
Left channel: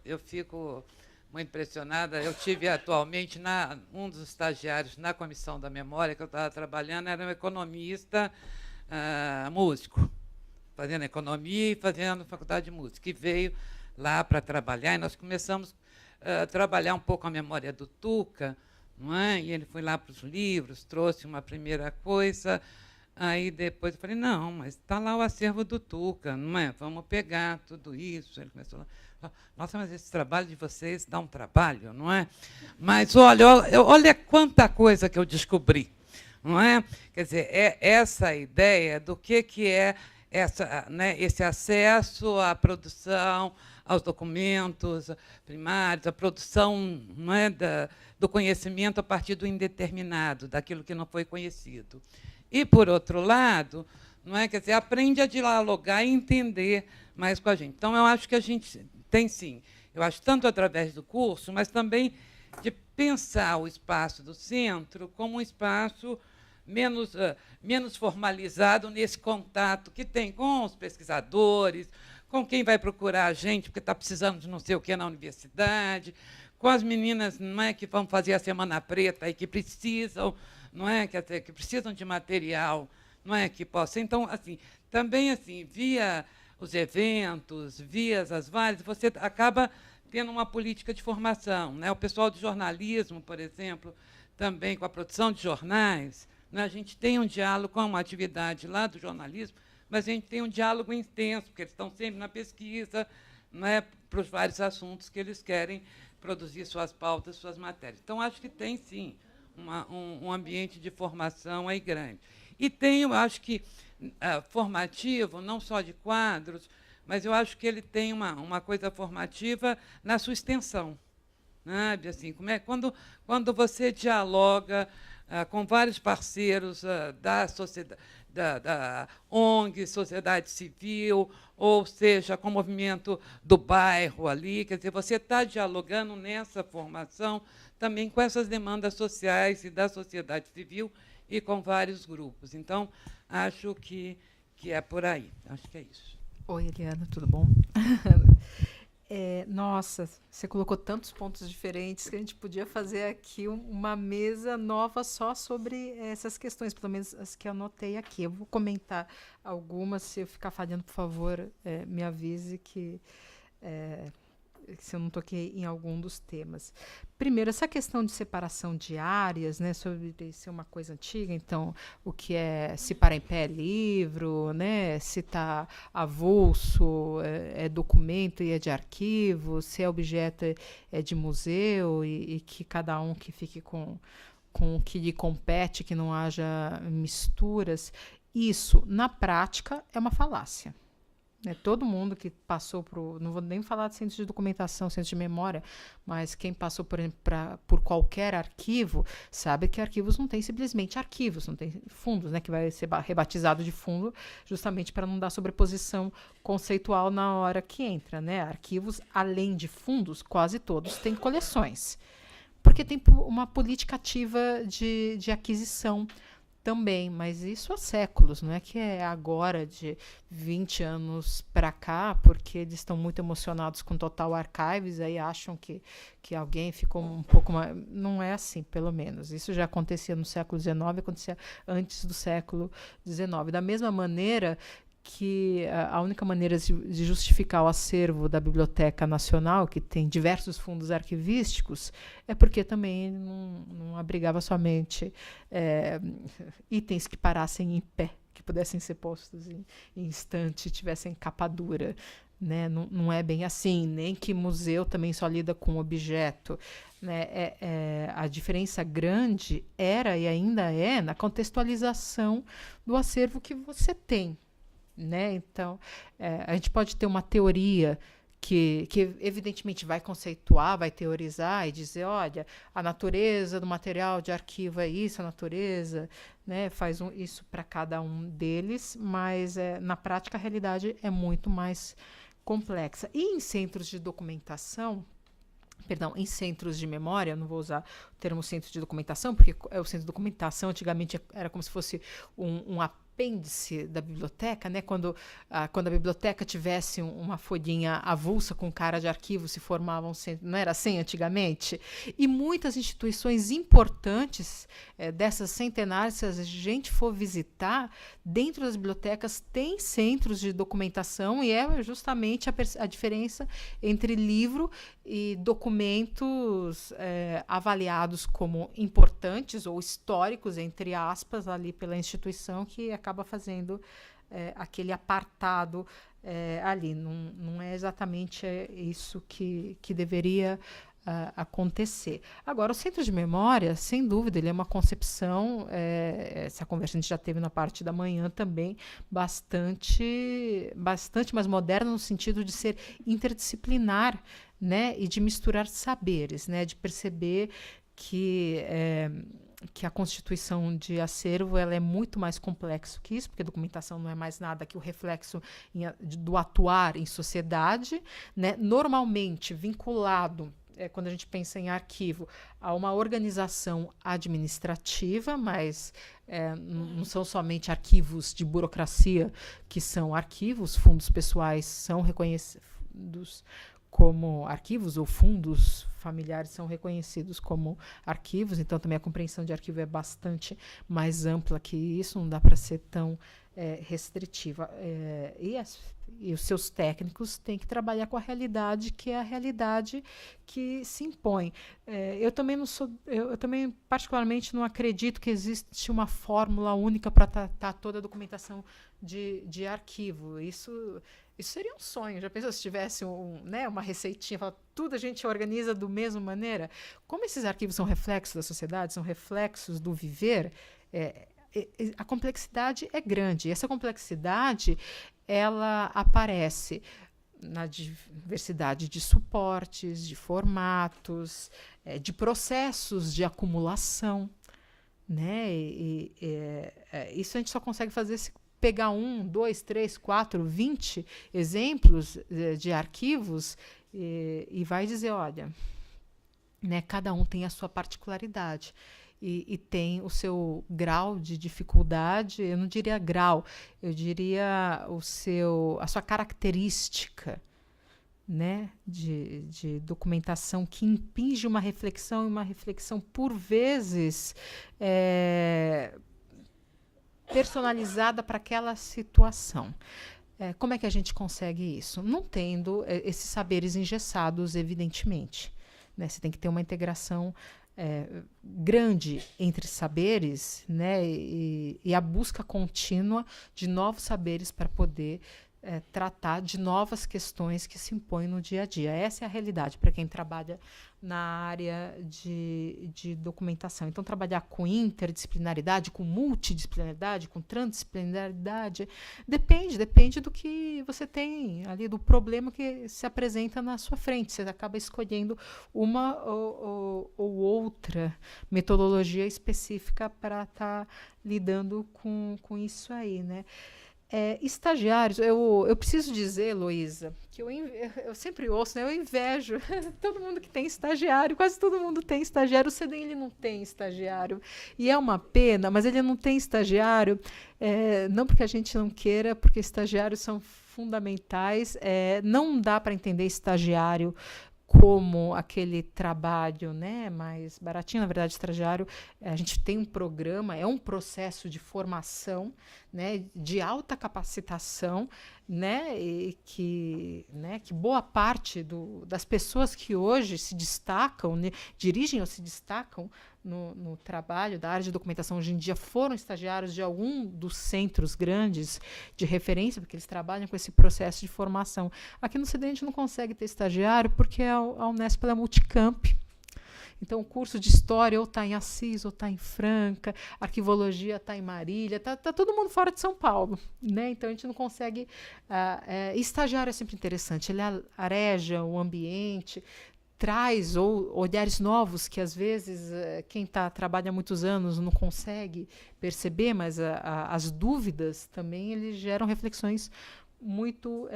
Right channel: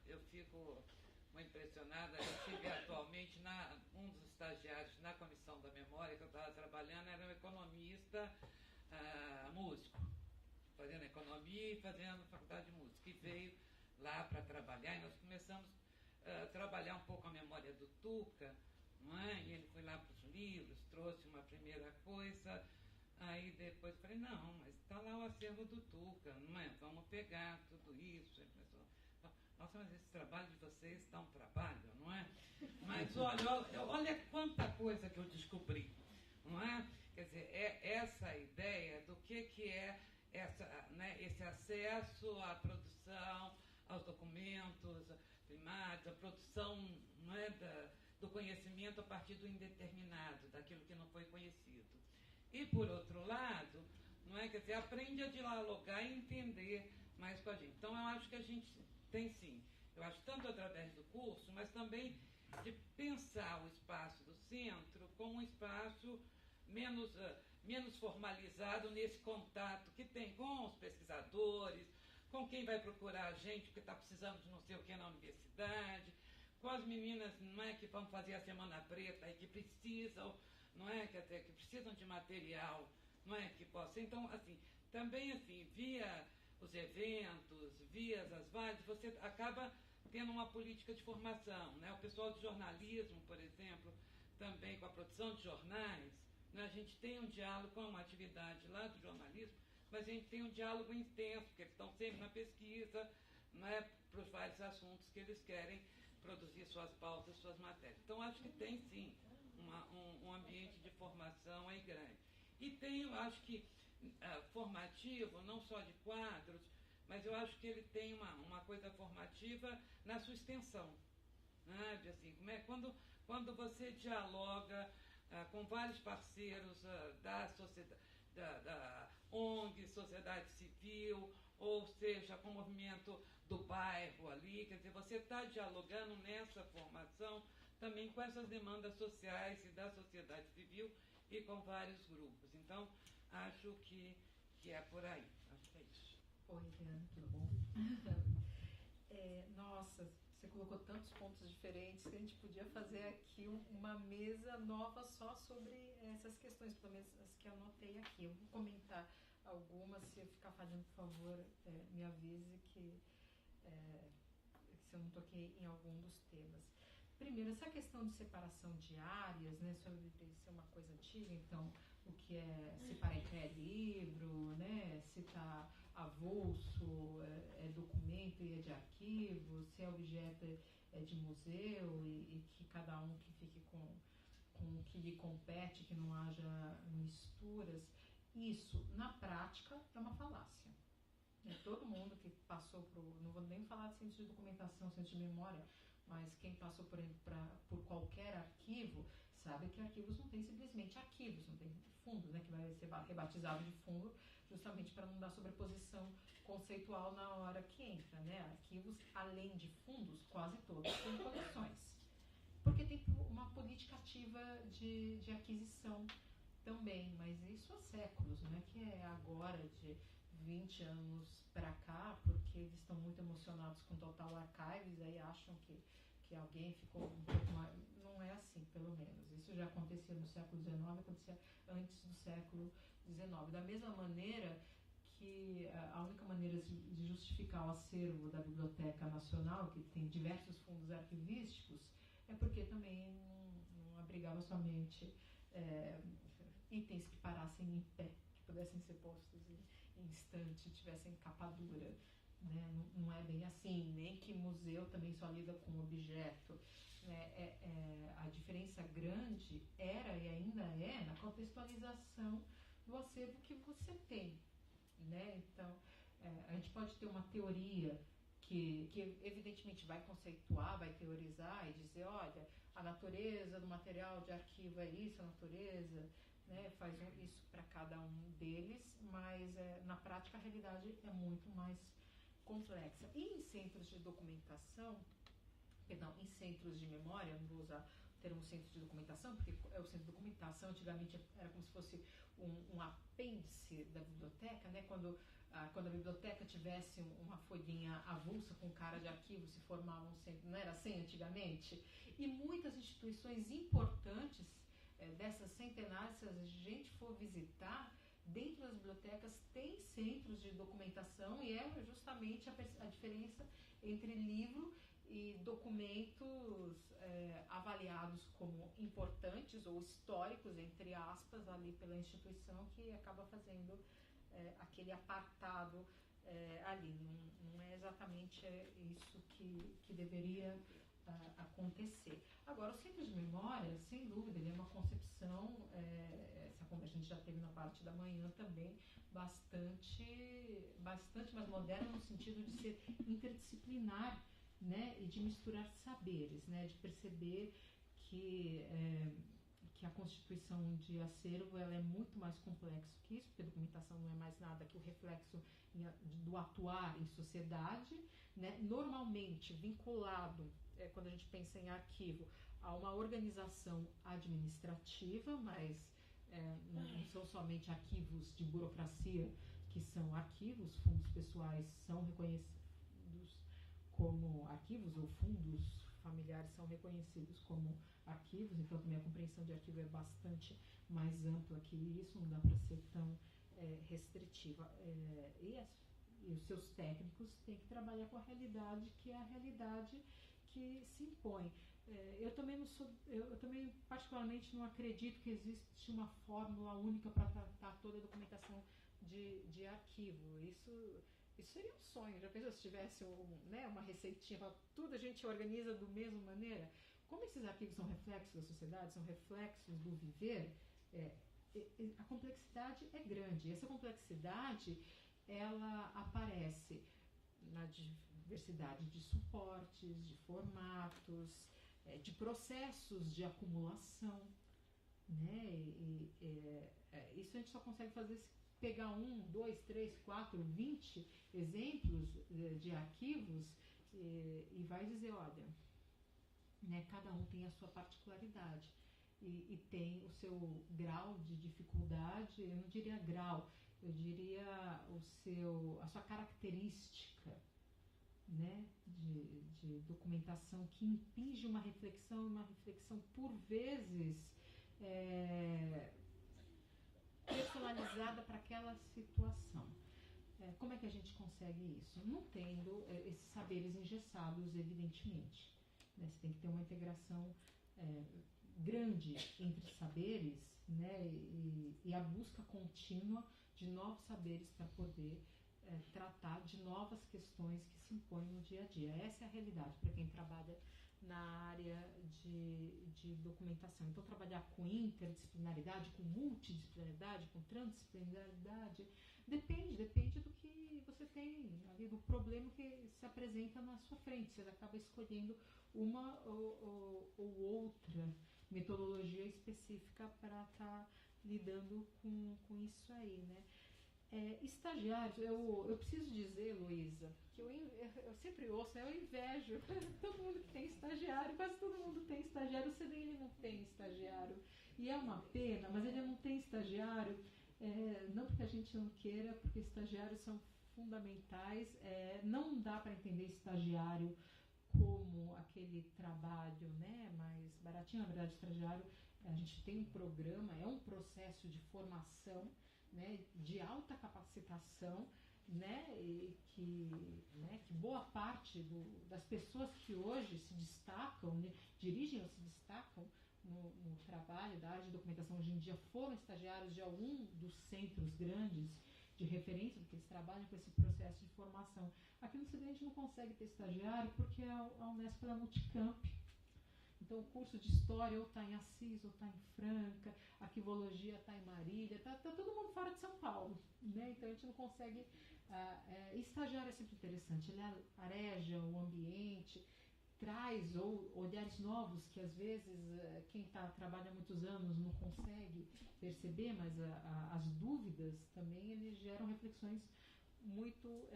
Eu fico muito impressionada. Eu tive atualmente um dos estagiários na Comissão da Memória que eu estava trabalhando, era um economista músico, fazendo economia e fazendo faculdade de música, que veio lá para trabalhar, e nós começamos a trabalhar um pouco a memória do Tuca, não é? E ele foi lá para os livros, trouxe uma primeira coisa, aí depois eu falei, não, mas está lá o acervo do Tuca, não é? Vamos pegar tudo isso. Ele começou lá, nossa, mas esse trabalho de vocês dá um trabalho, não é? Mas olha quanta coisa que eu descobri, não é? Quer dizer, é essa ideia do que é esse acesso à produção, aos documentos primários, a produção, não é, do conhecimento a partir do indeterminado, daquilo que não foi conhecido. E, por outro lado, não é, quer dizer, aprende a dialogar e entender mais com a gente. Então, eu acho que a gente tem, sim, eu acho tanto através do curso, mas também de pensar o espaço do centro como um espaço menos formalizado nesse contato que tem com os pesquisadores, com quem vai procurar a gente porque está precisando de não sei o que na universidade, com as meninas, não é, que vão fazer a Semana Preta e que precisam, não é, que precisam de material, não é, que possa. Então, assim, também assim, via os eventos, via as várias, você acaba tendo uma política de formação, né? O pessoal de jornalismo, por exemplo, também com a produção de jornais, né? A gente tem um diálogo com uma atividade lá do jornalismo, mas a gente tem um diálogo intenso, porque eles estão sempre na pesquisa, né, para os vários assuntos que eles querem produzir suas pautas, suas matérias. Então, acho que tem, sim, um ambiente de formação aí grande. E tem, eu acho que, formativo, não só de quadros, mas eu acho que ele tem uma coisa formativa na sua extensão. Sabe? Assim, quando você dialoga com vários parceiros da sociedade, da ONG, sociedade civil, ou seja, com o movimento do bairro ali, quer dizer, você está dialogando nessa formação também com essas demandas sociais e da sociedade civil e com vários grupos. Então, acho que é por aí. Acho que é isso. Oi, Eliana, tudo bom? Nossa, você colocou tantos pontos diferentes que a gente podia fazer aqui uma mesa nova só sobre essas questões, pelo menos as que eu anotei aqui. Eu vou comentar algumas, se eu ficar falhando, por favor, me avise que se eu não toquei em algum dos temas. Primeiro, essa questão de separação de áreas, né, sobre ser uma coisa antiga, então, o que é se para em pé é livro, né, se está avulso é documento e é de arquivo, se é objeto é de museu, e que cada um que fique com o que lhe compete, que não haja misturas. Isso, na prática, é uma falácia. Todo mundo que passou não vou nem falar de centro de documentação, centro de memória, mas quem passou, por exemplo, por qualquer arquivo, sabe que arquivos não tem simplesmente arquivos, não tem fundos, né, que vai ser rebatizado de fundo, justamente para não dar sobreposição conceitual na hora que entra. Né? Arquivos, além de fundos, quase todos têm coleções, porque tem uma política ativa de aquisição também, mas isso há séculos, não é que é agora, de 20 anos para cá, porque eles estão muito emocionados com Total Archives, aí acham que alguém ficou um pouco mais... Não é assim, pelo menos. Isso já acontecia no século XIX, acontecia antes do século XIX. Da mesma maneira que a única maneira de justificar o acervo da Biblioteca Nacional, que tem diversos fundos arquivísticos, é porque também não abrigava somente itens que parassem em pé, que pudessem ser postos em estante, tivessem capa dura. Né? Não é bem assim, nem que museu também só lida com objeto. Né? A diferença grande era e ainda é na contextualização do acervo que você tem. Né? Então, a gente pode ter uma teoria que evidentemente vai conceituar, vai teorizar e dizer, olha, a natureza do material de arquivo é isso, a natureza, né, faz isso para cada um deles, mas na prática a realidade é muito mais complexa. E em centros de documentação, em centros de memória, não vou usar o termo centro de documentação, porque o centro de documentação antigamente era como se fosse um apêndice da biblioteca, né? Quando a biblioteca tivesse uma folhinha avulsa com cara de arquivo, se formava um centro, não era assim antigamente? E muitas instituições importantes dessas centenárias, se a gente for visitar, dentro das bibliotecas tem centros de documentação, e é justamente a diferença entre livro e documentos avaliados como importantes ou históricos, entre aspas, ali pela instituição, que acaba fazendo aquele apartado ali. Não é exatamente isso que deveria acontecer. Agora, o centro de memória, sem dúvida, ele é uma concepção, essa conversa a gente já teve na parte da manhã também, bastante mais moderna, no sentido de ser interdisciplinar, né, e de misturar saberes, né, de perceber que a constituição de acervo ela é muito mais complexo que isso, porque a documentação não é mais nada que o reflexo do atuar em sociedade, né, normalmente vinculado, quando a gente pensa em arquivo, a uma organização administrativa, mas não são somente arquivos de burocracia que são arquivos, fundos pessoais são reconhecidos como arquivos, ou fundos familiares são reconhecidos como arquivos, então também a compreensão de arquivo é bastante mais ampla que isso, não dá para ser tão restritiva. E os seus técnicos têm que trabalhar com a realidade, que é a realidade que se impõe. Eu também particularmente não acredito que existe uma fórmula única para tratar toda a documentação de arquivo. Isso seria um sonho. Já pensou se tivesse uma receitinha, tudo a gente organiza da mesma maneira? Como esses arquivos são reflexos da sociedade, são reflexos do viver, a complexidade é grande. E essa complexidade ela aparece na diversidade de suportes, de formatos, de processos de acumulação, né? Isso a gente só consegue fazer se pegar 1, 2, 3, 4, 20 exemplos de arquivos e vai dizer, olha, né, cada um tem a sua particularidade e tem o seu grau de dificuldade. Eu não diria grau, eu diria a sua característica, né, de documentação que impinge uma reflexão, e uma reflexão por vezes personalizada para aquela situação. Como é que a gente consegue isso? Não tendo esses saberes engessados, evidentemente, né? Você tem que ter uma integração grande entre saberes, né? E a busca contínua de novos saberes para poder tratar de novas questões que se impõem no dia a dia. Essa é a realidade para quem trabalha na área de documentação. Então, trabalhar com interdisciplinaridade, com multidisciplinaridade, com transdisciplinaridade, depende do que você tem ali, do problema que se apresenta na sua frente. Você acaba escolhendo uma ou outra metodologia específica para estar lidando com isso aí, né? Estagiários, eu preciso dizer, Heloísa, que eu sempre ouço, né, eu invejo todo mundo que tem estagiário, quase todo mundo tem estagiário. O CEDEM ele não tem estagiário, e é uma pena, mas ele não tem estagiário, não porque a gente não queira, porque estagiários são fundamentais. Não dá para entender estagiário como aquele trabalho, né, mais baratinho. Na verdade, estagiário, a gente tem um programa, é um processo de formação, né, de alta capacitação, né, e que boa parte das pessoas que hoje se destacam, né, dirigem ou se destacam no trabalho da área de documentação hoje em dia foram estagiários de algum dos centros grandes de referência, porque eles trabalham com esse processo de formação. Aqui no CEDEM a gente não consegue ter estagiário porque a Unesp é multicamp. Então, o curso de História ou está em Assis, ou está em Franca, Arquivologia está em Marília, está todo mundo fora de São Paulo, né? Então, a gente não consegue... estagiário é sempre interessante, ele areja o ambiente, traz olhares novos que, às vezes, quem trabalha há muitos anos não consegue perceber, mas as dúvidas também eles geram reflexões muito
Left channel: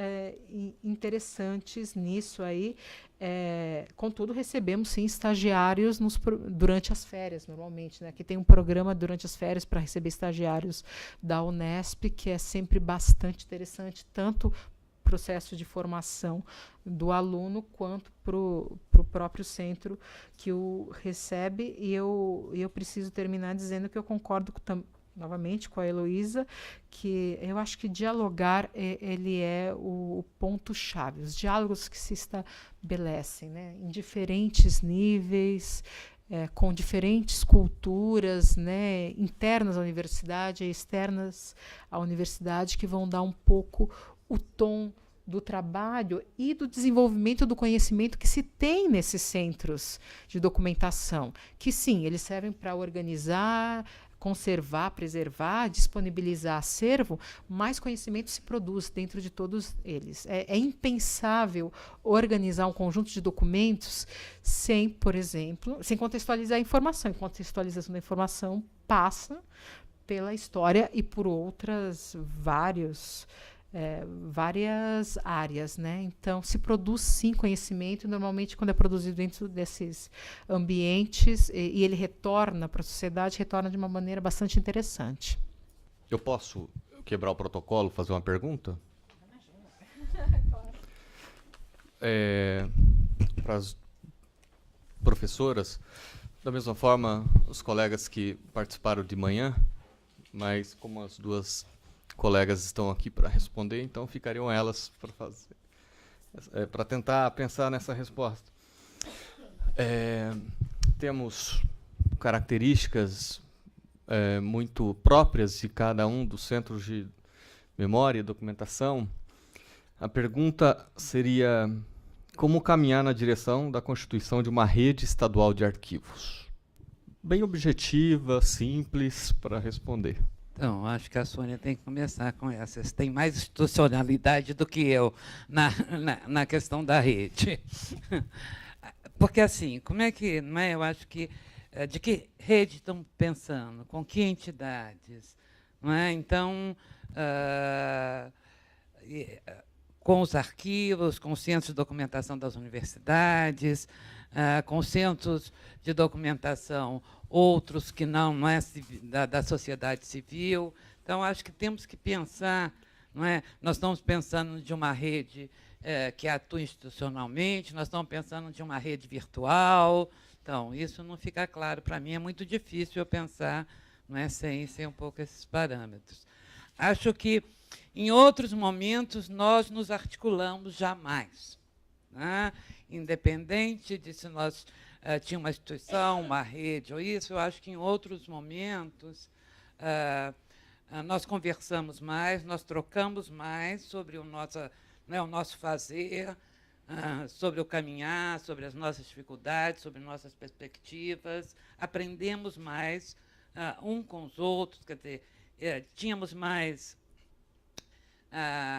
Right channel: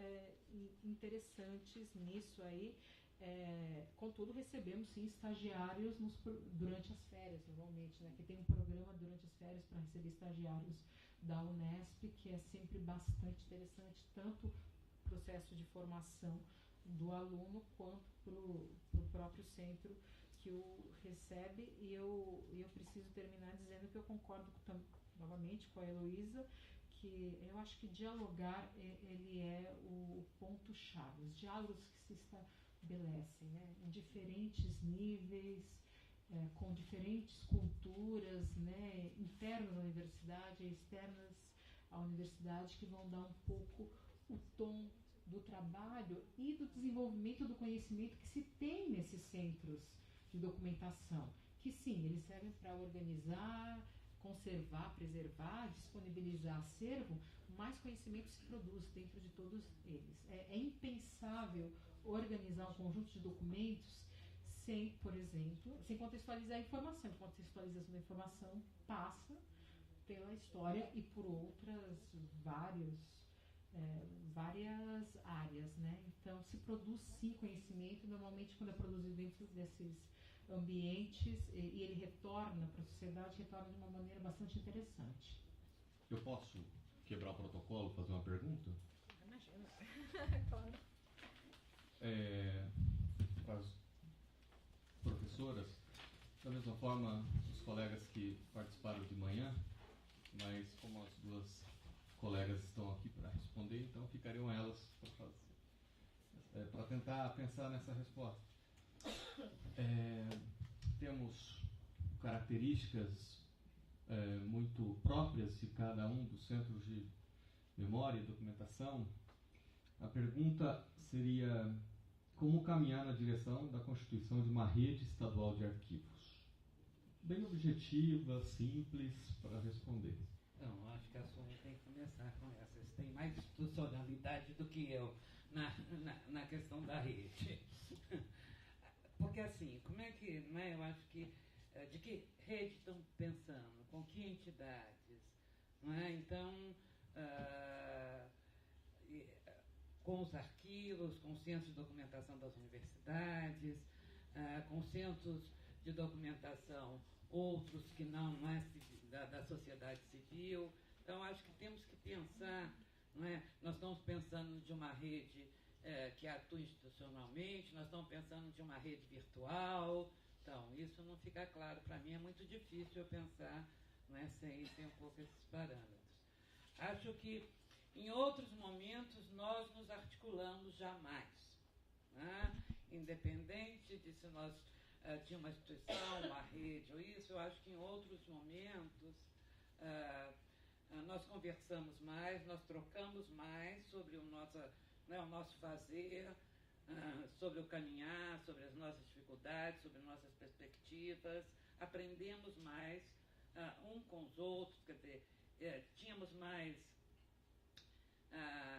interessantes nisso aí. Contudo, recebemos, sim, estagiários durante as férias, normalmente. Né? Aqui tem um programa durante as férias para receber estagiários da Unesp, que é sempre bastante interessante, tanto processo de formação do aluno quanto para o próprio centro que o recebe. E eu preciso terminar dizendo que eu concordo novamente com a Heloísa, que eu acho que dialogar ele é o ponto-chave, os diálogos que se estabelecem, né, em diferentes níveis, com diferentes culturas, né, internas à universidade e externas à universidade, que vão dar um pouco o tom do trabalho e do desenvolvimento do conhecimento que se tem nesses centros de documentação, que sim, eles servem para organizar, conservar, preservar, disponibilizar acervo, mais conhecimento se produz dentro de todos eles. É impensável organizar um conjunto de documentos sem, por exemplo, sem contextualizar a informação. A contextualização da informação passa pela história e por outras várias áreas, né? Então, se produz, sim, conhecimento, normalmente, quando é produzido dentro desses ambientes e ele retorna para a sociedade, retorna de uma maneira bastante interessante. Eu posso quebrar o protocolo, fazer uma pergunta? Para as professoras, da mesma forma, os colegas que participaram de manhã, mas como as duas colegas estão aqui para responder, então ficariam elas para fazer, para tentar pensar nessa resposta. Temos características muito próprias de cada um dos centros de memória e documentação. A pergunta seria: como caminhar na direção da constituição de uma rede estadual de arquivos? Bem objetiva, simples para responder. Então, acho que a Sônia tem que começar com essa. Você tem mais institucionalidade do que eu na questão da rede. Porque, assim, como é que... Não é? Eu acho que... de que rede estão pensando? Com que entidades? Não é? Então, com os arquivos, com os centros de documentação das universidades, com os centros de documentação outros que não é da sociedade civil. Então, acho que temos que pensar, não é? Nós estamos pensando de uma rede que atua institucionalmente, nós estamos pensando de uma rede virtual. Então, isso não fica claro para mim, é muito difícil eu pensar, não é, sem um pouco esses parâmetros. Acho que, em outros momentos, nós nos articulamos jamais, né? Independente de se nós tinha uma instituição, uma rede ou isso, eu acho que em outros momentos nós conversamos mais, nós trocamos mais sobre o nosso fazer, sobre o caminhar, sobre as nossas dificuldades, sobre nossas perspectivas, aprendemos mais um com os outros, quer dizer, tínhamos mais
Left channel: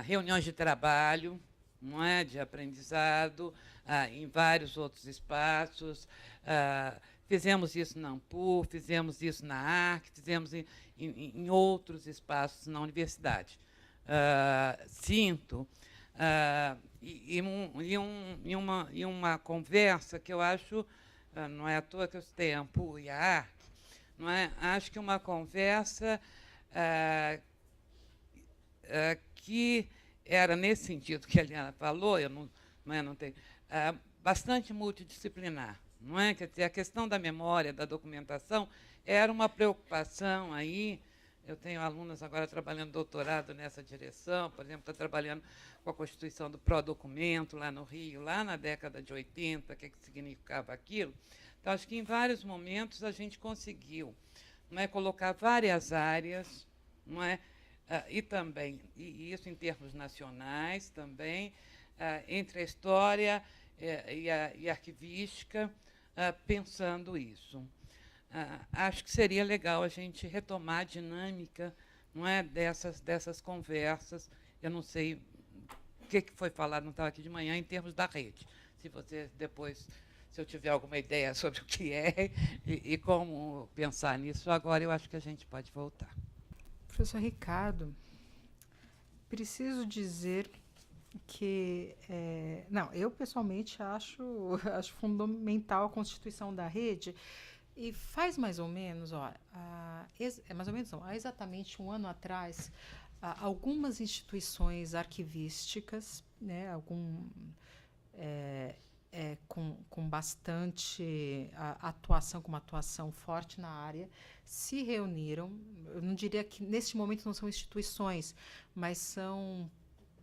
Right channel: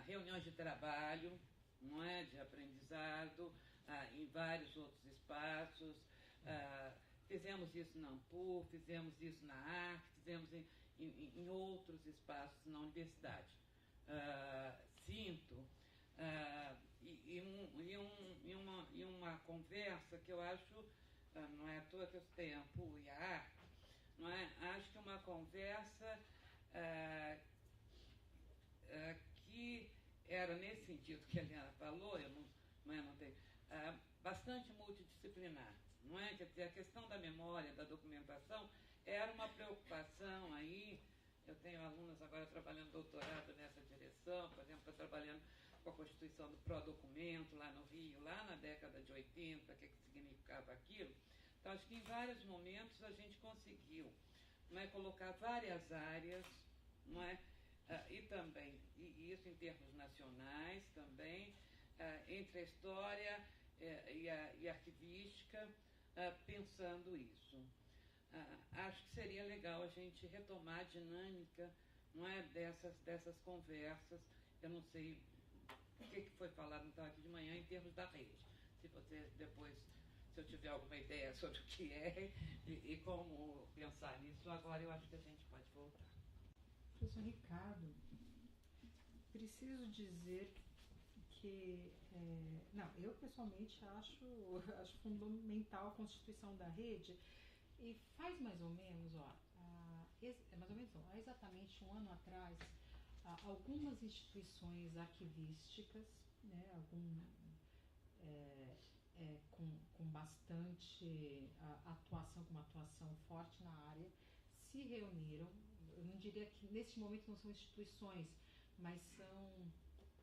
reuniões de trabalho, não é, de aprendizado, em vários outros espaços. Fizemos isso na Ampur, fizemos isso na ARC, fizemos em outros espaços na universidade. Sinto, e uma conversa que eu acho, não é à toa que eu citei a Ampur e a ARC, não é? Acho que uma conversa que era nesse sentido que a Eliana falou, eu não tenho, bastante multidisciplinar, não é? Quer dizer, a questão da memória, da documentação, era uma preocupação aí. Eu tenho alunas agora trabalhando doutorado nessa direção, por exemplo, está trabalhando com a constituição do pró-documento lá no Rio, lá na década de 80, o que significava aquilo. Então, acho que em vários momentos a gente conseguiu, não é, colocar várias áreas, não é? E também, e isso em termos nacionais também, entre a história e a arquivística, pensando isso. Acho que seria legal a gente retomar a dinâmica, não é, dessas conversas. Eu não sei o que foi falado, não estava aqui de manhã, em termos da rede. Se você depois, se eu tiver alguma ideia sobre o que é e como pensar nisso, agora eu acho que a gente pode voltar. Professor Ricardo, preciso dizer que não, eu pessoalmente acho fundamental a constituição da rede, e faz mais ou menos, mais ou menos não, há exatamente um ano atrás, algumas instituições arquivísticas, né, com bastante atuação, com uma atuação forte na área, se reuniram. Eu não diria que neste momento não são instituições, mas são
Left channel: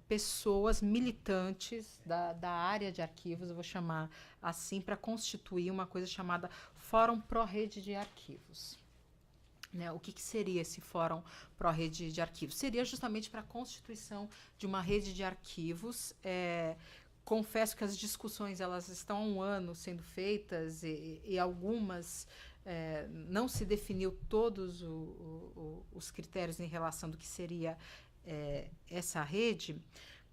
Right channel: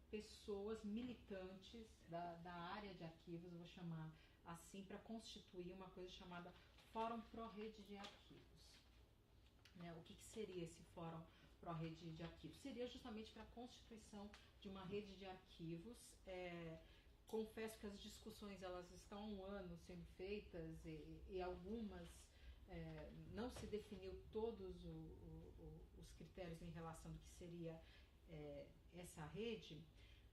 pessoas militantes da área de arquivos, eu vou chamar assim, para constituir uma coisa chamada Fórum Pró-Rede de Arquivos. Né, o que seria esse Fórum Pró-Rede de Arquivos? Seria justamente para a constituição de uma rede de arquivos. Confesso que as discussões elas estão há um ano sendo feitas e algumas não se definiu todos os critérios em relação do que seria essa rede,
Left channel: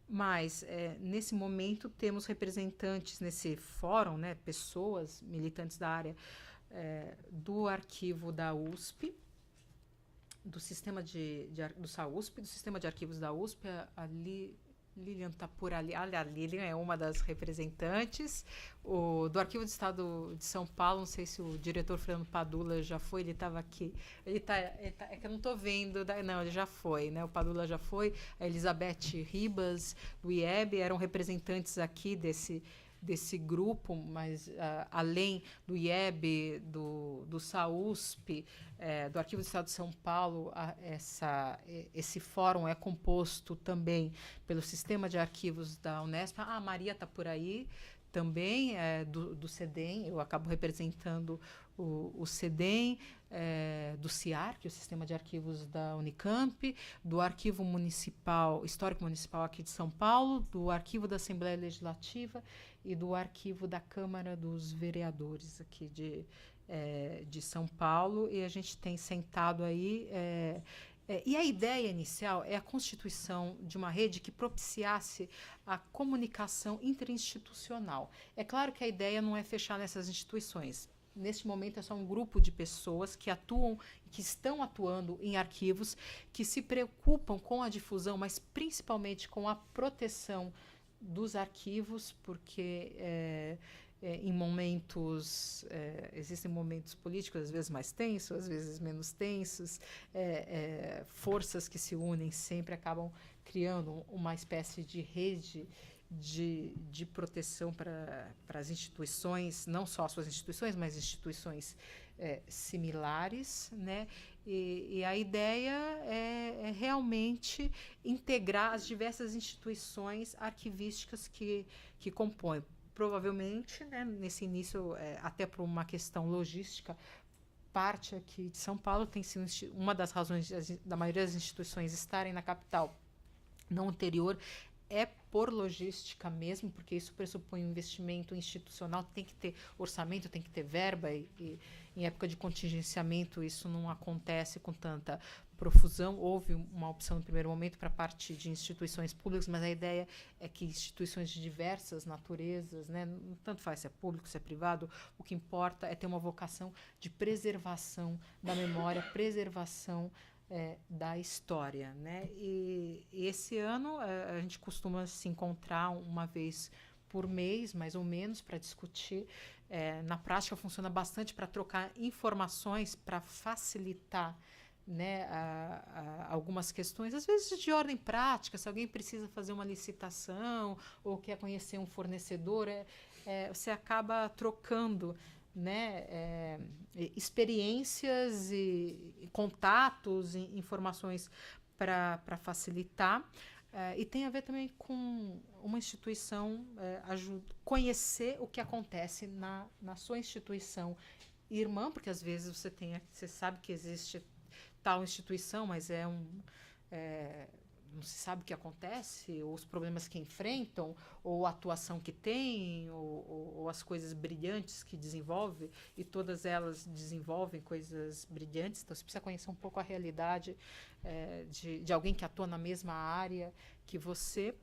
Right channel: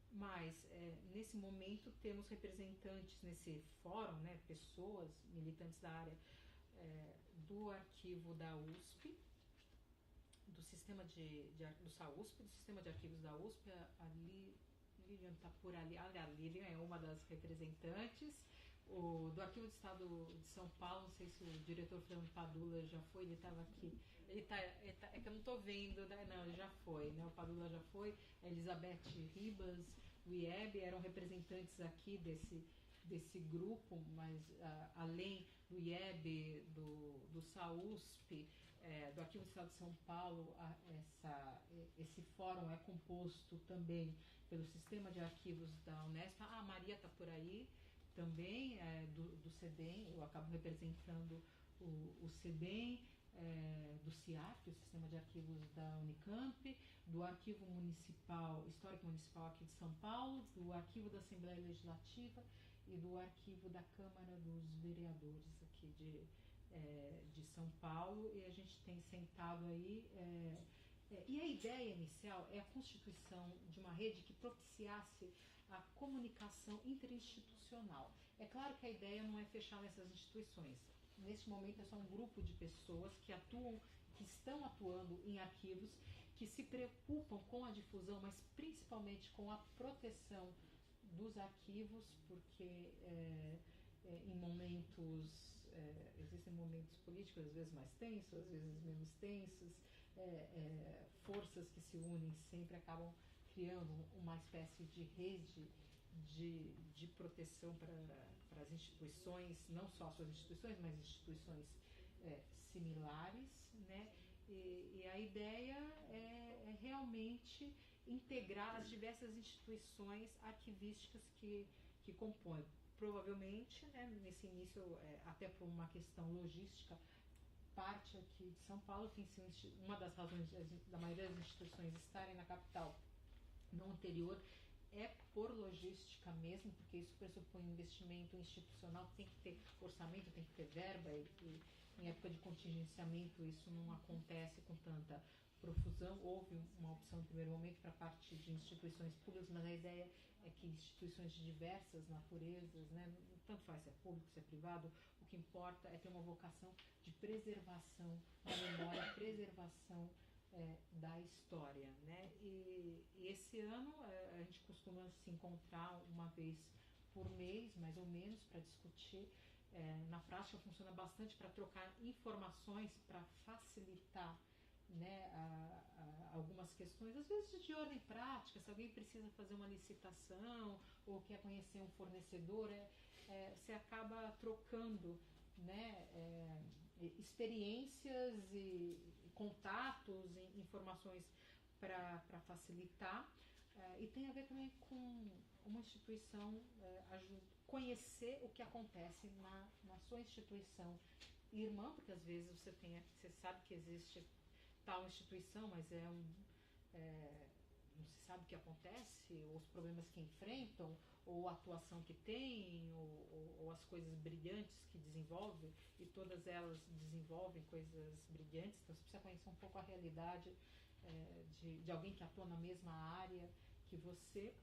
mas nesse momento temos representantes nesse fórum, né, pessoas militantes da área do arquivo da USP, do sistema do SAUSP, do sistema de arquivos da USP, ali Lilian está por ali. A Lilian é uma das representantes. Do Arquivo do Estado de São Paulo, não sei se o diretor Fernando Padula já foi, ele estava aqui. É que eu não estou vendo. Não, ele já foi, né? O Padula já foi. A Elizabeth Ribas, do IEB, eram representantes aqui desse grupo, mas além do IEB, do SAUSP, do Arquivo do Estado de São Paulo, esse fórum é composto também pelo Sistema de Arquivos da Unesp. A Maria está por aí também, do CEDEM, eu acabo representando o CEDEM, do CIAR, que é o Sistema de Arquivos da Unicamp, do Arquivo Municipal, Histórico Municipal aqui de São Paulo, do Arquivo da Assembleia Legislativa e do Arquivo da Câmara dos Vereadores aqui de São Paulo, e a gente tem sentado aí. E a ideia inicial é a constituição de uma rede que propiciasse a comunicação interinstitucional. É claro que a ideia não é fechar nessas instituições. Neste momento é só um grupo de pessoas que estão atuando em arquivos, que se preocupam com a difusão, mas principalmente com a proteção dos arquivos, porque em momentos, existem momentos políticos, às vezes mais tensos, às vezes menos tensos, forças que se unem sempre acabam criando uma espécie de rede de proteção para as instituições, não só as suas instituições, mas instituições similares, né? E a ideia é realmente integrar as diversas instituições arquivísticas que compõem. Provavelmente, né, nesse início, até por uma questão logística, parte aqui de São Paulo tem sido uma das razões da maioria das instituições estarem na capital, não anterior, é por logística mesmo, porque isso pressupõe um investimento institucional, tem que ter orçamento, tem que ter verba, e em época de contingenciamento isso não acontece com tanta profusão. Houve uma opção no primeiro momento para a parte de instituições públicas, mas a ideia é que instituições de diversas naturezas, né, tanto faz se é público, se é privado, o que importa é ter uma vocação de preservação da memória, preservação da história, né? E esse ano a gente costuma se encontrar uma vez por mês, mais ou menos, para discutir. Na prática funciona bastante para trocar informações, para facilitar, né, algumas questões, às vezes de ordem prática, se alguém precisa fazer uma licitação ou quer conhecer um fornecedor, você acaba trocando, né, experiências e contatos, e informações para facilitar. E tem a ver também com uma instituição conhecer o que acontece na sua instituição irmã, porque às vezes você sabe que existe tal instituição, mas não se sabe o que acontece, ou os problemas que enfrentam, ou a atuação que tem, ou as coisas brilhantes que desenvolve, e todas elas desenvolvem coisas brilhantes. Então você precisa conhecer um pouco a realidade de alguém que atua na mesma área que você.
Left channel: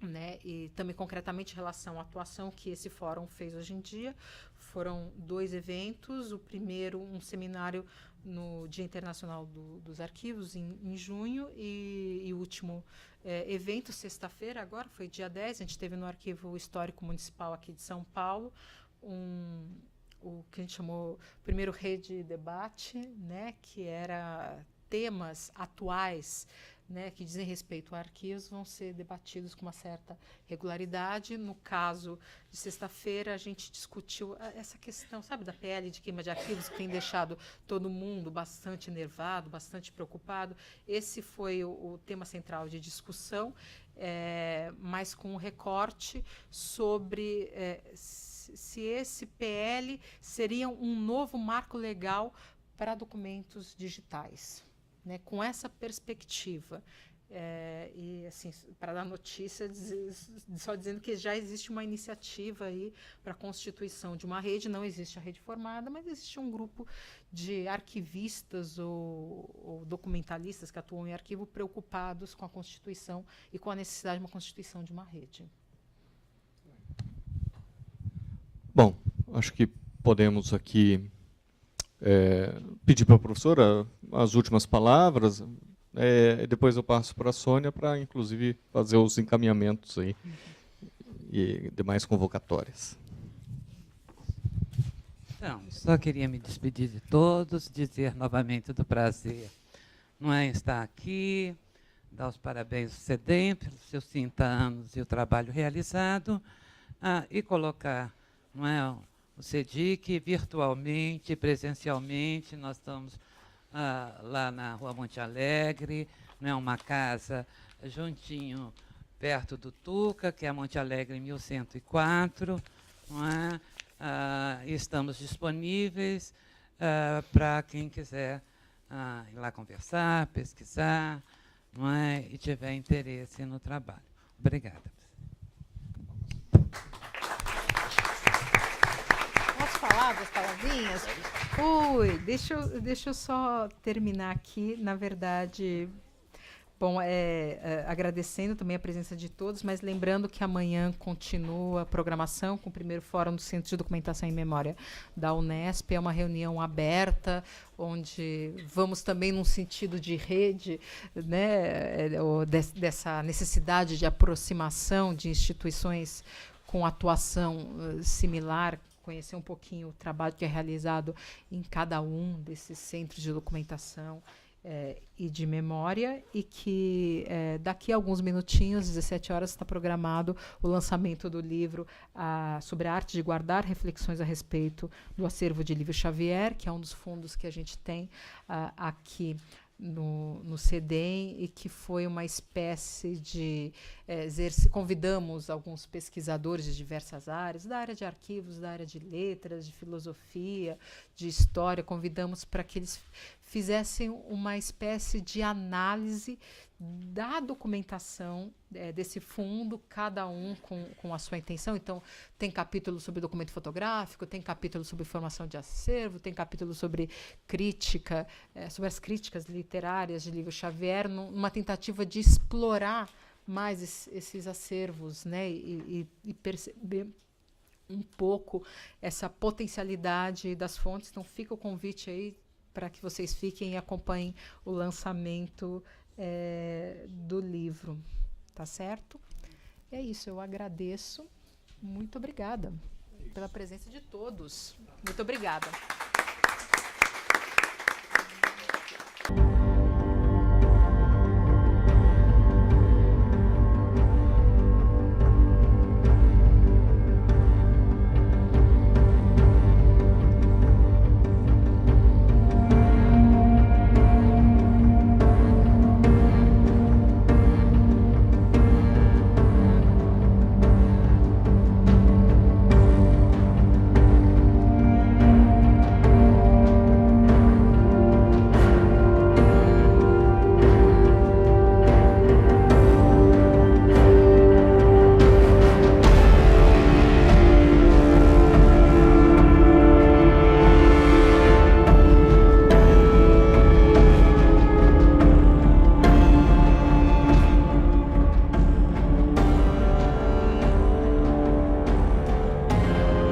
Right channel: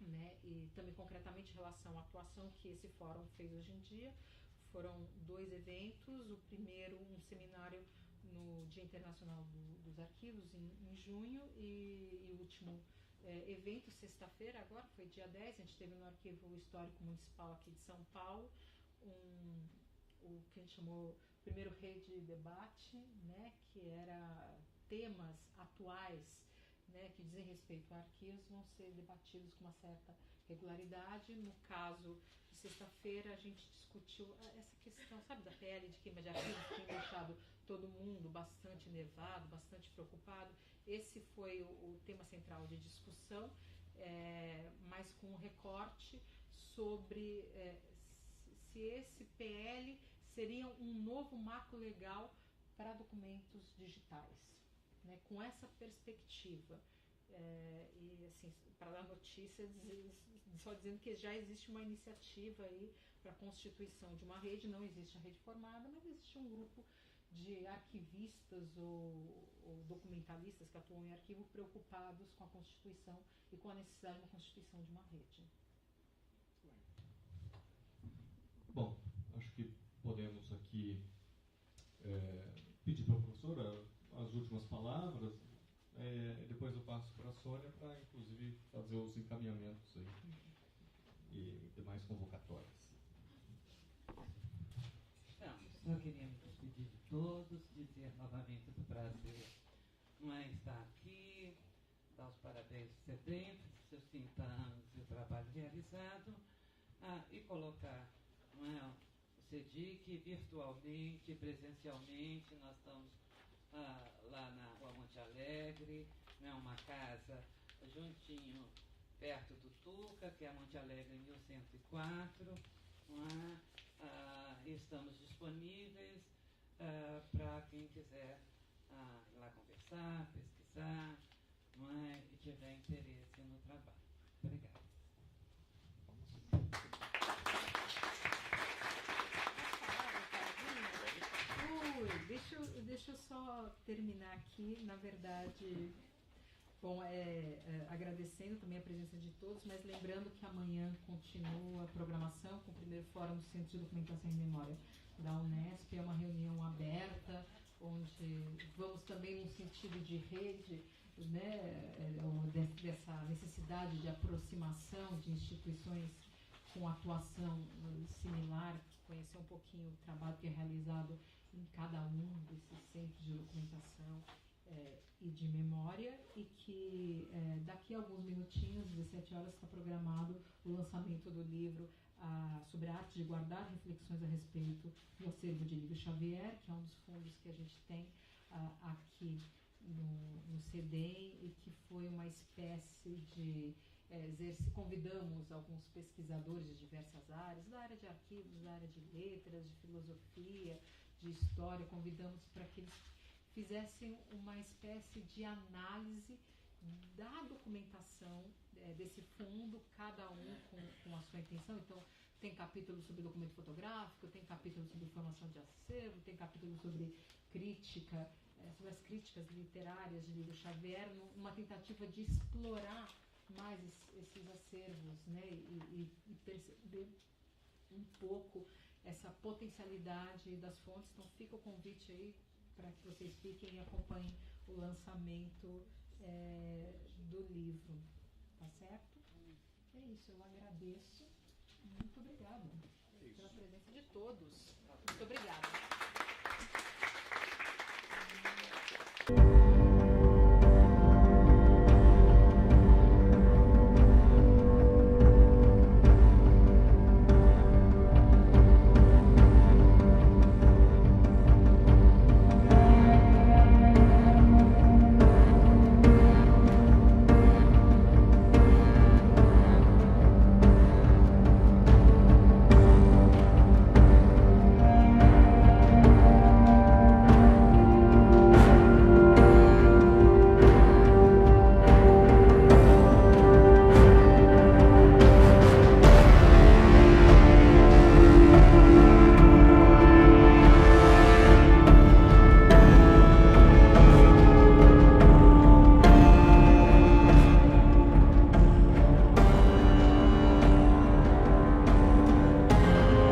né, e também concretamente em relação à atuação que esse fórum fez hoje em dia. Foram 2 eventos, o primeiro um seminário no Dia Internacional dos Arquivos, em junho, e o último evento, sexta-feira, agora, foi dia 10, a gente teve no Arquivo Histórico Municipal aqui de São Paulo, o que a gente chamou primeiro rede debate, né, que era temas atuais, né, que dizem respeito a arquivos, vão ser debatidos com uma certa regularidade. No caso de sexta-feira, a gente discutiu essa questão, sabe, da PL de queima de arquivos, que tem deixado todo mundo bastante enervado, bastante preocupado. Esse foi o tema central de discussão, mas com um recorte sobre se esse PL seria um novo marco legal para documentos digitais, né, com essa perspectiva. E, assim, para dar notícia, só dizendo que já existe uma iniciativa aí para a constituição de uma rede. Não existe a rede formada, mas existe um grupo de arquivistas ou documentalistas que atuam em arquivo preocupados com a Constituição e com a necessidade de uma constituição de uma rede. Bom, acho que podemos aqui pedir para a professora as últimas palavras. Depois eu passo para a Sônia para, inclusive, fazer os encaminhamentos aí e demais convocatórias. Então, só queria me despedir de todos, dizer novamente do prazer, não é, estar aqui, dar os parabéns ao CEDEM pelos seus 30 anos e o trabalho realizado, e colocar, não é, o CEDIC virtualmente, presencialmente. Nós estamos lá na Rua Monte Alegre, não é, uma casa juntinho, perto do Tuca, que é a Monte Alegre 1104, não é? Estamos disponíveis para quem quiser ir lá conversar, pesquisar, não é, e tiver interesse no trabalho. Obrigada. Posso falar das palavrinhas? Deixa eu só terminar aqui, na verdade. Bom, agradecendo também a presença de todos, mas lembrando que amanhã continua a programação com o primeiro Fórum do Centro de Documentação e Memória da Unesp. É uma reunião aberta, onde vamos também num sentido de rede, né, dessa necessidade de aproximação de instituições com atuação similar, conhecer um pouquinho o trabalho que é realizado em cada um desses centros de documentação e de memória, e que daqui a alguns minutinhos, 17 horas, está programado o lançamento do livro sobre a arte de guardar, reflexões a respeito do acervo de Lívio Xavier, que é um dos fundos que a gente tem aqui no CEDEM, e que foi uma espécie de convidamos alguns pesquisadores de diversas áreas, da área de arquivos, da área de letras, de filosofia, de história, convidamos para que eles fizessem uma espécie de análise da documentação desse fundo, cada um com a sua intenção. Então, tem capítulo sobre documento fotográfico, tem capítulo sobre formação de acervo, tem capítulo sobre crítica, sobre as críticas literárias de Lívio Xavier, numa tentativa de explorar mais esses acervos, né, e perceber um pouco essa potencialidade das fontes. Então, fica o convite aí para que vocês fiquem e acompanhem o lançamento do livro, tá certo? É isso, eu agradeço. Muito obrigada pela presença de todos. Muito obrigada.